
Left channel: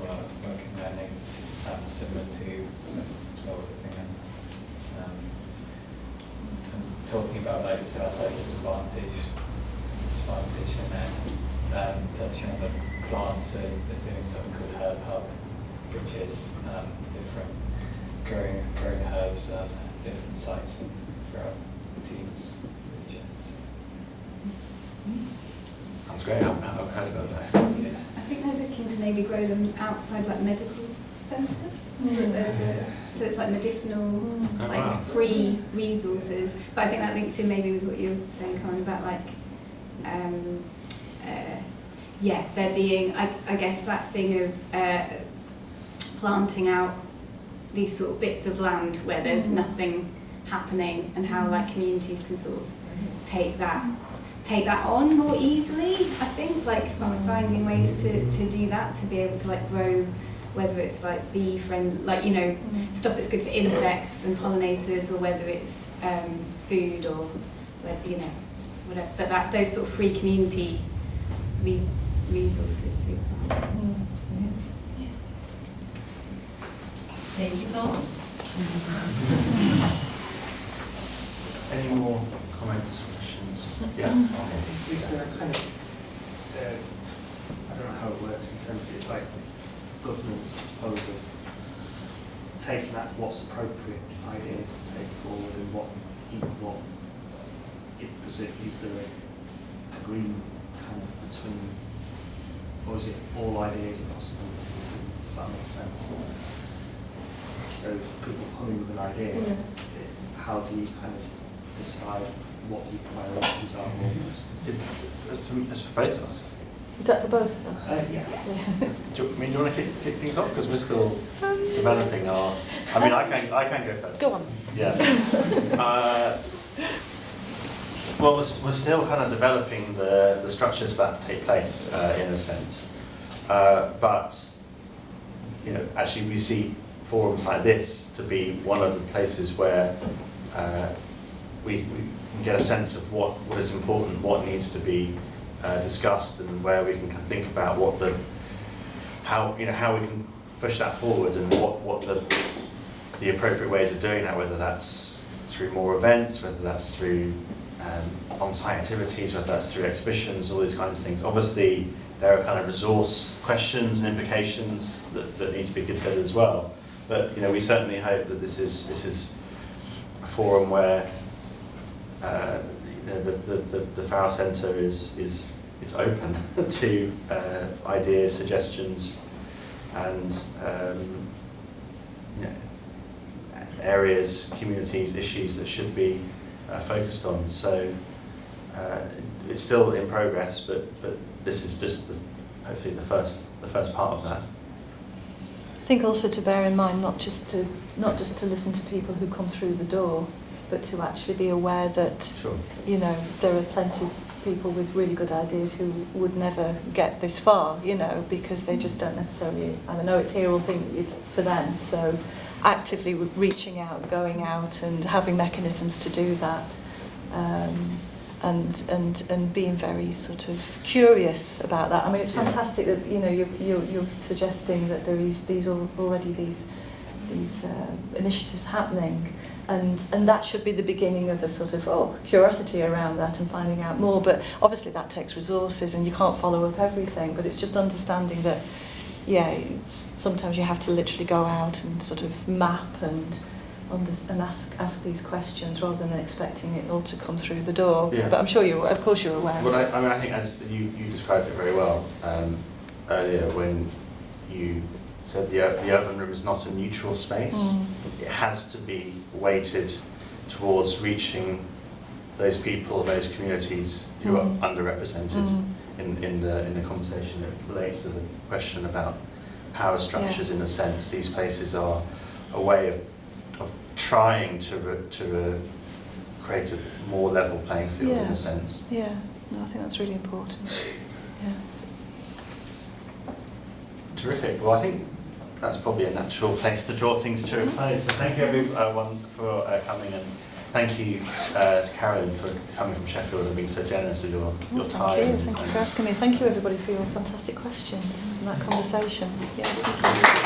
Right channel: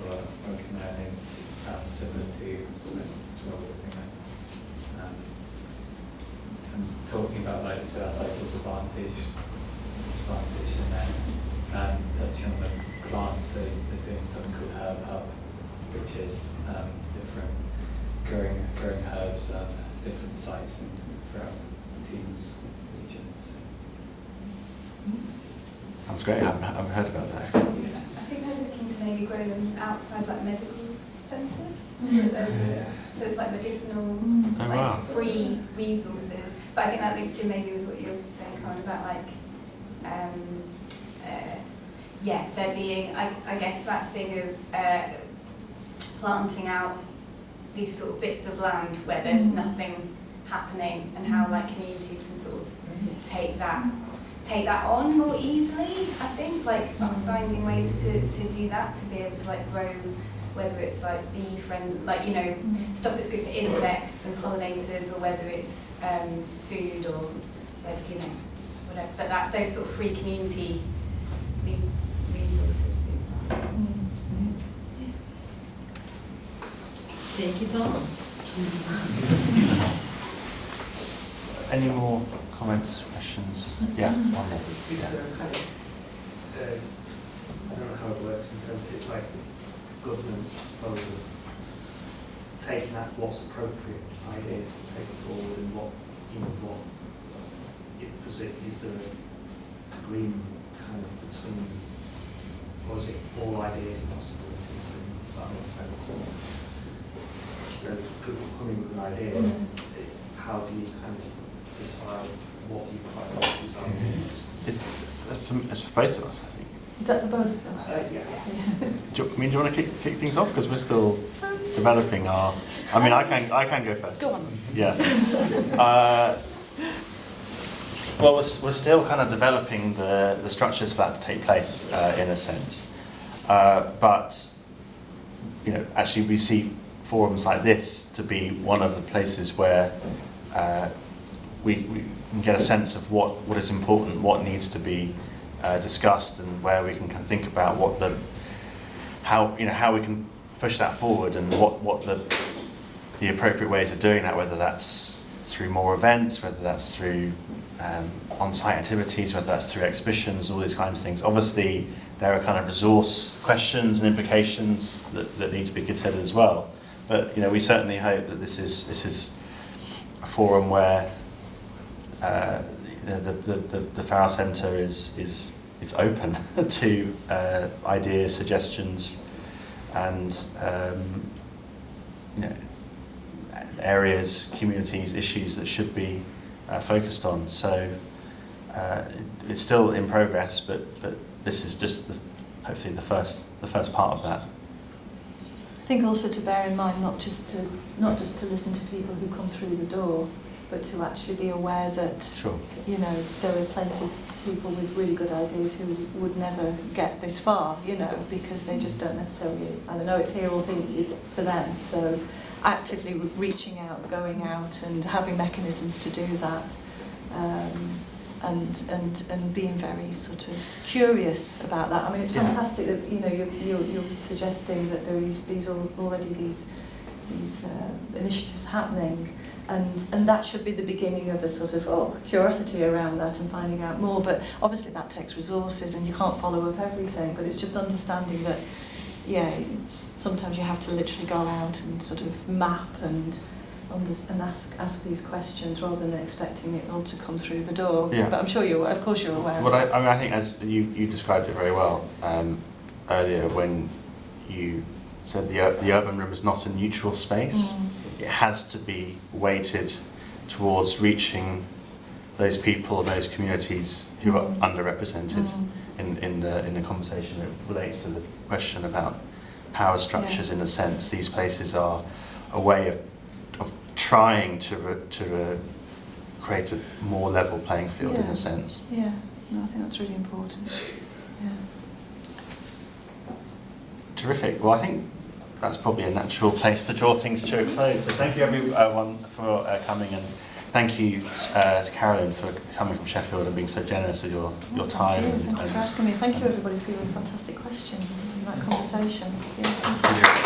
or working there. I think it sounds similar to what we're thinking. And talking about so that's like disadvantage, and then touching on the plants. So they're doing something called Herb Hub, which is different growing herbs at different sites throughout the team's region. Sounds great. I've heard about that. I think they're looking to maybe grow them outside like medical centres. So it's like medicinal, free resources. But I think that links in maybe with what you were saying, kind of about there being, I guess, that thing of planting out these sort of bits of land where there's nothing happening, and how communities can sort of take that on more easily. I think finding ways to do that, to be able to grow, whether it's bee friendly, stuff that's good for insects and pollinators, or whether it's food or whatever. But those sort of free community resources. Take it on. Any more comments, questions? Yeah. Is there a kind of, I don't know how it works in terms of governance, I suppose, of taking that what's appropriate ideas to take forward, and is there an agreement kind of between, or is it all ideas and possibilities, if that makes sense? So if people come in with an idea, how do you kind of decide what your priorities are? It's for both of us, I think. Is that the both of us? Yeah. Do you want to kick things off, because we're still developing our? I can go first. Go on. Yeah. Well, we're still kind of developing the structures for that to take place, in a sense. But actually, we see forums like this to be one of the places where we can get a sense of what is important, what needs to be discussed, and where we can think about how we can push that forward, and what the appropriate ways of doing that, whether that's through more events, whether that's through on-site activities, whether that's through exhibitions, all these kinds of things. Obviously, there are kind of resource questions and implications that need to be considered as well. But we certainly hope that this is a forum where the Farrell Centre is open to ideas, suggestions, and areas, communities, issues that should be focused on. So it's still in progress, but this is just hopefully the first part of that. I think also to bear in mind not just to listen to people who come through the door, but to actually be aware that Sure. There are plenty of people with really good ideas who would never get this far, because they just don't necessarily, I know it's here or think it's for them. So actively reaching out, going out and having mechanisms to do that, and being very sort of curious about that. I mean, it's fantastic that you're suggesting that there is these initiatives happening. And that should be the beginning of a sort of curiosity around that and finding out more. But obviously that takes resources and you can't follow up everything. But it's just understanding that, sometimes you have to literally go out and sort of map and ask these questions rather than expecting it all to come through the door. Yeah. But I'm sure of course you're aware. Well, I think as you described it very well earlier when you said the urban room is not a neutral space. It has to be weighted towards reaching those people, those communities who are underrepresented in the conversation that relates to the question about power structures. In a sense, these places are a way of trying to create a more level playing field in a sense. Yeah, no, I think that's really important. Yeah. Terrific. Well, I think that's probably a natural place to draw things to a close. So thank you everyone for coming, and thank you Carolyn for coming from Sheffield and being so generous with your time. Thank you for asking me. Thank you everybody for your fantastic questions and that conversation. Yeah.